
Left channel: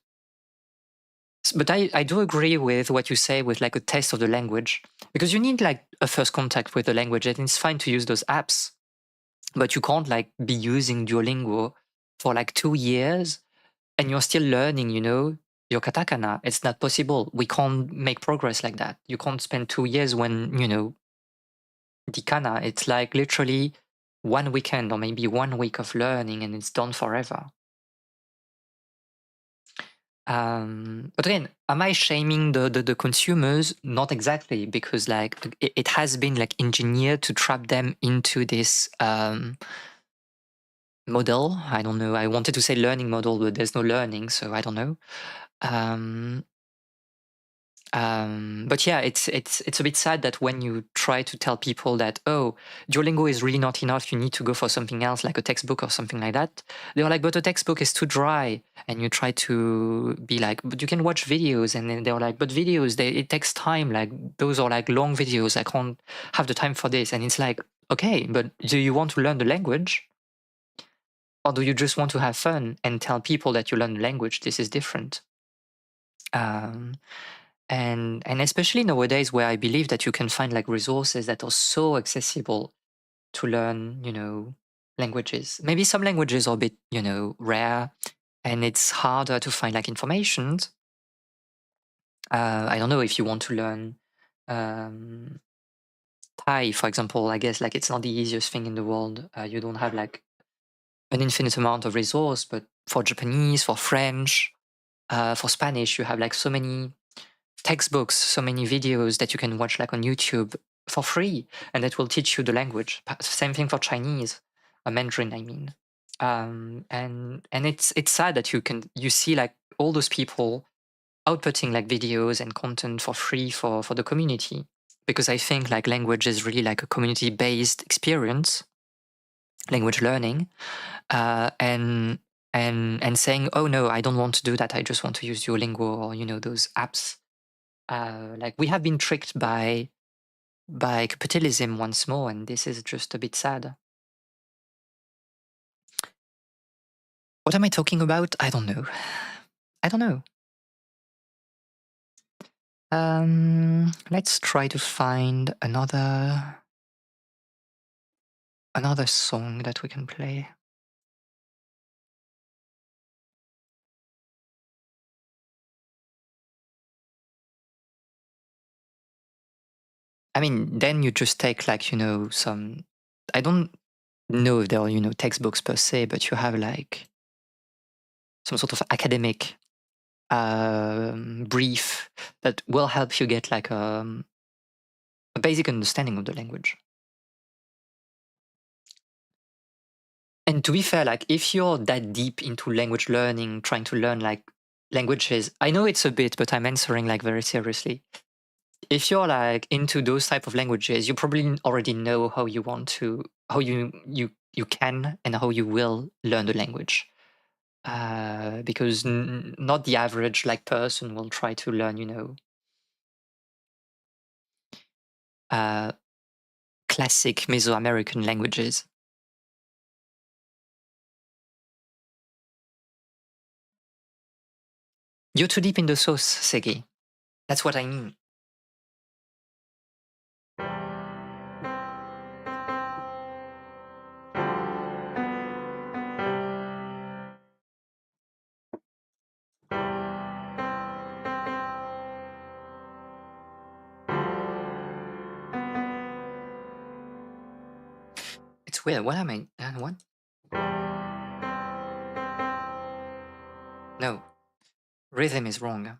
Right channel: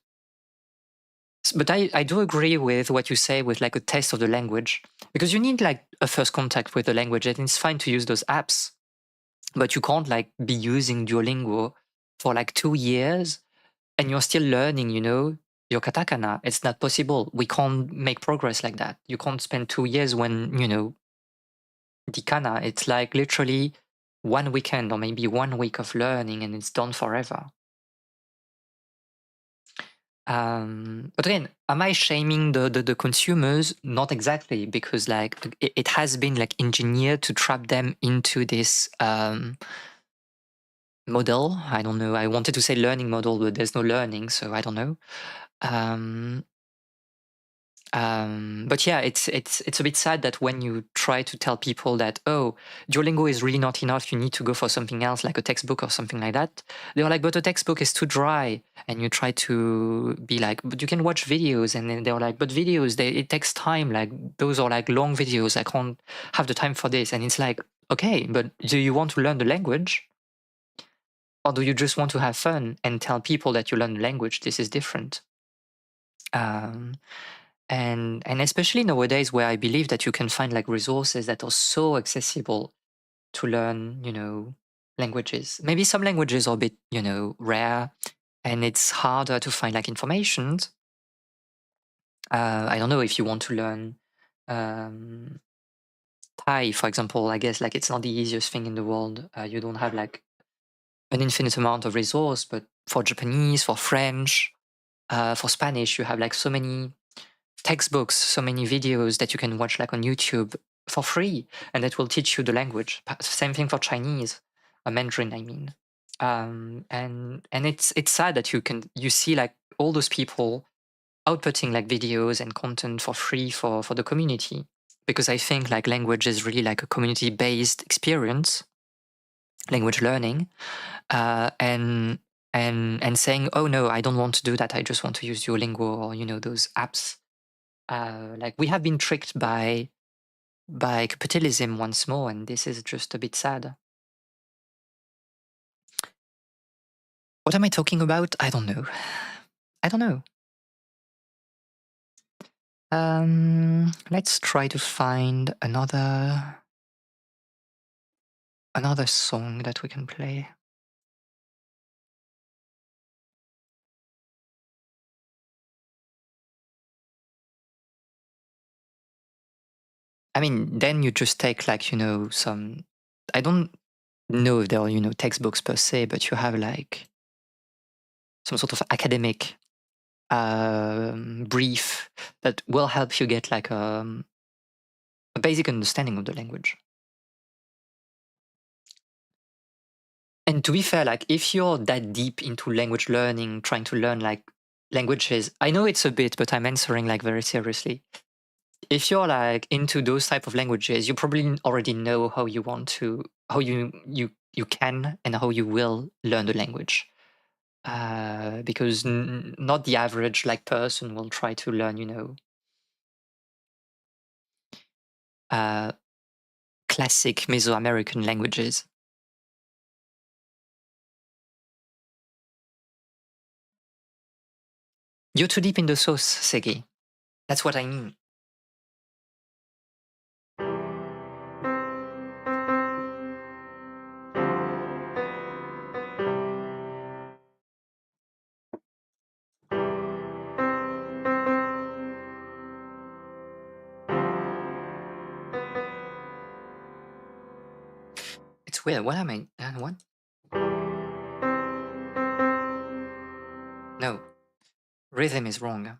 But I do agree with what you say with like a taste of the language, because you need like a first contact with the language, and it's fine to use those apps, but you can't like be using Duolingo for like 2 years and you're still learning, you know, your katakana. It's not possible. We can't make progress like that. You can't spend 2 years when, you know, the kana, it's like literally one weekend or maybe 1 week of learning and it's done forever. But again, am I shaming the consumers? Not exactly, because like it has been like engineered to trap them into this model. I don't know. I wanted to say learning model, but there's no learning, so I don't know. But yeah, it's a bit sad that when you try to tell people that, oh, Duolingo is really not enough, you need to go for something else like a textbook or something like that, they're like, but a textbook is too dry. And you try to be like, but you can watch videos. And then they're like, but videos, it takes time. Like those are like long videos. I can't have the time for this. And it's like, okay, but do you want to learn the language? Or do you just want to have fun and tell people that you learn the language? This is different. And especially nowadays, where I believe that you can find like resources that are so accessible to learn, you know, languages. Maybe some languages are a bit, you know, rare and it's harder to find like information. I don't know, if you want to learn um, Thai, for example. I guess like it's not the easiest thing in the world. You don't have like an infinite amount of resource, but for Japanese, for French, for Spanish, you have like so many textbooks, so many videos that you can watch like on YouTube for free, and that will teach you the language. Same thing for Chinese, Mandarin, I mean. And it's sad that you see like all those people outputting like videos and content for free for the community, because I think like language is really like a community based experience, language learning, and saying, oh no, I don't want to do that, I just want to use Duolingo or, you know, those apps. Like we have been tricked by capitalism once more, and this is just a bit sad. What am I talking about? I don't know. I don't know. Let's try to find another song that we can play. I mean, then you just take like, you know, some, I don't know if they're, you know, textbooks per se, but you have like some sort of academic brief that will help you get like a basic understanding of the language. And to be fair, like if you're that deep into language learning, trying to learn like languages, I know it's a bit, but I'm answering like very seriously. If you're like into those type of languages, you probably already know how you you can and how you will learn the language. Because not the average like person will try to learn, uh, classic Mesoamerican languages. You're too deep in the sauce, Segi. That's what I mean. It's weird. What am I? What? No, rhythm is wrong.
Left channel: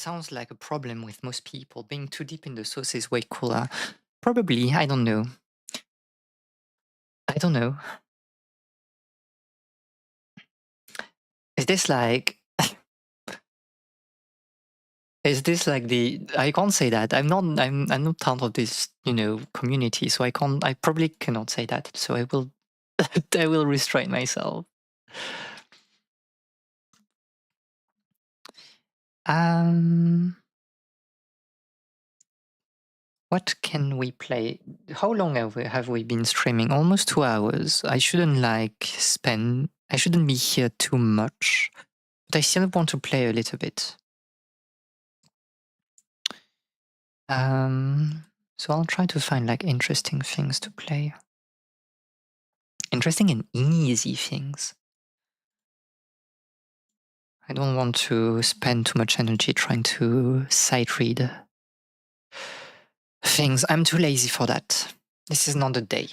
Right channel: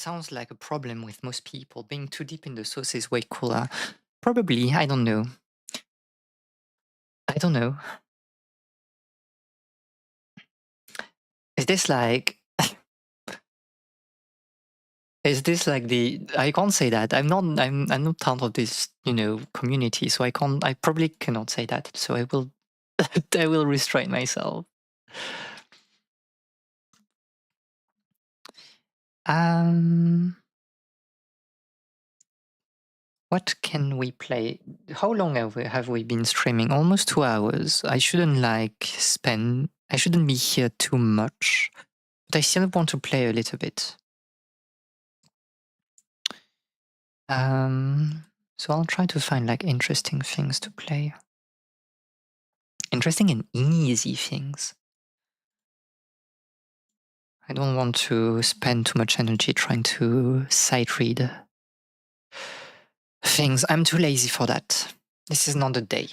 sounds like a problem with most people. Being too deep in the sauce is way cooler. Probably, I don't know. I don't know. Is this like is this like the I can't say that. I'm not part of this, community, so I probably cannot say that. So I will I will restrain myself. Um what can we play? How long have we been streaming? Almost 2 hours. I shouldn't be here too much, but I still want to play a little bit. So I'll try to find like interesting things to play. Interesting and easy things. I don't want to spend too much energy trying to sight read things. I'm too lazy for that. This is not the day.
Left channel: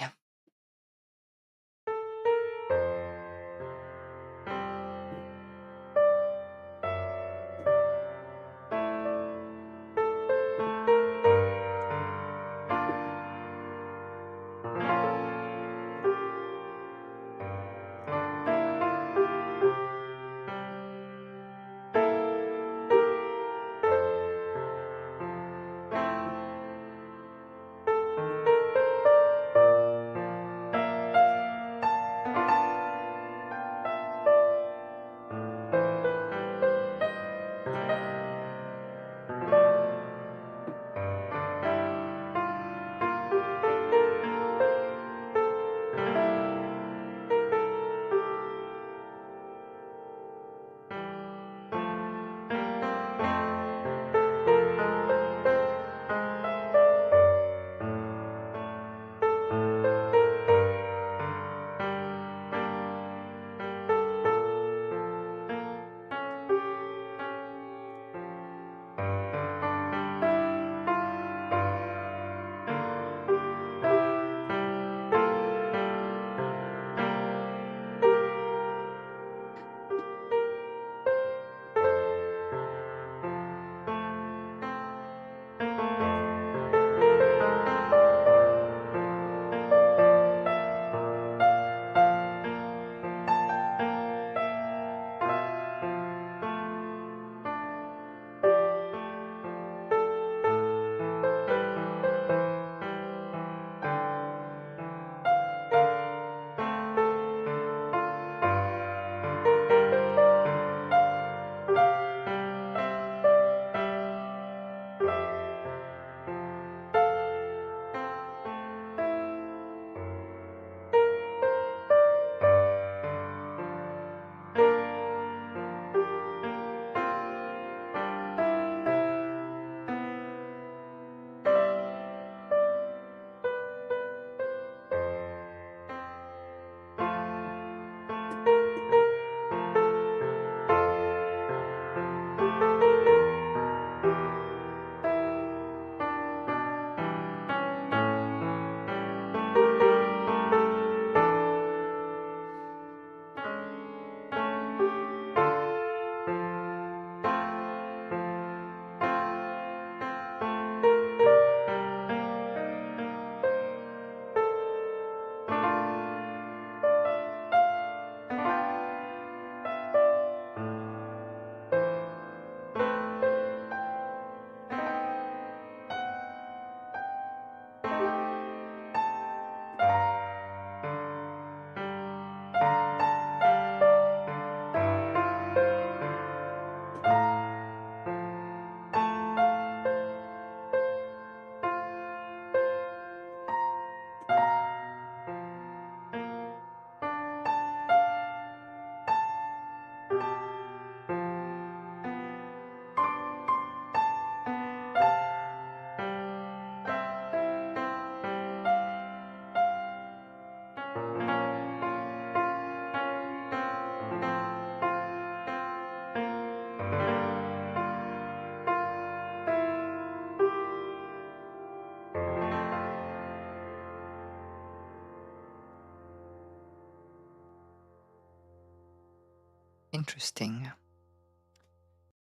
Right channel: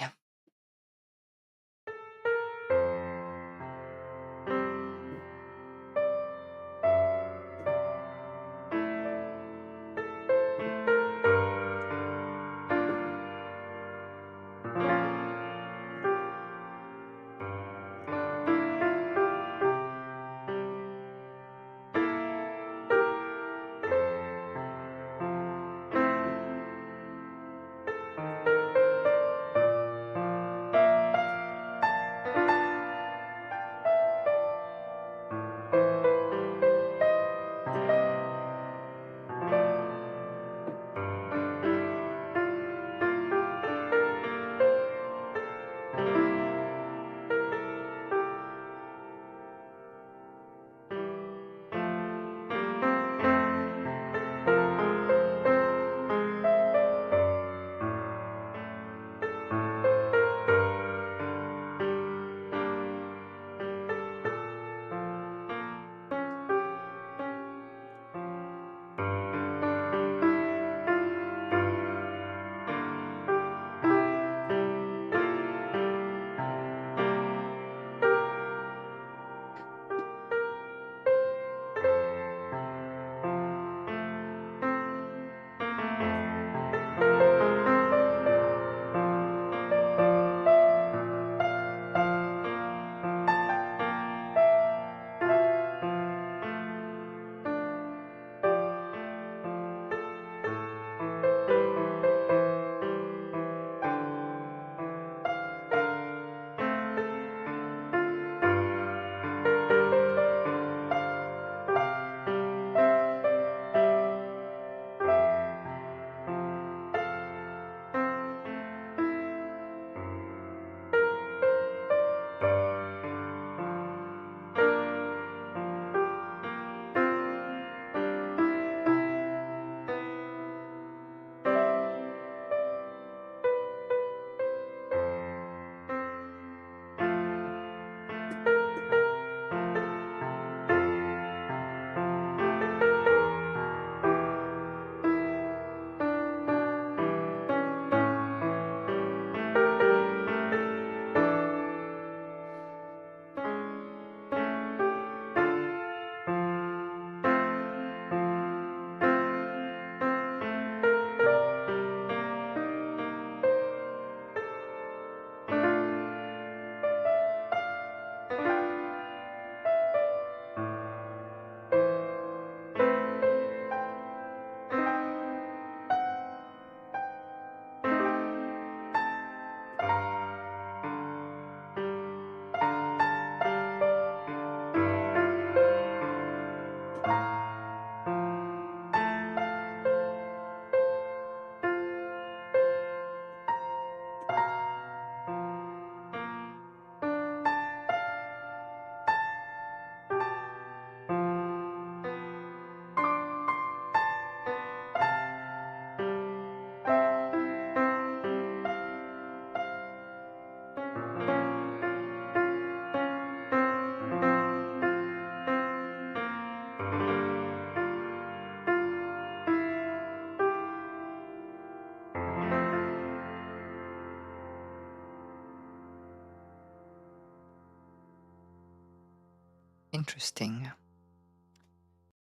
Interesting.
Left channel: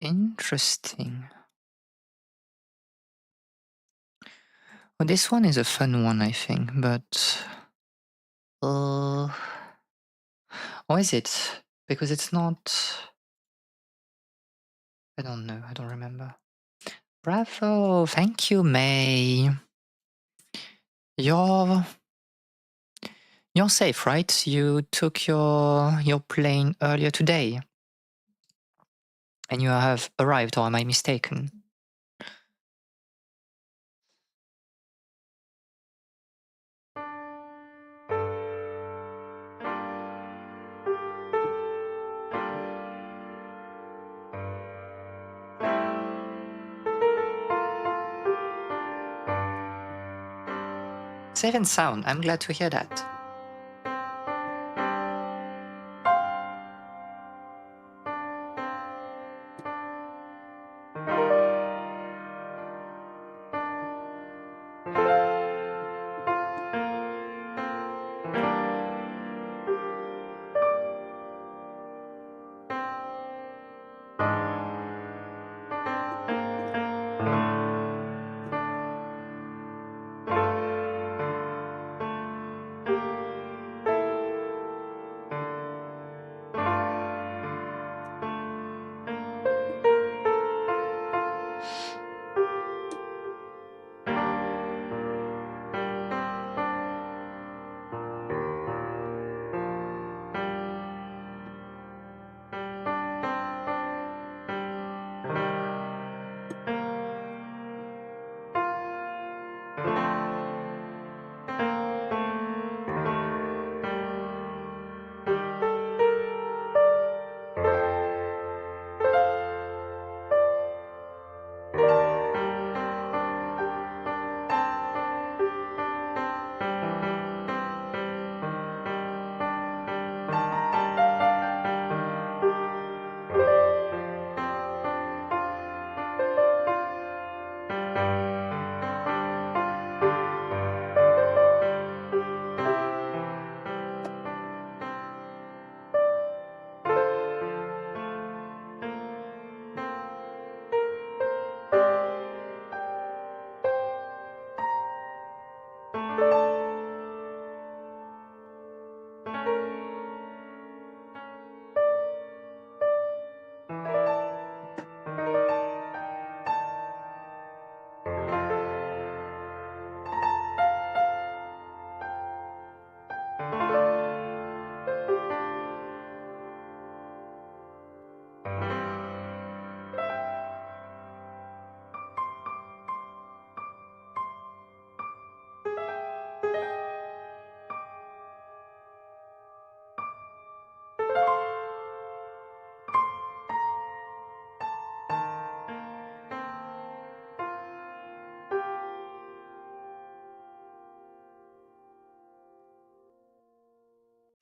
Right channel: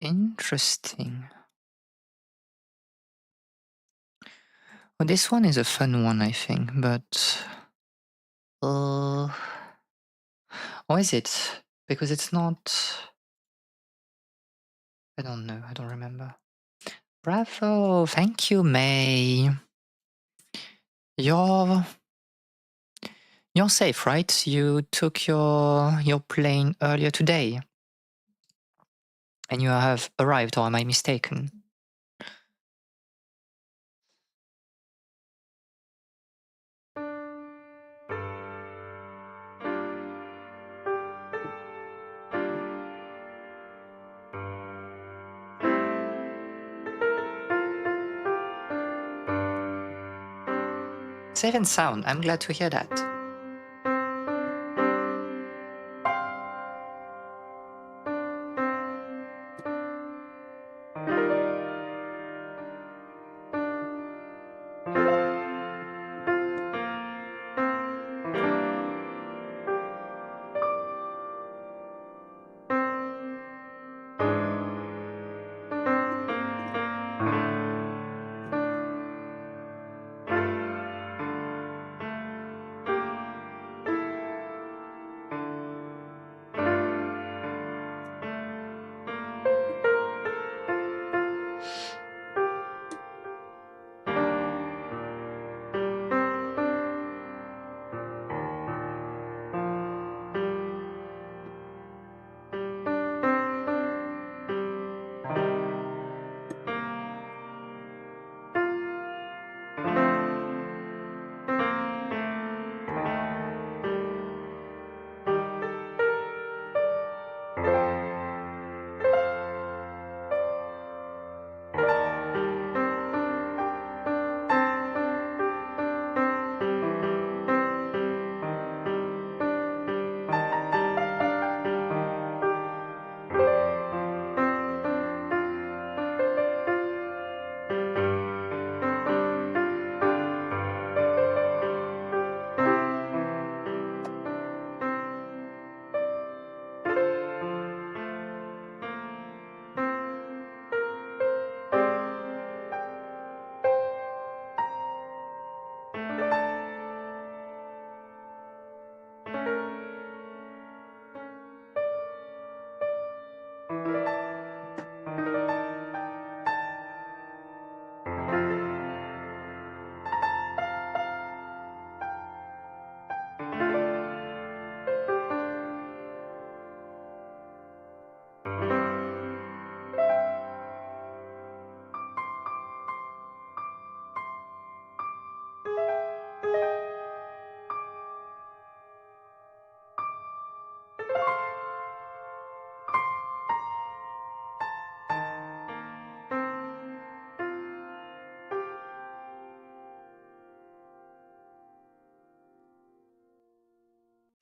Interesting. Well, this one is a fun one, I think, but or is it? Because it's not. I don't know. I don't remember. Bravo! Thank you, May. You're safe, right? You took your plane earlier today, and you have arrived, or am I mistaken? Safe and sound. I'm glad to hear that.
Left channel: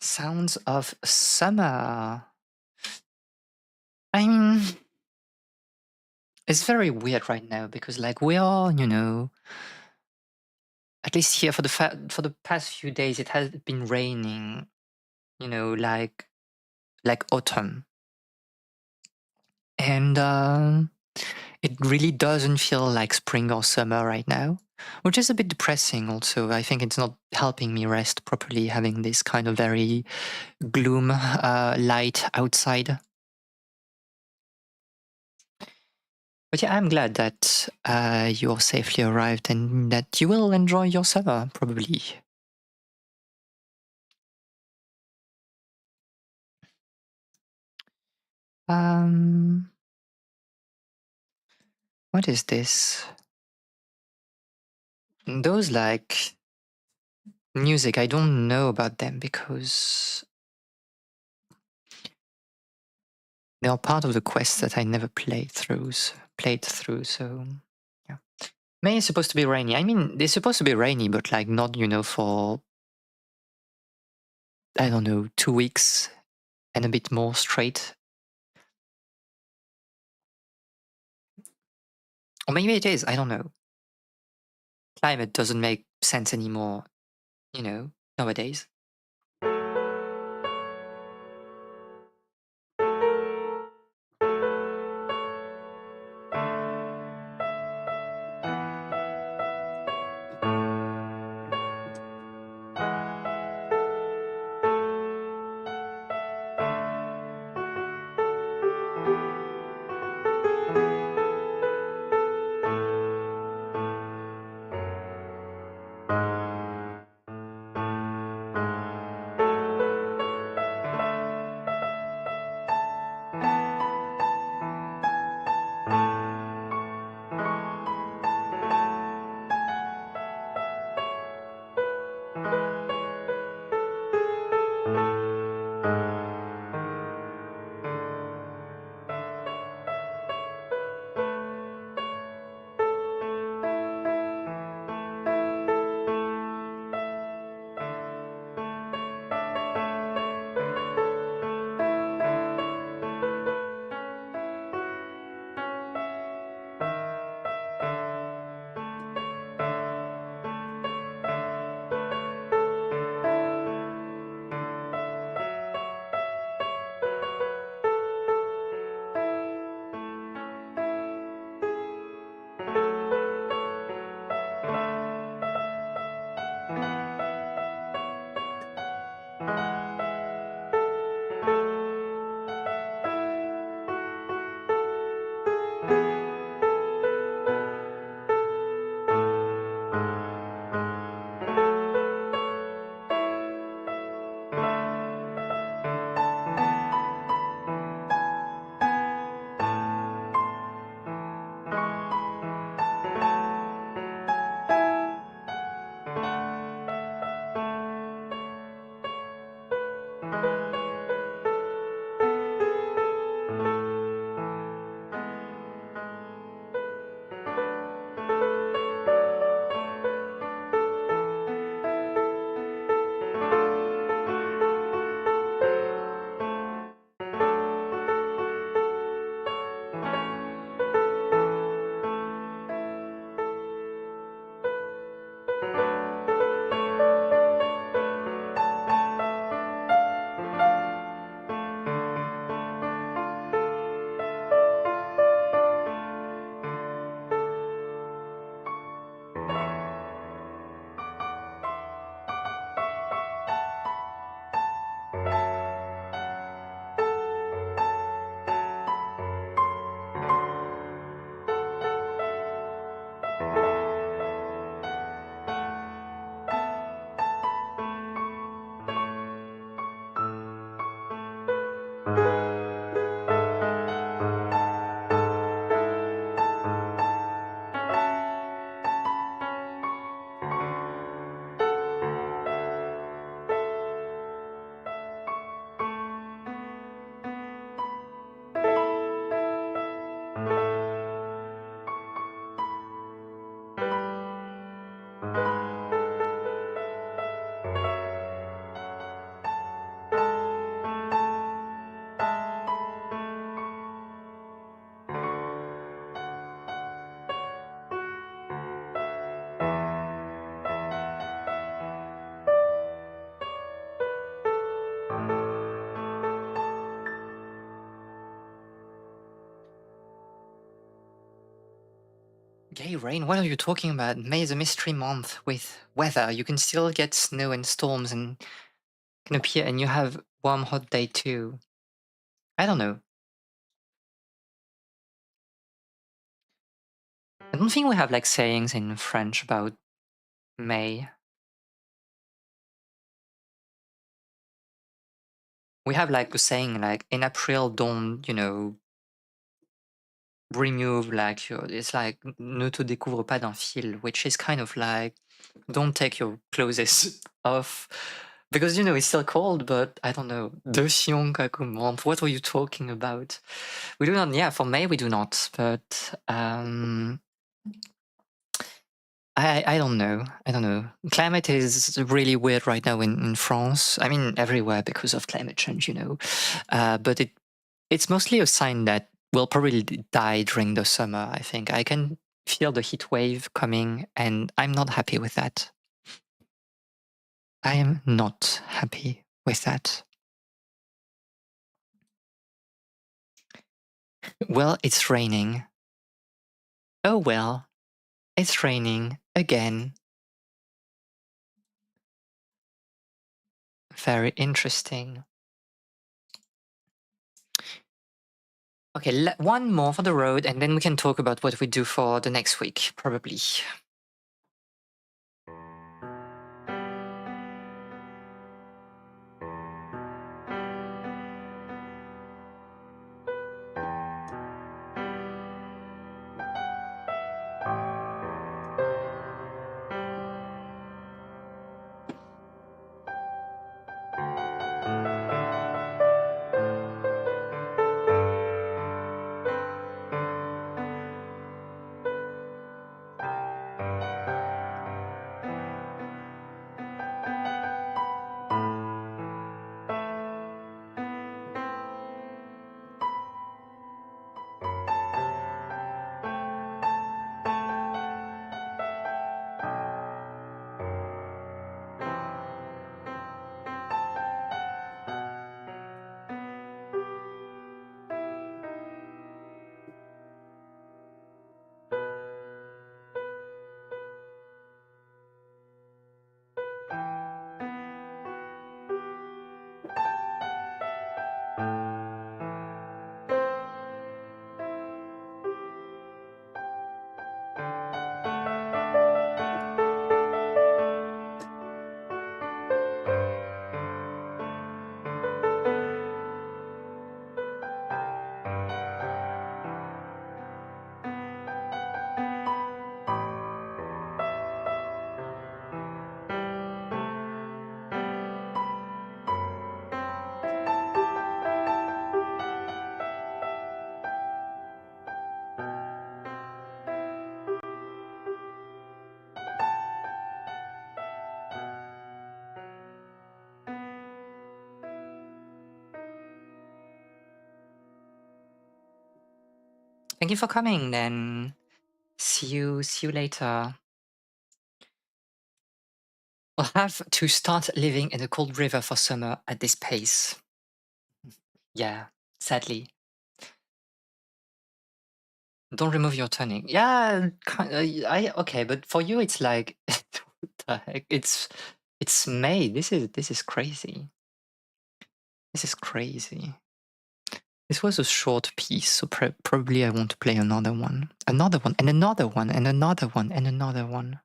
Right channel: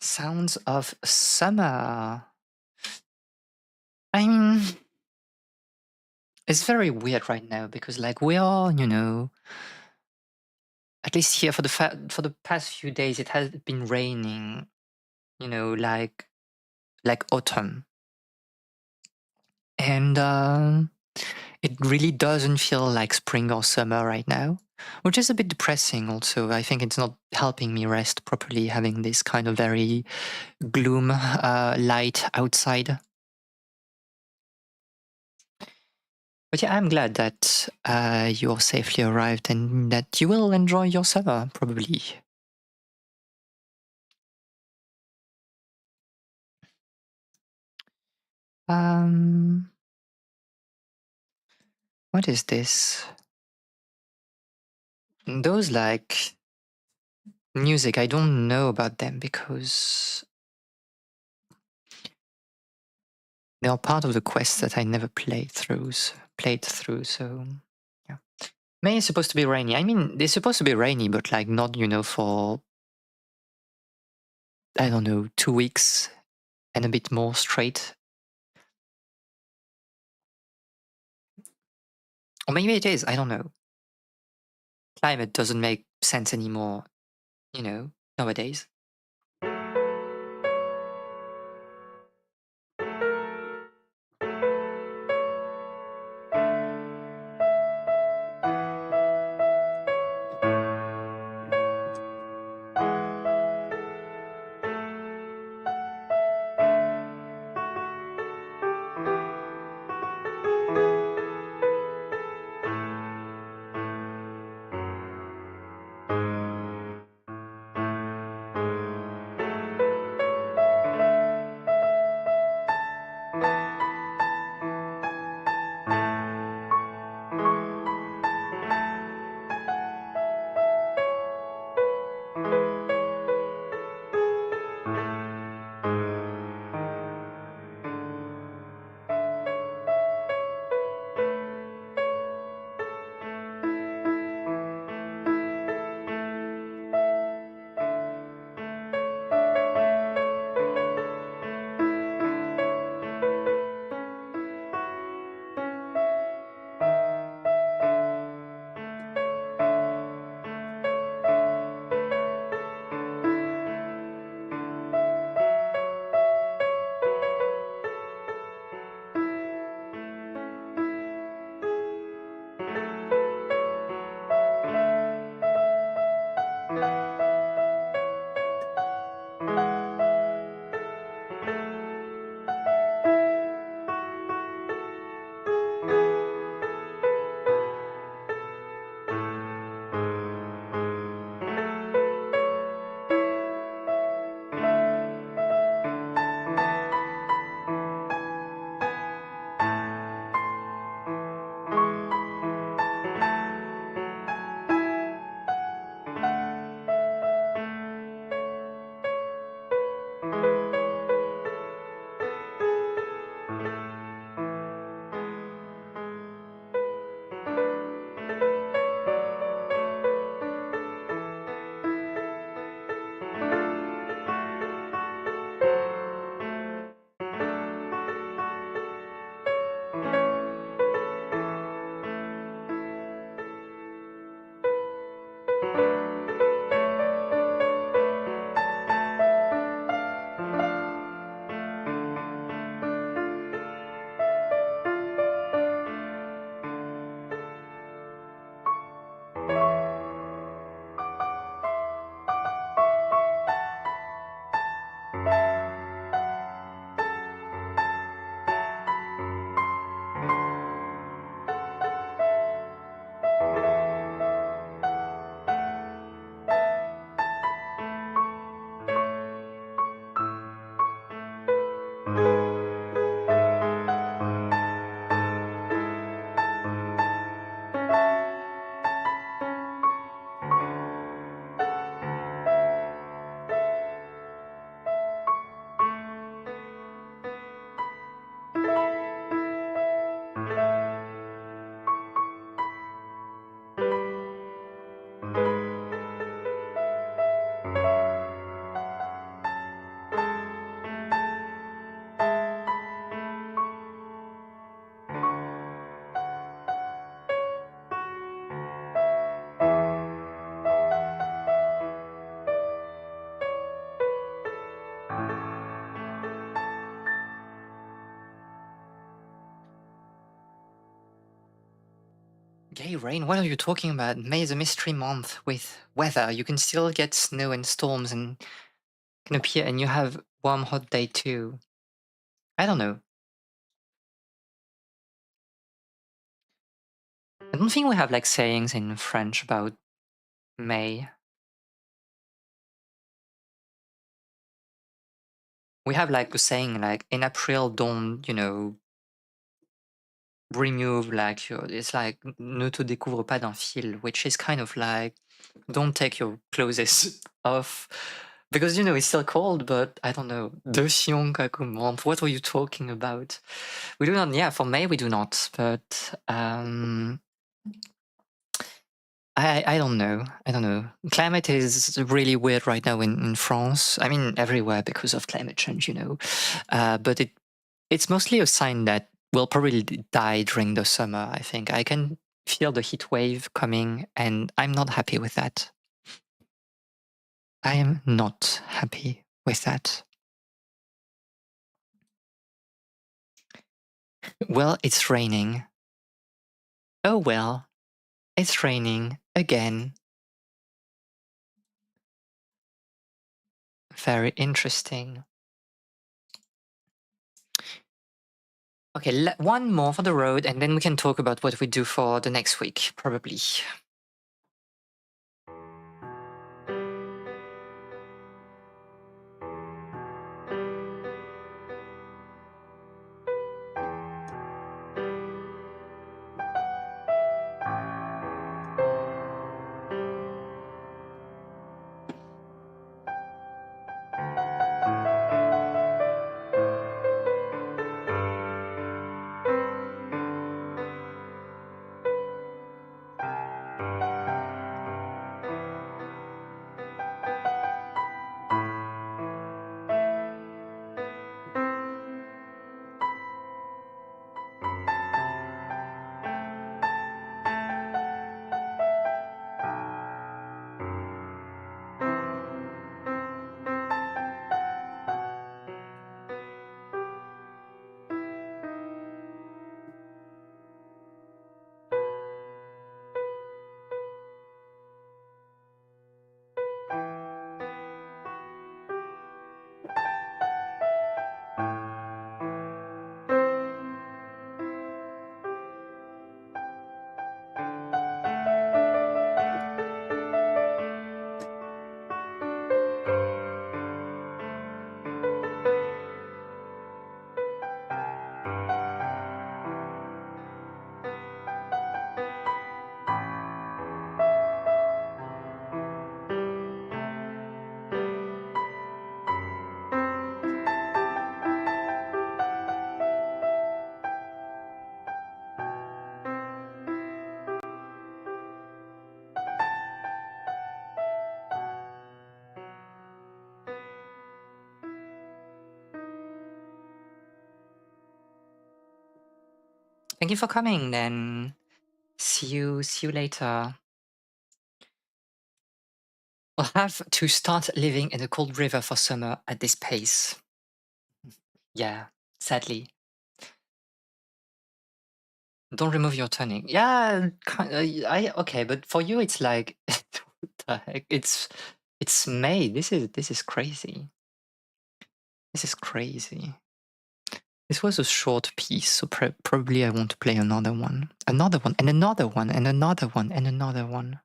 Sounds of summer. I mean, it's very weird right now because, like, we are, at least here for the past few days, it has been raining. Like autumn, and it really doesn't feel like spring or summer right now, which is a bit depressing. Also, I think it's not helping me rest properly, having this kind of very gloom light outside. But yeah, I'm glad that you're safely arrived and that you will enjoy your summer, probably. Um, what is this? Those like music, I don't know about them because they are part of the quest that I never played through. So yeah. May is supposed to be rainy. I mean, they're supposed to be rainy, but like not, for I don't know, 2 weeks and a bit more straight. Or maybe it is. I don't know. Climate doesn't make sense anymore, nowadays. Gay rain? What are you talking about? May is a mystery month with weather. You can still get snow and storms and can appear, and you have warm, hot day too. I don't know. I don't think we have like sayings in French about May. We have like a saying like in April, don't, remove like your, it's like ne te découvre pas d'un fil, which is kind of like don't take your clothes off because it's still cold, but I don't know. De Sionka comment. What are you talking about? We do not, yeah, for May we do not, but I don't know. I don't know. Climate is really weird right now in France. I mean, everywhere because of climate change, but it's mostly a sign that we'll probably die during the summer. I think I can feel the heat wave coming, and I'm not happy with that. I am not happy with that. Well, it's raining. Oh well, it's raining again. Very interesting. Okay, one more for the road, and then we can talk about what we do for the next week, probably. Thank you for coming. Then see you later. We'll have to start living in a cold river for summer at this pace. Yeah, sadly. Don't remove your toning. Yeah, I okay, but for you it's like what the heck? It's May. This is crazy. This is crazy. This was a short piece, so probably I want to play another one, and another one, and another one, and another one.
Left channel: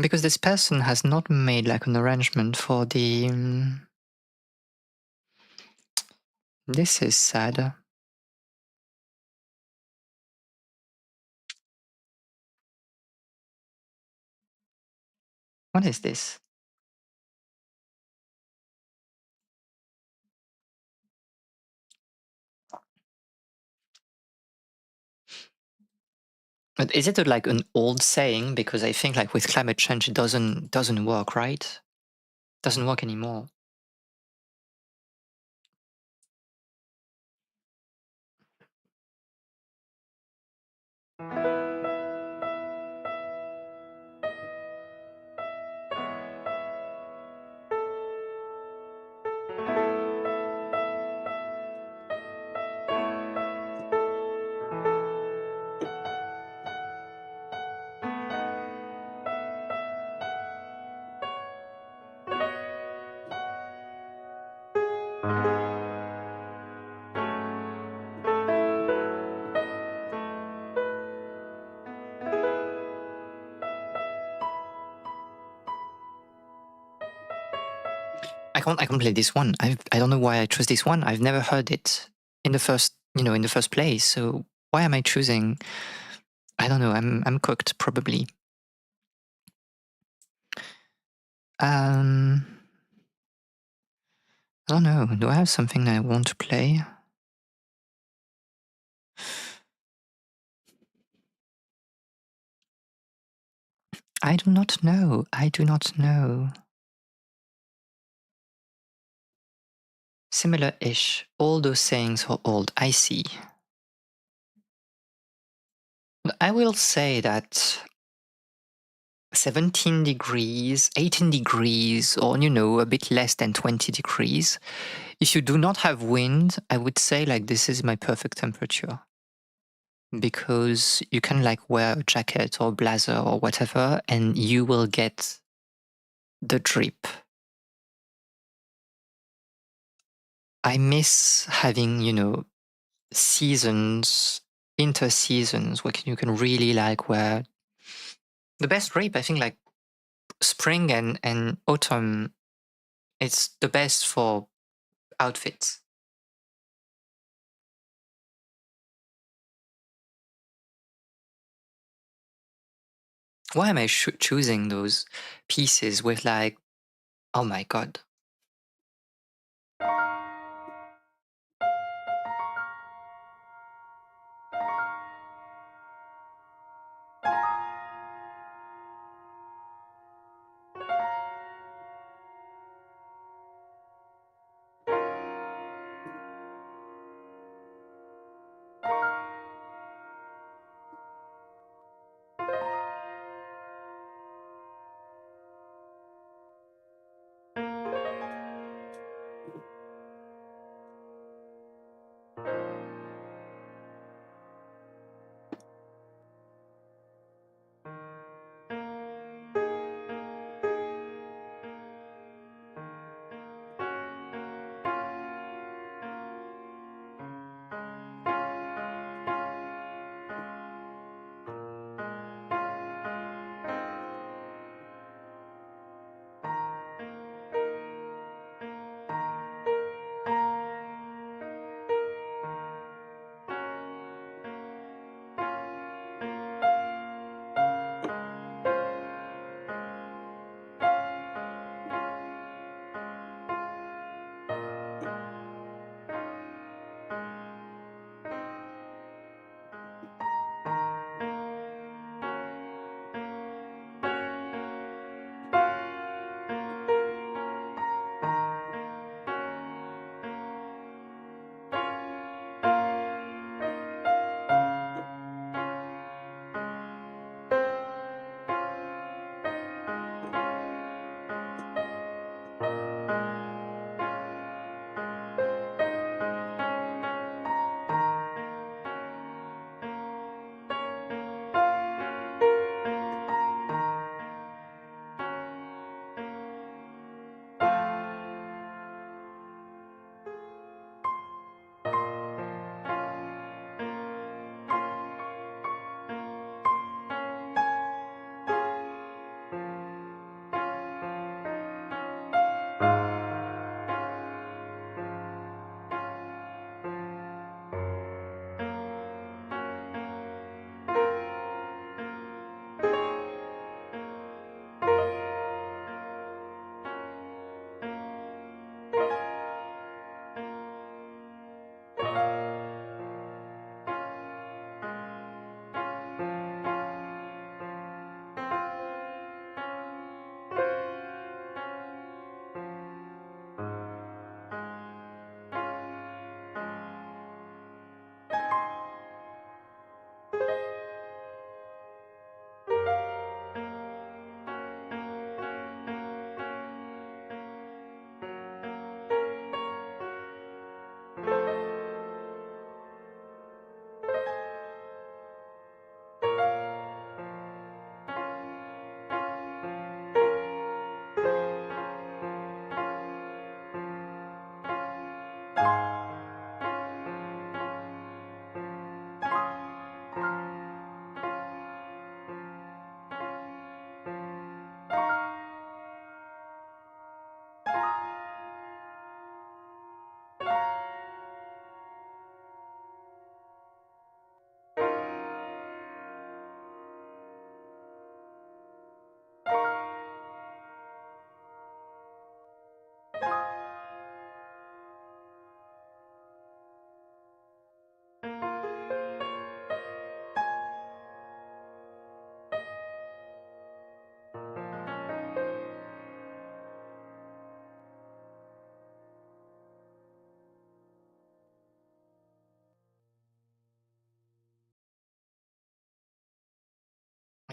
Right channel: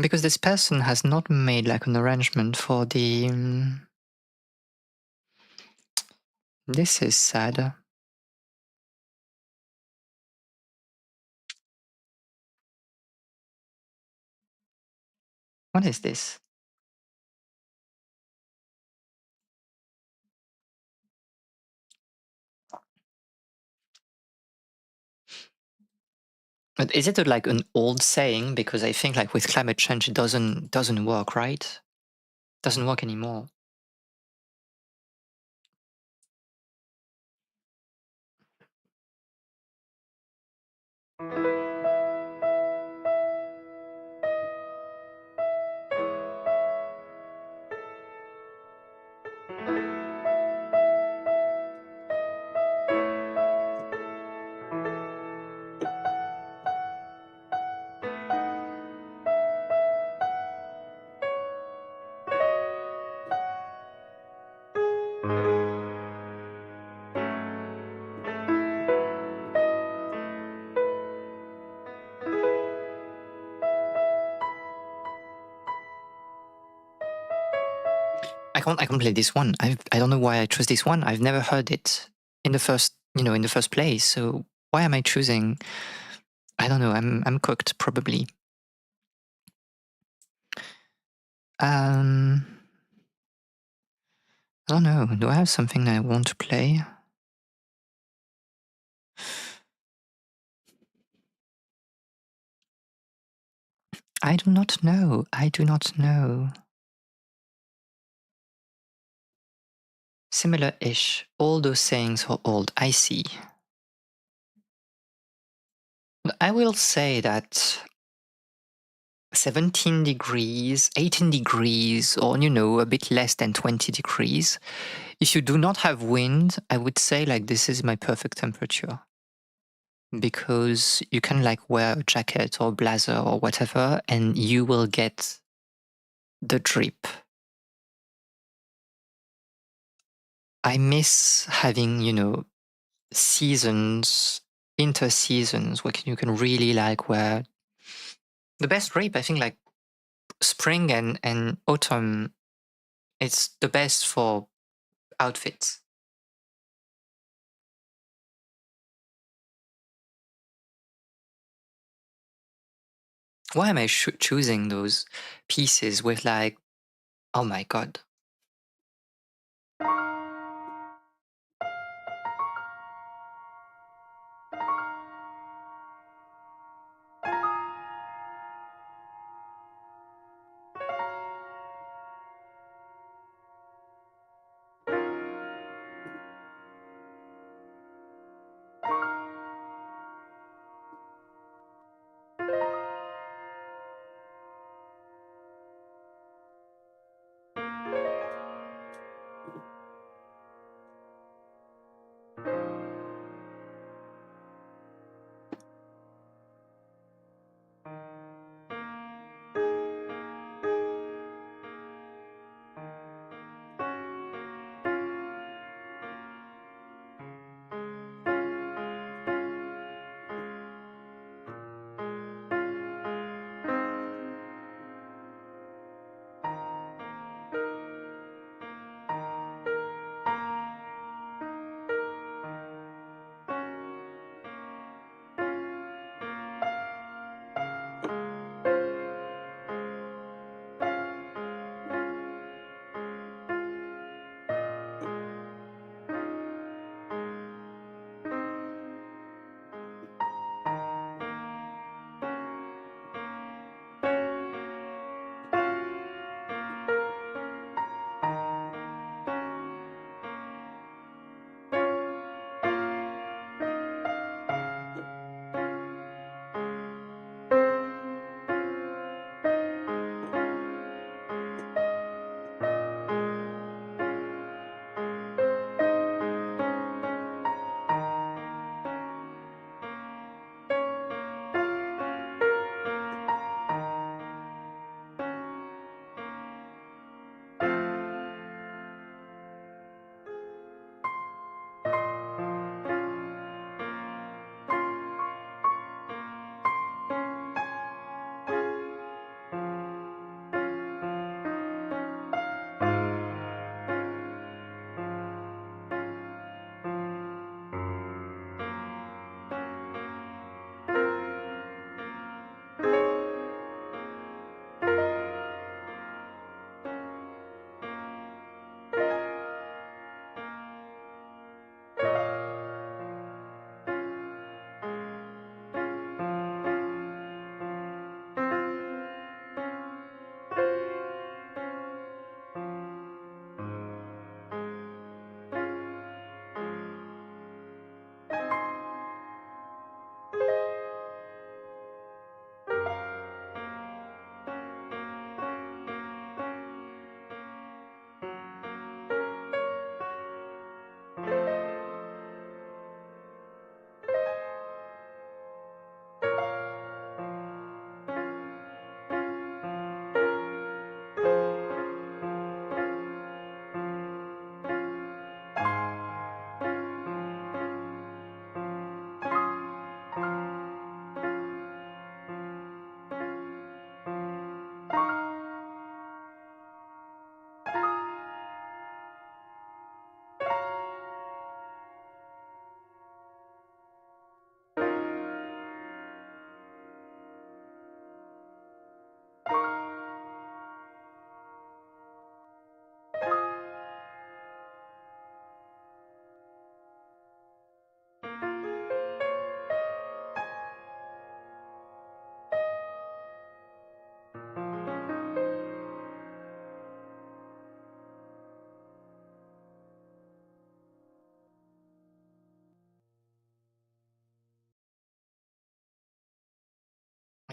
Because this person has not made like an arrangement for the. This is sad. What is this? But is it like an old saying? Because I think like with climate change, it doesn't work, right? Doesn't work anymore. I can't play this one. I don't know why I chose this one. I've never heard it in the first, in the first place. So why am I choosing? I don't know. I'm cooked probably. I don't know. Do I have something that I want to play? I do not know. I do not know. Similar-ish. All those sayings are old. I see. I will say that 17 degrees, 18 degrees, or, a bit less than 20 degrees. If you do not have wind, I would say like this is my perfect temperature. Because you can like wear a jacket or blazer or whatever, and you will get the drip. I miss having, seasons, inter-seasons where you can really like wear the best drip. I think like spring and autumn, it's the best for outfits. Why am I choosing those pieces with like, oh my god.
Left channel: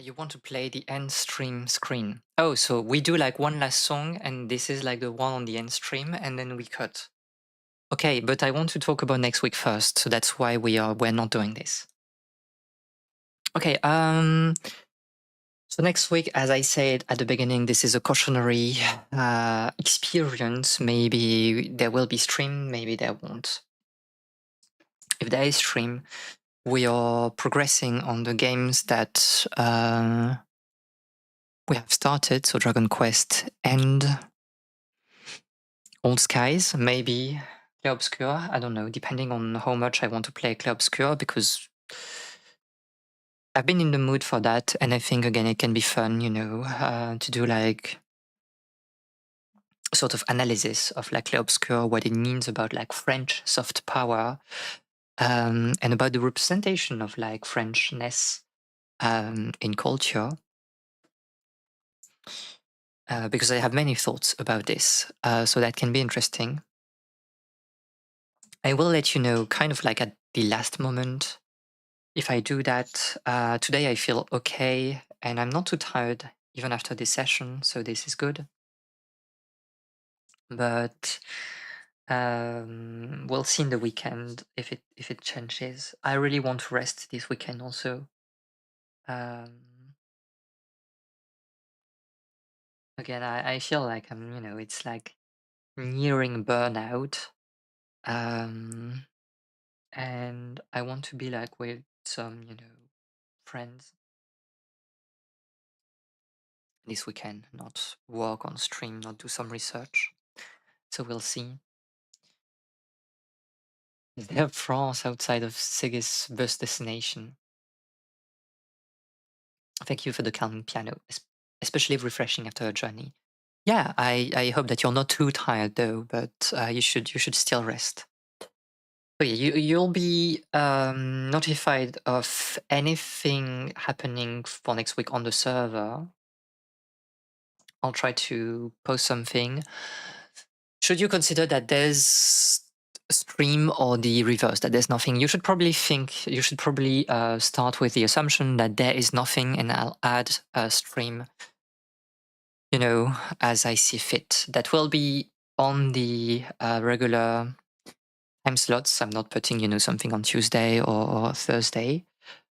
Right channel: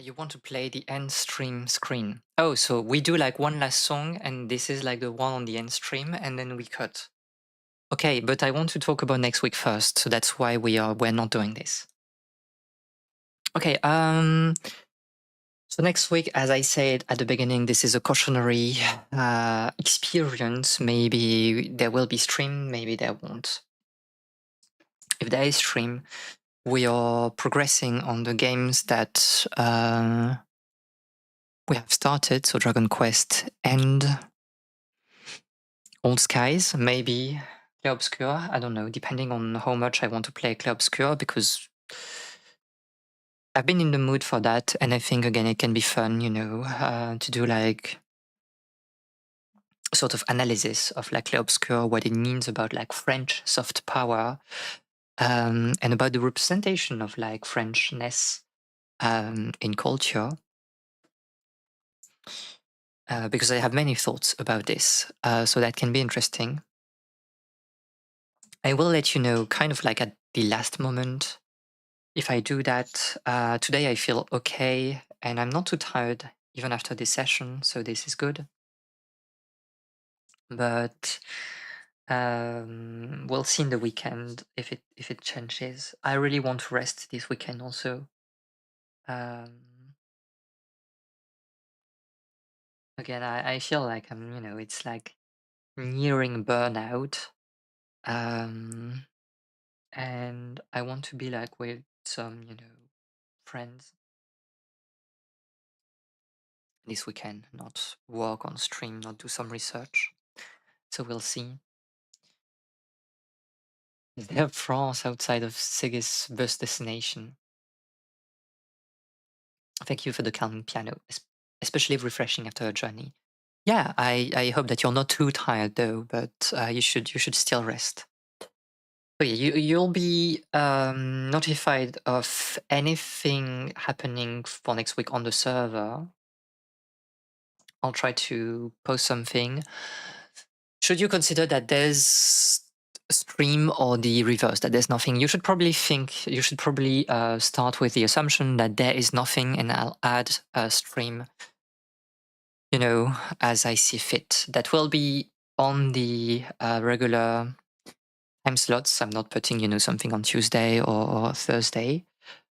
you want to play the end stream screen. Oh, so we do like one last song, and this is like the one on the end stream, and then we cut. Okay, but I want to talk about next week first, so that's why we're not doing this. Okay, so next week, as I said at the beginning, this is a cautionary experience. Maybe there will be stream, maybe there won't. If there is stream, we are progressing on the games that we have started, so Dragon Quest and Old Skies, maybe Clair Obscur, I don't know, depending on how much I want to play Clair Obscur, because I've been in the mood for that, and I think, again, it can be fun, to do like sort of analysis of like Clair Obscur, what it means about like French soft power, and about the representation of like Frenchness in culture. Because I have many thoughts about this, so that can be interesting. I will let you know kind of like at the last moment if I do that. Today I feel okay, and I'm not too tired even after this session, so this is good. But we'll see in the weekend if it changes. I really want to rest this weekend also. Again, I feel like it's like nearing burnout. And I want to be like with some, friends this weekend, not work on stream, not do some research. So we'll see. Is there France outside of Siggy's bus destination? Thank you for the calming piano, especially refreshing after a journey. Yeah, I hope that you're not too tired though, but you should still rest. So yeah, you'll be notified of anything happening for next week on the server. I'll try to post something. Should you consider that there's a stream or the reverse, that there's nothing, you should probably start with the assumption that there is nothing, and I'll add a stream, as I see fit. That will be on the regular time slots. I'm not putting, something on Tuesday or Thursday.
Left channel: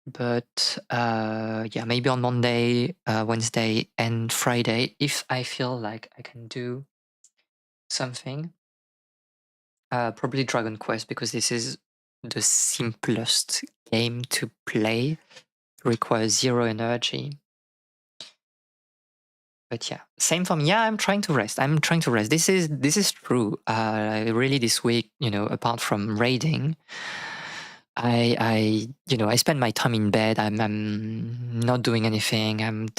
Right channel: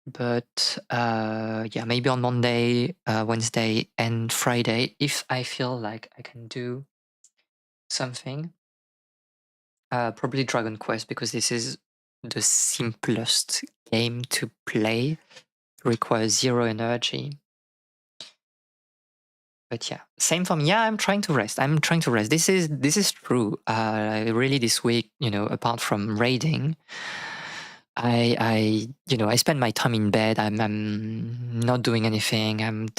But yeah, maybe on Monday, Wednesday, and Friday, if I feel like I can do something. Probably Dragon Quest, because this is the simplest game to play. Requires 0 energy. But yeah, same for me. Yeah, I'm trying to rest. This is true. Really, this week, apart from raiding, I spend my time in bed. I'm not doing anything. I'm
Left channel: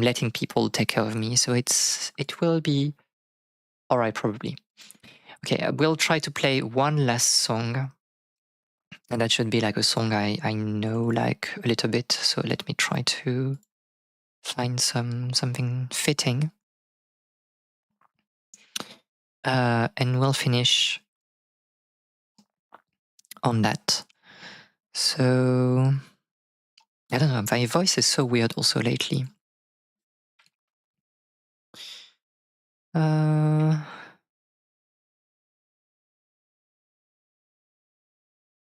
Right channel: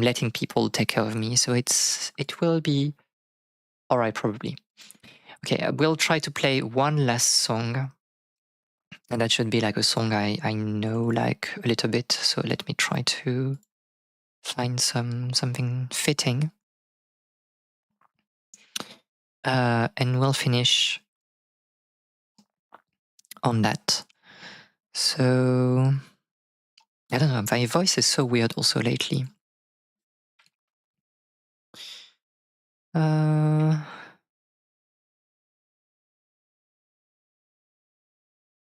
letting people take care of me. So it will be all right, probably. Okay, I will try to play one last song, and that should be like a song I know like a little bit. So let me try to find something fitting, and we'll finish on that. So I don't know. My voice is so weird also lately.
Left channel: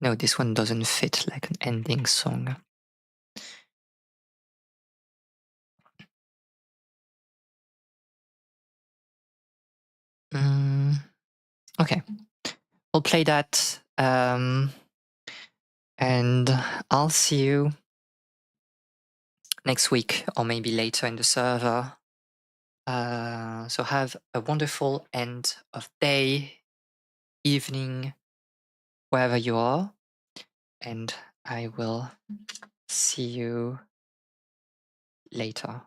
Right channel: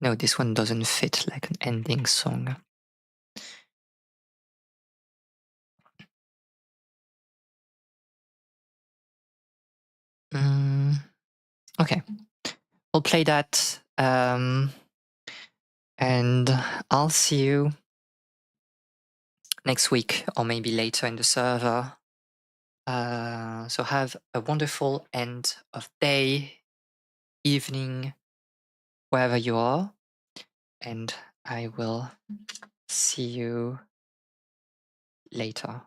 No, this one doesn't fit like an ending song. Okay, we'll play that, and I'll see you next week or maybe later in the server. So have a wonderful end of day, evening, wherever you are, and I will see you later.